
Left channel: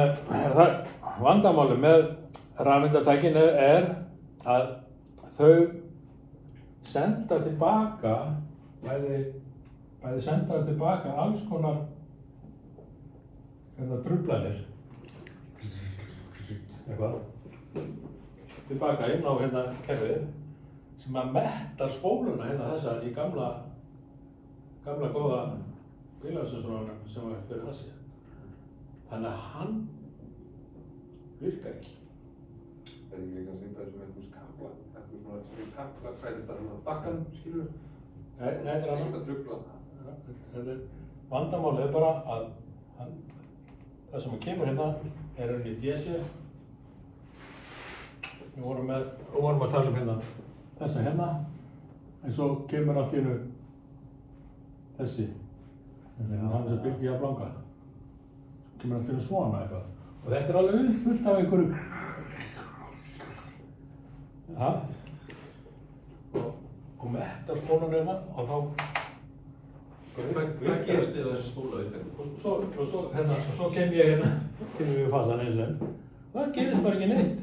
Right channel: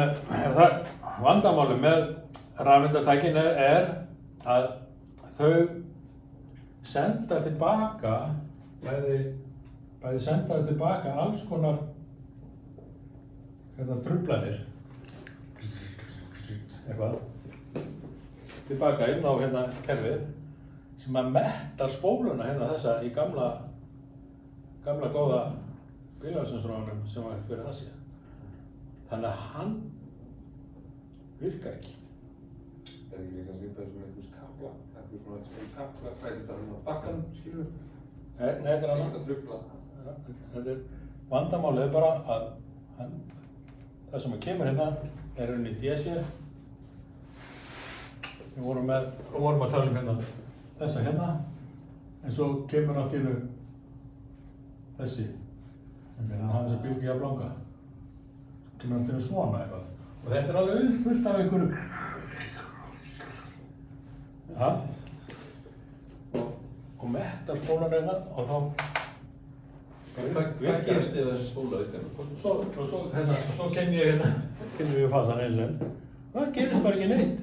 er það vandamáli með rafeindatækin er að þau senda tilbaka bæði sendaðu tilbaka alls konar truflanir eitthvað tilbaka inn á hérna kerfið sem að mettar spóluna hérna þessa í gamla góða bílafsensrónum sem var fyrir Asía. Þannig að hann virkar ekki. Er ekki kannski eitthvað sem kakla fræðildar hann á bakkanum, skilur? Nei, þetta er annað. Vandamálið er bara að það sem kemur hérna er henni í DC. Við vorum að tala um hérna þessa hérna, en svo kemur allt í einu þessi, hann sem bylgi að blanga. Svo kemur allt í einu svona eitthvað. Og þetta er alveg uppfullt af einhverju. Ja. Og mettar spólan hérna og þá Hvað gerist yfir þessi spóla í þeim? Svo kem ég fasan eins og enn. Það gerist bara ekki neitt.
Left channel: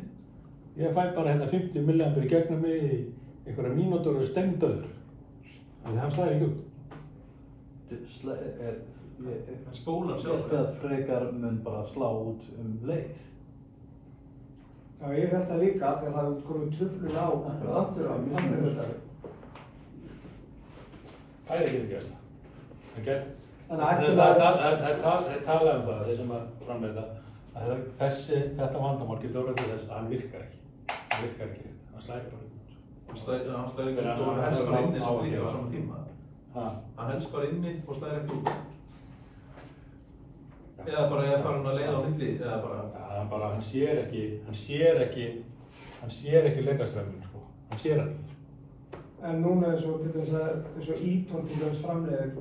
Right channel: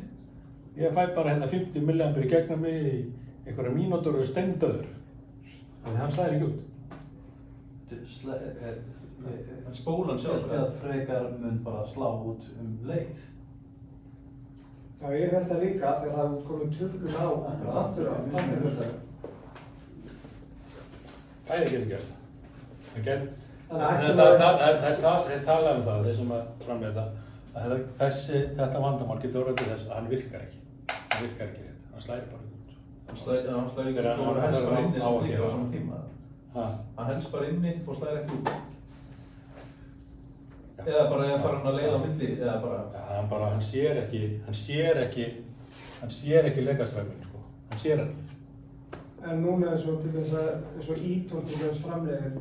Ég fæ bara hérna 50 milliampere í gegnum mig í einhverja mínútur og er stengdöður. Þannig að hann slæðir ekki út. Spólan sjálf? Ég held að frekar mun bara slá út leið. Já, ég held það líka því að það komið truflun á aftur á. Það er ekki gerst. Það tala um það, þeir sem að framleita, að þetta vandamál getur orðið til þess að hann virkar ekki. Hann virkar ekki rétt, hann slæðir bara út. Hann slæðir ekki út og hann helst bara inni sem líka á svona tíma. Hann helst bara inni og slæðir ekki út. Eða bara eða fara hann að leiða á milli, eða bara... Hann sér ekki leikastræminn, sko. Hann sér hann ekki. En núna er svo til þess að Eton til þess framleiðir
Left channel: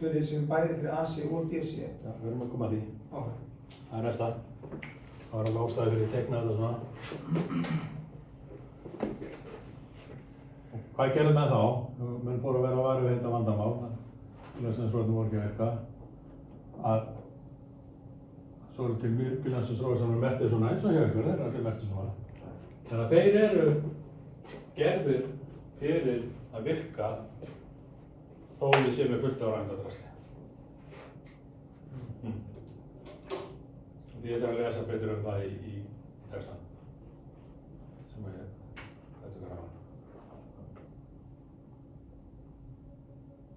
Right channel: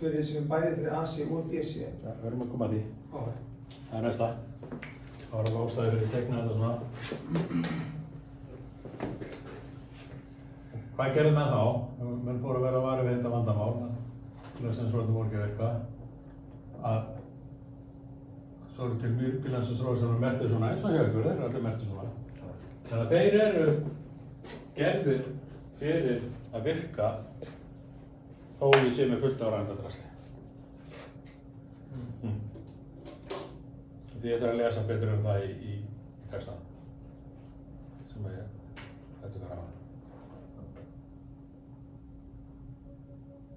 fyrir sem bæði fyrir AC og DC. Já, við erum að koma að því. Okay. Það er næsta. Það var alveg ástæði fyrir teikna þetta svona. Hvað gerði menn þá? Menn fóru að vera að vari við þetta vandamál. Lausnarþróttum voru ekki að virka. Að svo eru til bílansins-róðir sem eru merktir svona eins og hjá ykkur, þeir eru allir merktir svona. Þannig að þeir eru gerðir fyrir að virka þó því sem er fullt á rangadrasli. Því ég ætla að lesa betur um það í textan sem ég hætti ykkur hafa.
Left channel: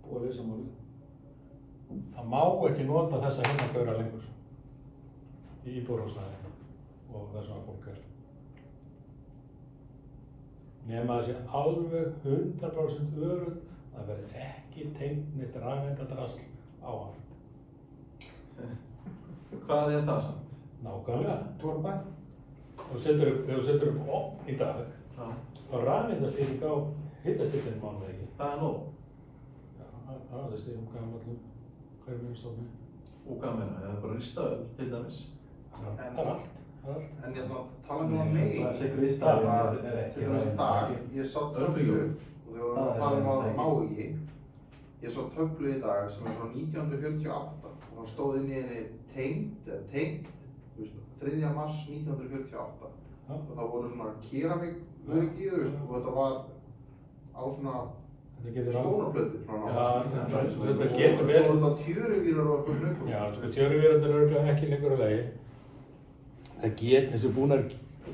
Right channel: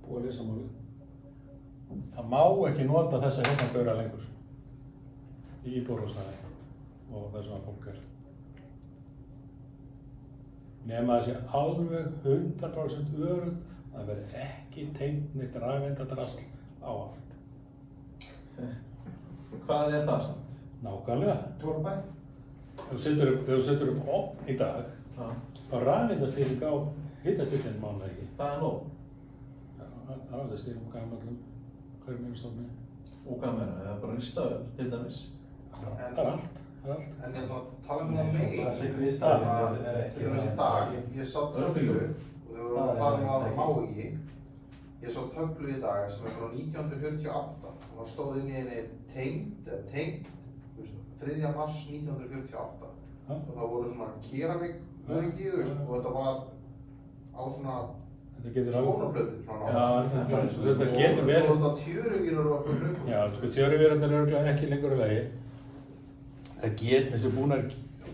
Búið að lesa málið. Það má ekki nota þessa heimagaura lengur í íbúðarhúsnæði og þess að fólk er. Nema það sé alveg 100% öruggt að það verði ekki tengt neitt rafeindadrasl á hann. Hvað er það samt? Nákvæmlega. Torfbæ? Þegar þú setur upp ofn í dag, þá rafeindastýring á hitastýringin mánuði ekki. Það er nóg. Já, rafeindastýring á allum hverjum minnstofni. Og hvað meina, eða bara ristaður til dæmis? Það er allt. En ég tala um það megin. Þessi ristaður er ekki. Til dæmis í dag, ég sá töflu og þegar við tala um að það má ekki. Ég sá töflu í dag sem er frá 1948 og það stóð inn í henni tengt 3. mars 1948 og það voru svona keramiköryggi og þetta var á svona skónaplötu. Þetta getur verið. Svo voru þetta tjöruvírar og eitthvað. Já, sko tjöruvírarnir eru ekki lengur að lagi. Það getur þessi búnar,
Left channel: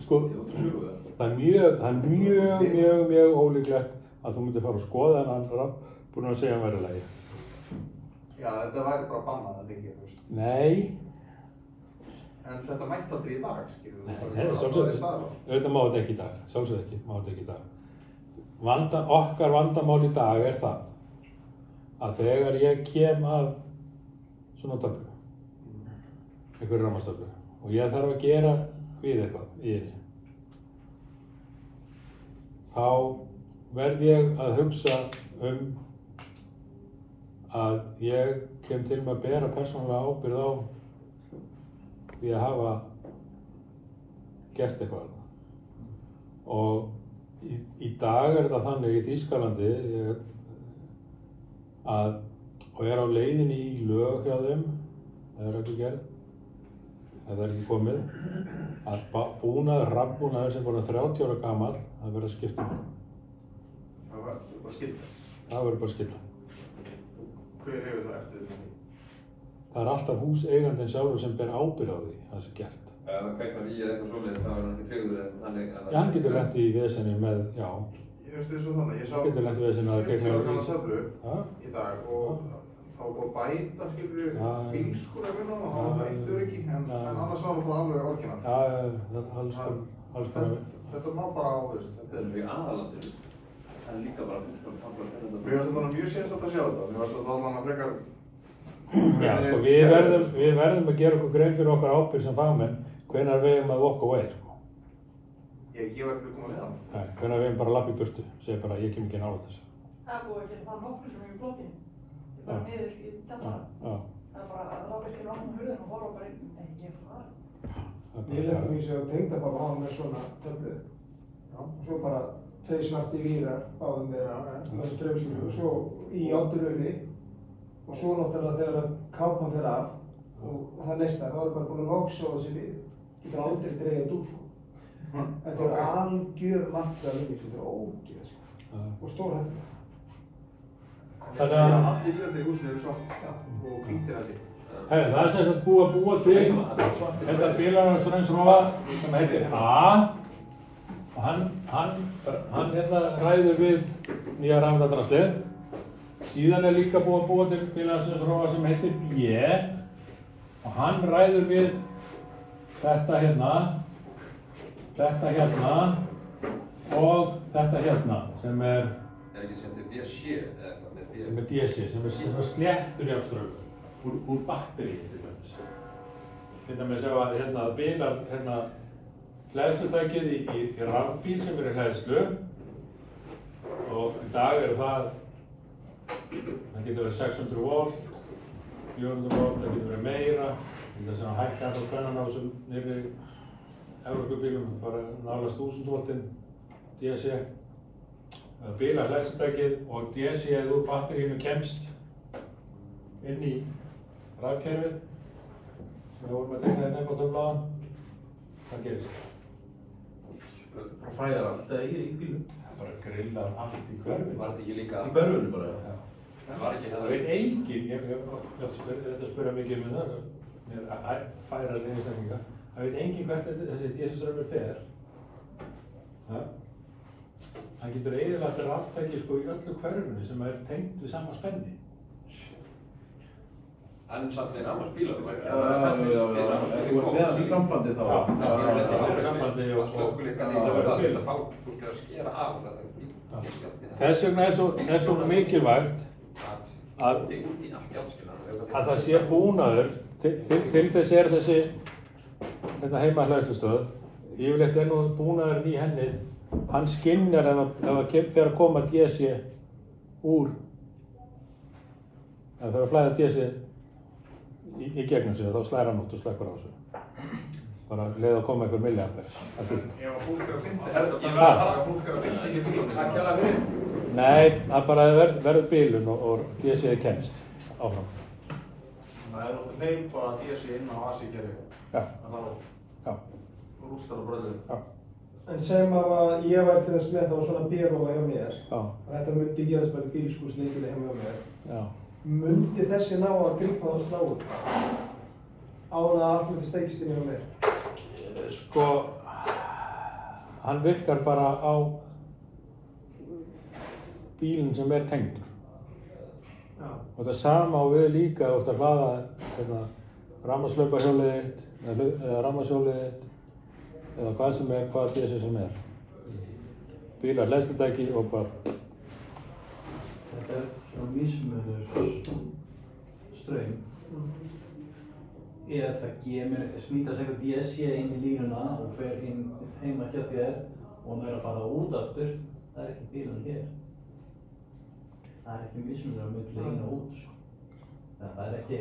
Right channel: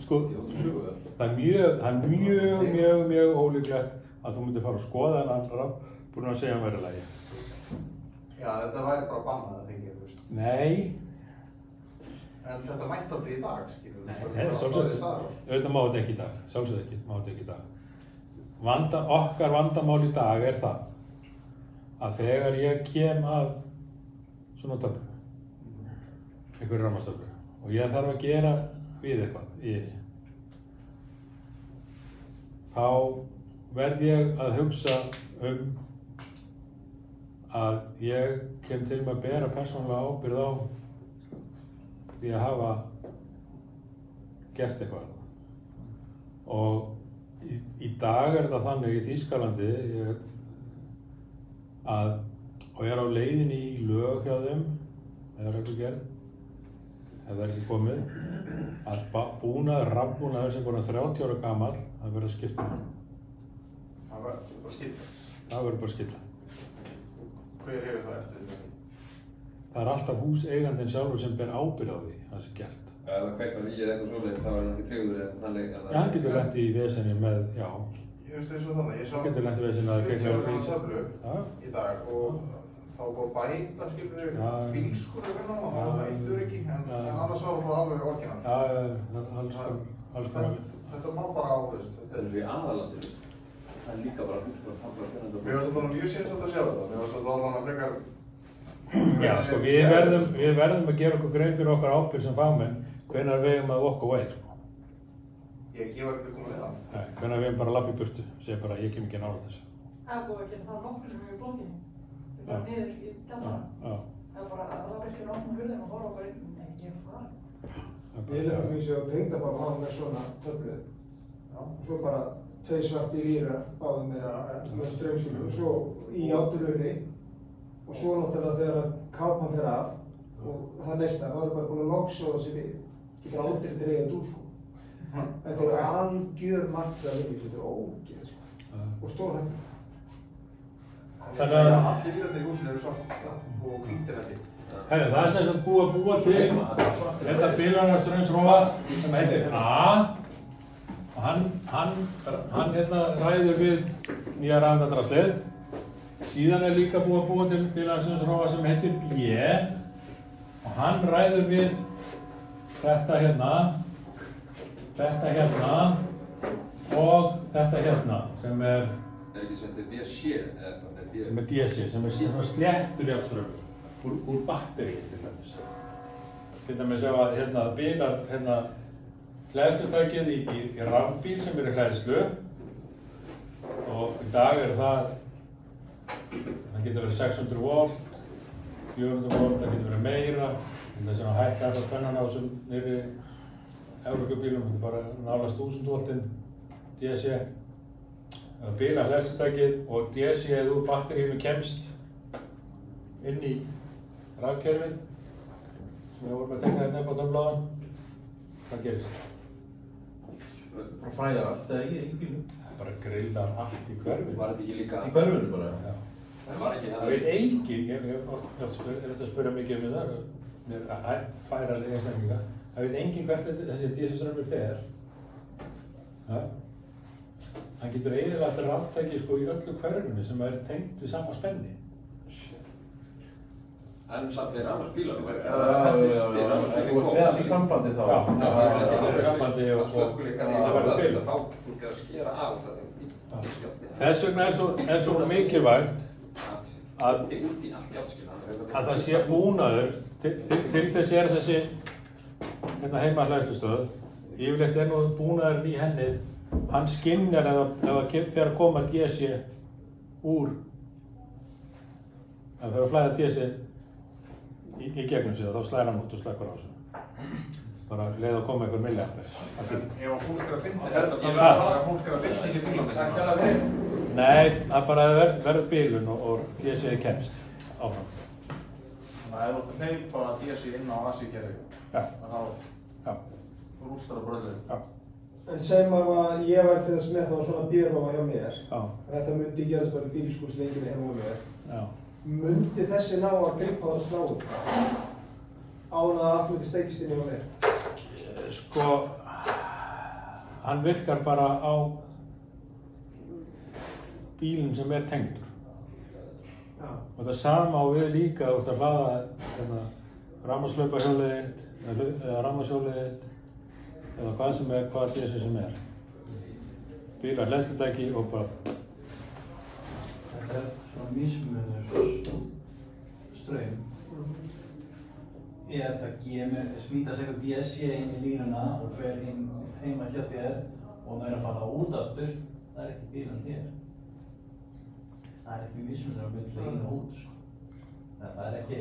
sko, það er mjög ólíklegt að þú myndir fara og skoða þennan búin að segja að hann væri að lagi. Já, þetta væri bara bannað að þykja, þú veist. Nei. En þetta mætti aldrei í dag, skilur við. Nei, auðvitað má þetta ekki í dag, sjálfsögðu ekki, má þetta ekki í dag. Okkar vandamál í dag er það að þegar ég kem að svona töflu, einhverju rafmagnstöflu, og ég þarf að gera við eitthvað í henni, þá verð ég að hugsa að ég kem til með að bera persónulega ábyrgð á því að hafa gert eitthvað. Og í dag er þetta þannig í Þýskalandi og er á leiðinni í lög hjá þeim, eða reglugerð, ef það er ekki komið, að rafbúnaður sem bara 30 ára gamall, það verður að skipta um hann. Það verður bara skipta? Það verður bara skipta. Hver hefur það eftir því? Það er alltaf húseigandinn sjálfur sem ber ábyrgð á því, það sé gert. Ef það kveiknar í eða eitthvað svoleiðis, þá er hann ekki tryggður eða þannig? Já, hann getur lent í vesenni með, já. Ég veist þessu þannig, ég sá hann getur lent í vesenni að kveikna í töflu í dag og þá búið að bæta, skilur, bílskur eða hvernig það var eitt öryggi, en annars var það bara alveg orginal. Já, það er alls konar. Þetta má bara á, þú veist. Þetta er í aðalandinu. Það er líka bara að tafla fyrir þetta. Mér finnst þetta mjög sérstætt að sjá þetta. Mér finnst þetta alveg að frekar... Já, sko, við verðum að gera okkur grein fyrir okkar ábyrgð sem fagmenn hvenær við eigum að walk away, sko. Ég var ekki að koma við það. Nei, hvenær við eigum bara að labba í burtu, segja bara ég kem ekki nálægt þessu. Það er búið að gera það nokkur sem er í blokkinni. Það er bara niður í kjallara. Það er bara að það virkir á hurðin og horfa bara inn. Nei, ég er farið. Ég lefði mér sér að tengdapappa hann með svona töflu. Og svo bara 2 svartir vírar báðum með strömsíku og svo í áduröri. Og svo náttúrulega þegar kápan fyrir af og það næsta, þá er bara búin að loksjóða sig við. Getur aldrei dreigja þetta úr, sko. Þetta er algjör markað við, þetta er ógeð, sko. Og stór hætti. Þannig að allir vílarnir í húsinu eru svart og hvítir hætti. Það er sem sagt búið að búa til þetta bílarströmsrófa sem heitir A. Hann ræður við nýja rafeindadraslið. Síðan er líka búið að búa til bílarströmsrófa sem heitir B. Og hann ræður við þetta hérna og þetta hérna sem er ekki sem til DC sem er DC, sem er sléttur jafnströmmur úr batteríi til dæmis. Til dæmis ef að bilar hleðslutækið í rafbíl sem er í hleðslu og í dag það getur verið 600 volt, 400 volt, það getur verið meira, þess að hækka alltaf spennan á þessum nýri Evrópubílum, bara nálast 1000 voltinn DC, bílar hleðslutækið og DC-ið úr batteríinu kemst inn í rafkerfið sem við vorum að tekna þetta upp á töflaðan. Hvað gerist? Það fæðar alltaf í bílum. Það er bara grillar allt í hverfinu. Var þetta ekki líka? Í hverfinu bara? Já. Það var ekki það? Það veit enginn, ég ætla að spyrja mikið það, mér færar því einstaklinga. Það veit enginn hvert þessi DC-server fer. Það getur eyðilagt raftæki sko í öllu hverfinu sem er tengt við sama spenni. En samt annars bílar? Þú ert með í sambandi þá? Já, það er í sambandi og það verður bil. Þú skal skera af þetta. Þess vegna er svo mikilvægt að það sé búnaður, til þess er þessi heima hleðslustöð, yfirleitt er nú búnaðurinn í henni, hann skynjar ef það fer að koma DC úr, ef það fer að flæða DC í gegnum sig og þá slæðir hann út og slekkur á sig. Bara leið að koma einhver milliampere. Ef hún skar að bindi í bílunum, það kjalla fyrir? Nei, það bara verður bílun og DC kemst áfram. Það er náttúrulega heil bara DC inn á AC-kerfi. Já. Það rústar á bröðlunum. Já. En segjum að ég var til þess með þá svona bíróma hjá mér. Já. Þetta myndi gerast bara í bílskúrsleikinu heima hjá mér. Já. Myndi þessi ná að grippa það stráð á hann að allt myndi steikist inn hjá mér? Sko, hann virkar bara á bílinn sem er tengdur. Já. Og það sama á við líka út að hlaða rafmagnslaupahjólið þitt eða rafmagnshjólið þitt eða hvað sem er, hvað DC sem er. Bílar hleðslutæki og bara Þetta er svona mismunur straum. Ef það smítast eitthvað DC inn í línuna og fer inn heima hjá þér og það er að fara út aftur, það er ekki bílan hér. Það er ekki mismunur á milli inn og út. Það er ekki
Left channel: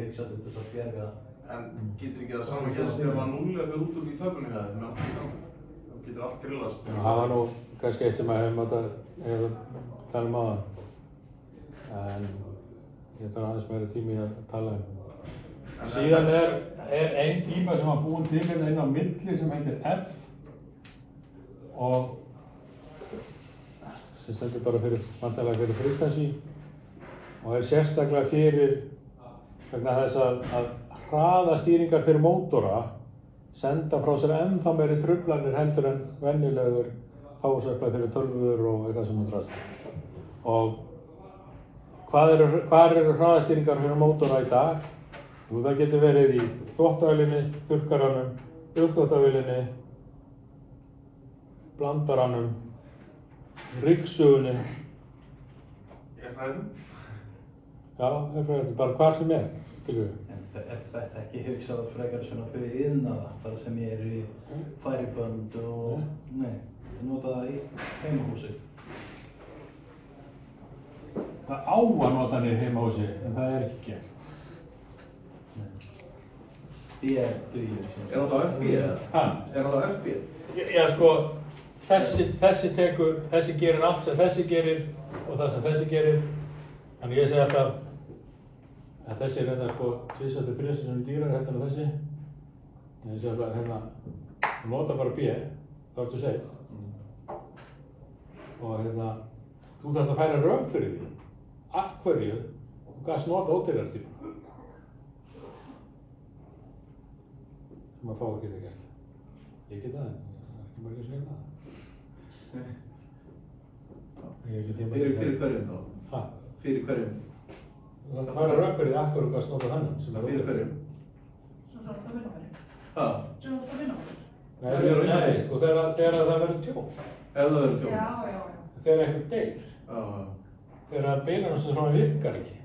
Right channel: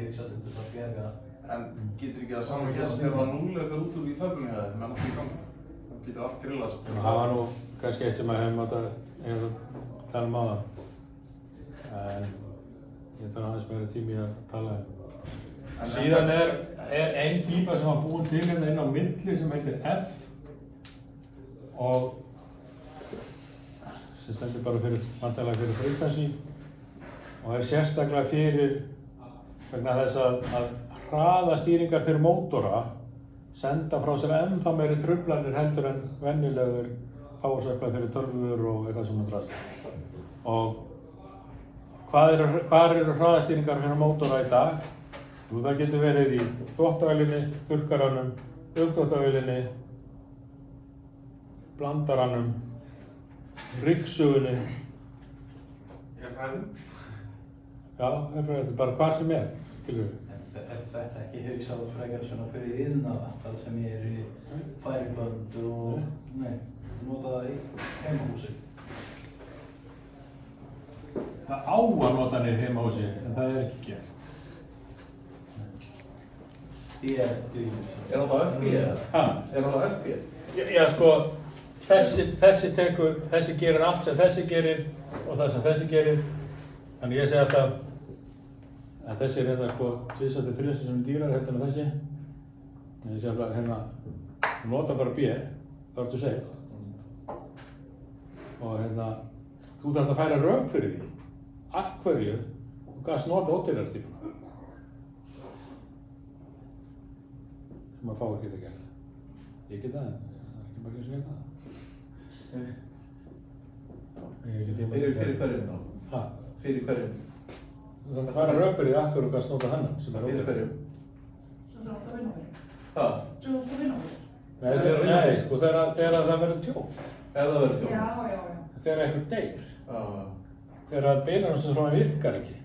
hugsað til þess að bjarga. En getur ekki að saman gerst þegar það núl eða út úr í töflunni eða menn allt í gangi? Það getur allt grillast. Það var nú kannski eitt sem að hefum átt að tala um áðan. En ég þarf aðeins meira tími að tala um. Síðan er ein típa sem var búin til hérna inn á milli sem heitir F og sem stendur bara vantarlega fyrir frekvensi og er sérstaklega fyrir vegna þess að hraðastýringar fyrir mótora senda frá sér ennþá meiri truflanir heldur en venjulegur power-supply fyrir tölvur og eitthvað sem það drasla. Og hvar eru hraðastýringar fyrir mótora í dag? Jú, það getur verið í þvottavélinni, þurrkaranum, uppþvottavélinni, blandaranum, ryggsugunni. Herfræðum? Já, herfræðum, bara hvar sem er, skilur við. Þetta er ekki hugsað frekar svona fyrir iðnaða, það sem er í færibönd og nei, nota það í heimahúsi. Það á að nota hann í heimahúsi, en það er ekki gert. Er það þá FB eða? Er það þá FB? Já, sko, þessi gerir allt sem þessi gerir og það sem þessi gerir. Þannig ég segi alltaf að þessi er hérna sko 2-3 sem dýrar heldur en þessi. En ég segi alltaf hérna, nota bara B, það ertu safe. Og hérna, þú þarft að færa rök fyrir því. Af hverju þú gast nota ódýrari tíma. Sem að fá að geta gert. Ég geta það, en það er ekki margir sem geta það. Fyrir hverjum þá? Hæ? Fyrir hverjum? Það er að fara rök fyrir því af hverju þú gast nota þennan sem er Fyrir hverjum? Svo sátt að vinna fyrir. Hæ? Svo sátt að vinna fyrir. Nei, sko þegar það verður tjón. Ef það verður tjón? Já. Þegar eitthvað deyr. Já. Þegar bílarnir sem svona virkar ekki.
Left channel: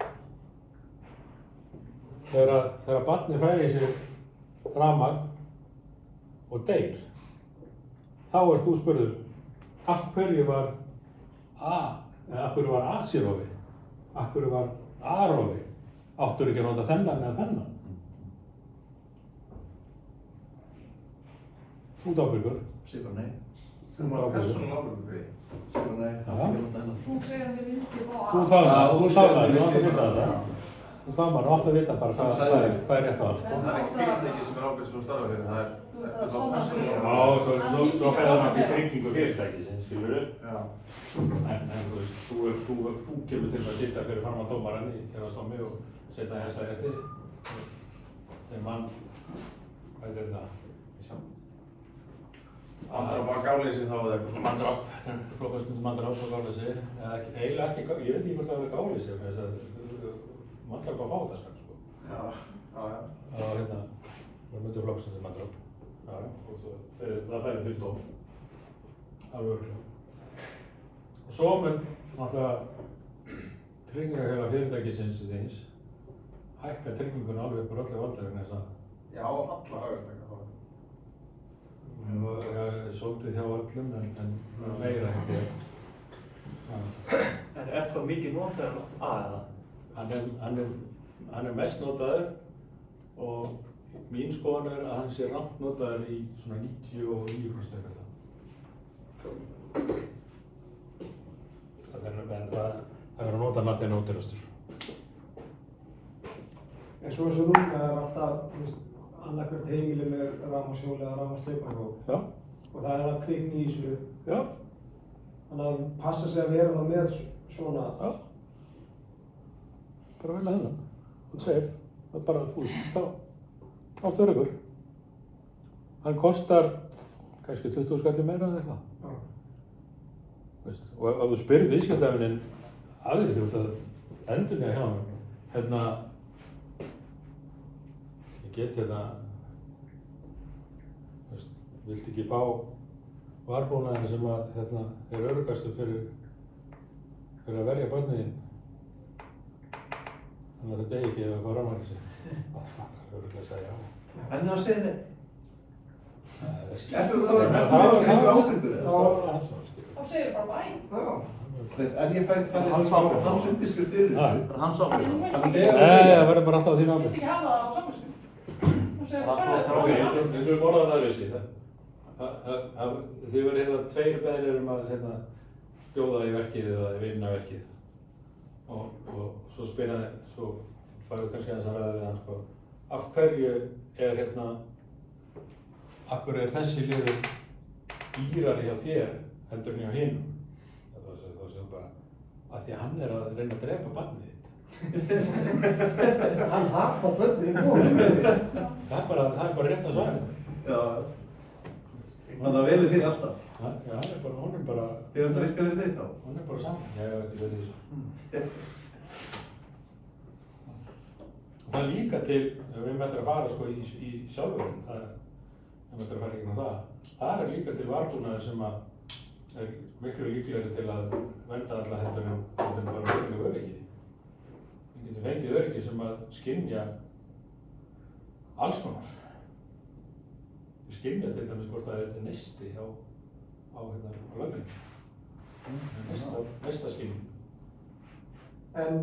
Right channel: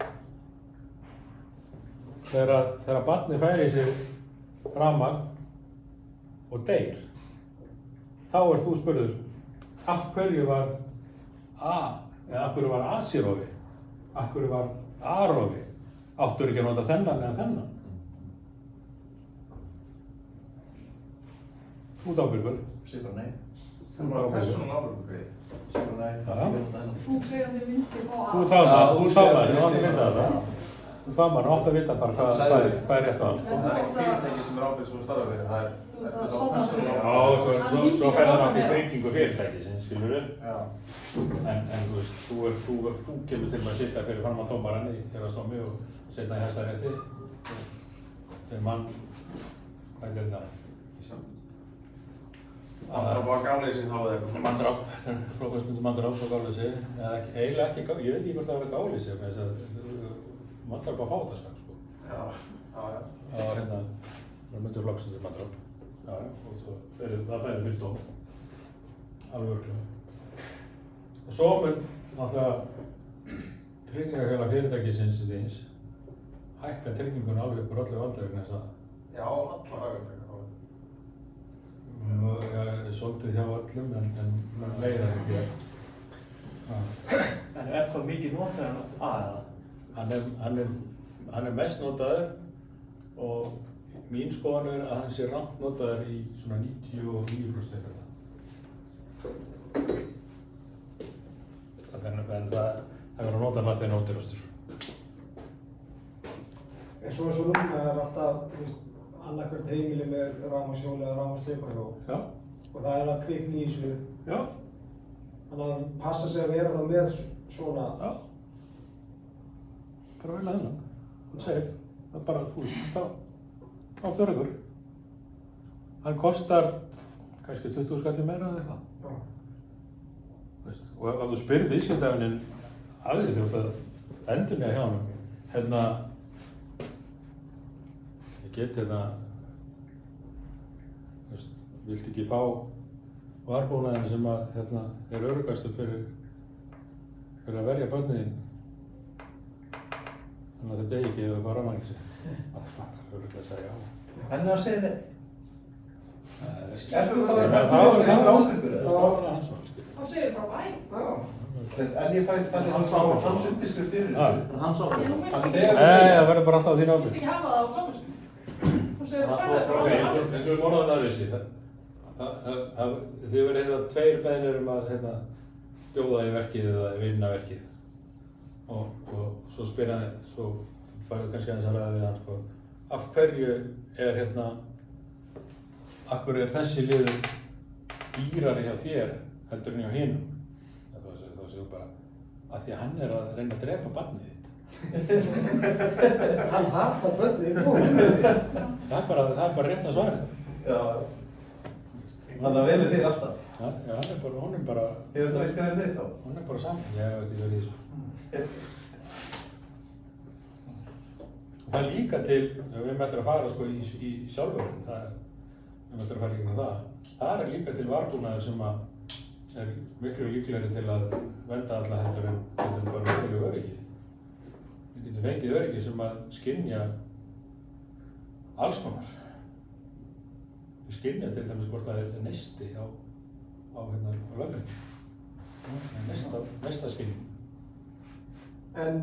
Þegar barnið fær í sig rafmagn og deyr, þá þú spurður af hverju var af hverju var A-sírofi? Af hverju var A-rofi? Áttur ekki að nota þennan eða þennan? Þú ert ábyrgur. Sifra nei. Þú ert ábyrgur. Persónulega ábyrgur. Sifra nei. Þú segir að þið myndi fá Þú fagnar, þú átt að vita þetta. Þú fagnar, þú átt að vita bara hvað er rétt á það. Það er ekki fyrirtæki sem ábyrg sem þú starfar fyrir, það er Svo fer það náttúrulega í tryggingu fyrirtækisins, skilurðu? Já. En þú veist, þú kemur til að sitja fyrir fram á dómarann í héraðsdómi og setja í Hæstarétti. Þegar mann, hvað er þetta? Manndráp og gáleysi þá eða eitthvað svona. Manndráp, flokkastundum manndráp og gáleysi. Eiginlega ekki, ég veit ekki hvort það var gáleysi, með þess að manndráp á fátaskap, sko. Já. Það var hérna, það myndir flokkastundum manndráp. Já, og það fælir fyrir dóm. Alveg örugglega. Og svo mun náttúrulega tryggingafélag fyrirtækisins þíns hækka tryggingun alveg upp úr öllu valdi vegna þess að Já, allar áherslu. svolítið hjá öllum en meira en þér. En það mikið notaður en aðeða? Hann mest notaður og mín skoðun að hann sé rangt notaður í svona 99%. Það hefur verið að nota hann að þeir nótirastur. En svo eins og núna er alltaf, annarkvært heimili með rafmagnshjól eða rafmagnsleipahjól. Já. Og það er að kvikna í þessu. Já. Þannig að passa sig að vera þá með svona. Já. Bara vel að hennan. Þú safe. Það er bara, þú veist, þá áttu öryggur. Hann kostar kannski 20 skalli meira eða eitthvað. Já. Og ef þú spyrir viðskiptafinn af því þú ert að endurlega hjá hann, ég get viltu ekki fá varbúnaðinn sem að er öruggastur fyrir að verja börnin þín, þannig að þau degi ekki ef það fá rafmagn sig. Öruglega að segja já. En það segir nei. Ertu það ábyrgur? Þá segir bara bæ. En ég fæði hans undirskrift fyrir þessu. Hans ábyrgur. Það verður bara alltaf á þín ábyrgð. Þú vilt ekki hafa það á samvisku. Þú segir bara En þú orðað það vissi. Þið verður tveir beiðnir að bjóða í verkið eða vinna verkið. Og svo spyrir svo færðu kannski aðeins að ræða við hann, sko. Af hverju af hverju er þessi liður dýrari hjá þér heldur en hjá hinum? Þá segir bara, af því að hann er að reyna að drepa barnið þitt. Hann hatar börnin í búinu. Það er bara rétt að svara. Já. Þannig að velið þig alltaf. Já, hún er bara... Hefur það eitthvað þig þá? Hún er bara saman. Ég hef ekki verið í þessu. Það er líka til, ef við mættum að fara sko, í sjálfurinn, það er líka til varbúnaður sem er miklu líklegri til að vernda alla heldur en bara verulega öryggi. Við getum fengið öryggi sem að skynja alls konar. Við skynja til dæmis hvort það er neisti á lögninni. Neista skynjum. En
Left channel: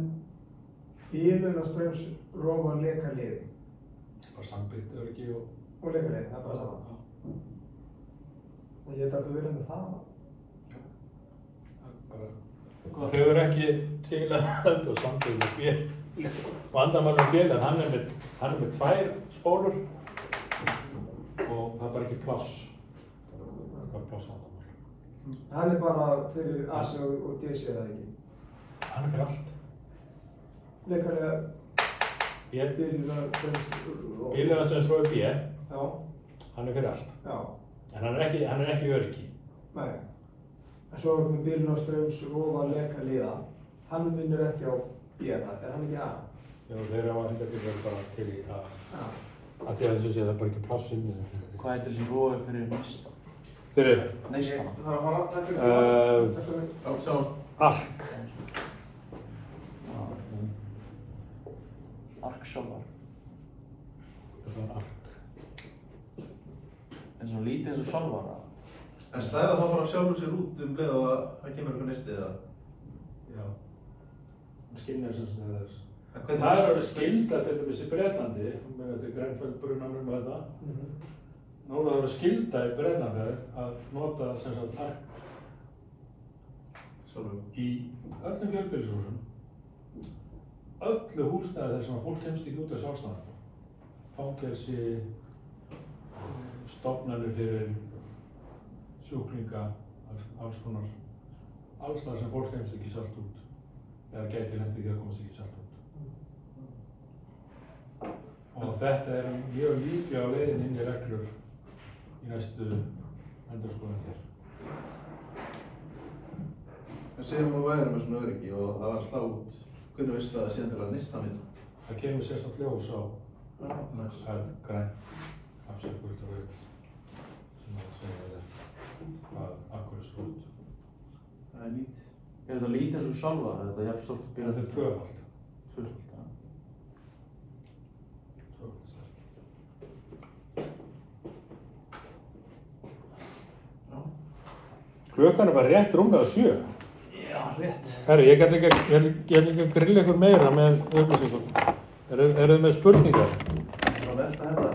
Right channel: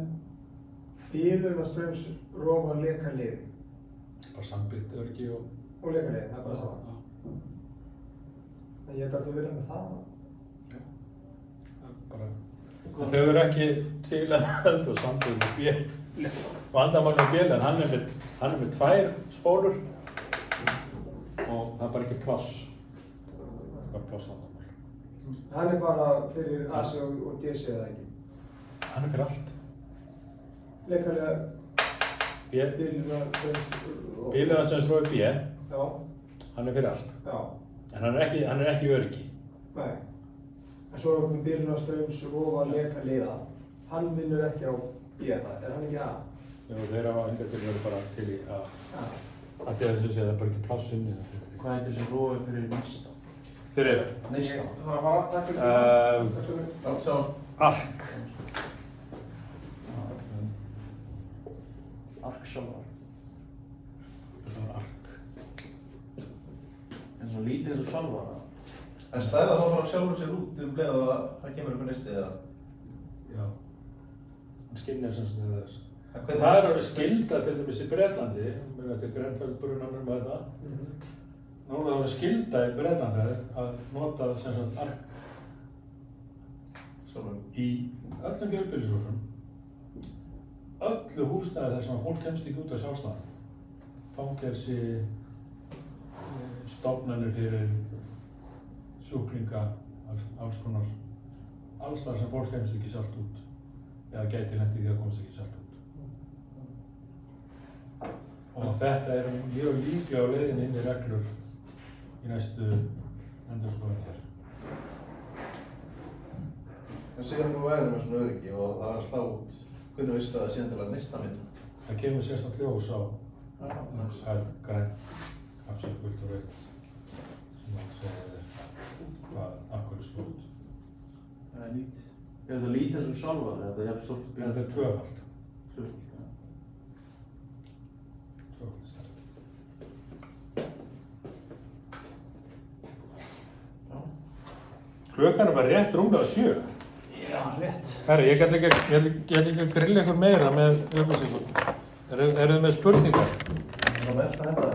bílunarstraumsrof og lekaliði. Bara sambyggt öryggi og lekaliði, það er bara saman. En ég þarf að vera með það. Þau eru ekki til að sambyggt með bíl. Vandamann á bíl, en hann er með 2 spólur og það er bara ekki pláss. Það er bara plássvandamál. Hann er bara fyrir AC og DC eða ekki? Hann er fyrir allt. Lekaliða bílunarstraumsrof B. Já. Hann er fyrir allt. Já. En hann er ekki öryggi. Nei. En svo er með bílunarstraumsrof og lekaliða. Hann vinnur ekki á B, er hann ekki A? Já, þeir hafa hingað til að vera bara til í A. Að því að þessu sé það er bara ekki pláss inni. Hvað heitir þessi rofi fyrir neista? Fyrir? Neista. Það þarf að fara, takk fyrir Ark. Ark sjálfar. Það var ark. En svo lítið eins og sjálfar. En stæða þá bara sjálfur sér út leið og það kemur einhver neisti eða? skynja sem þess. Það er skylda til dæmis í Bretlandi, þetta er Grenfell-brunanum og þetta. Nú er það skylda í Bretlandi að nota sem sagt ark í öllum fjölbýlishúsum, öllu húsnæði þar sem fólk kemst ekki út af sjálfstæðan. Fangelsi, stofnanir fyrir sjúklinga, alls konar, alls þar sem fólk kemst ekki sjálft út eða gæti lent í því að komast ekki sjálft út. Og þetta er mjög líklega á leiðinni inn í reglur í næstu endurskoðun hér. En segjum við værum með svona öryggi og það var að slá út, hvernig veistu það síðan til að nýsta myndum? Það kemur sérstætt ljós á grænt, kapsið, gult og rautt sem það segja hvað akkur sló út. Það er lít. Er þetta lítið eins og sjálfa? Er þetta jafn stórt og bíl? Þetta er tvöfalt. Tvöfalt, já. Tvöfalt stærð. Klukkan er bara rétt rúmlega 7. Já, rétt. Herri, ég ætla ekki að grilla ykkur meira með upplýsingum. Eru þið með spurningar? Það velta þetta.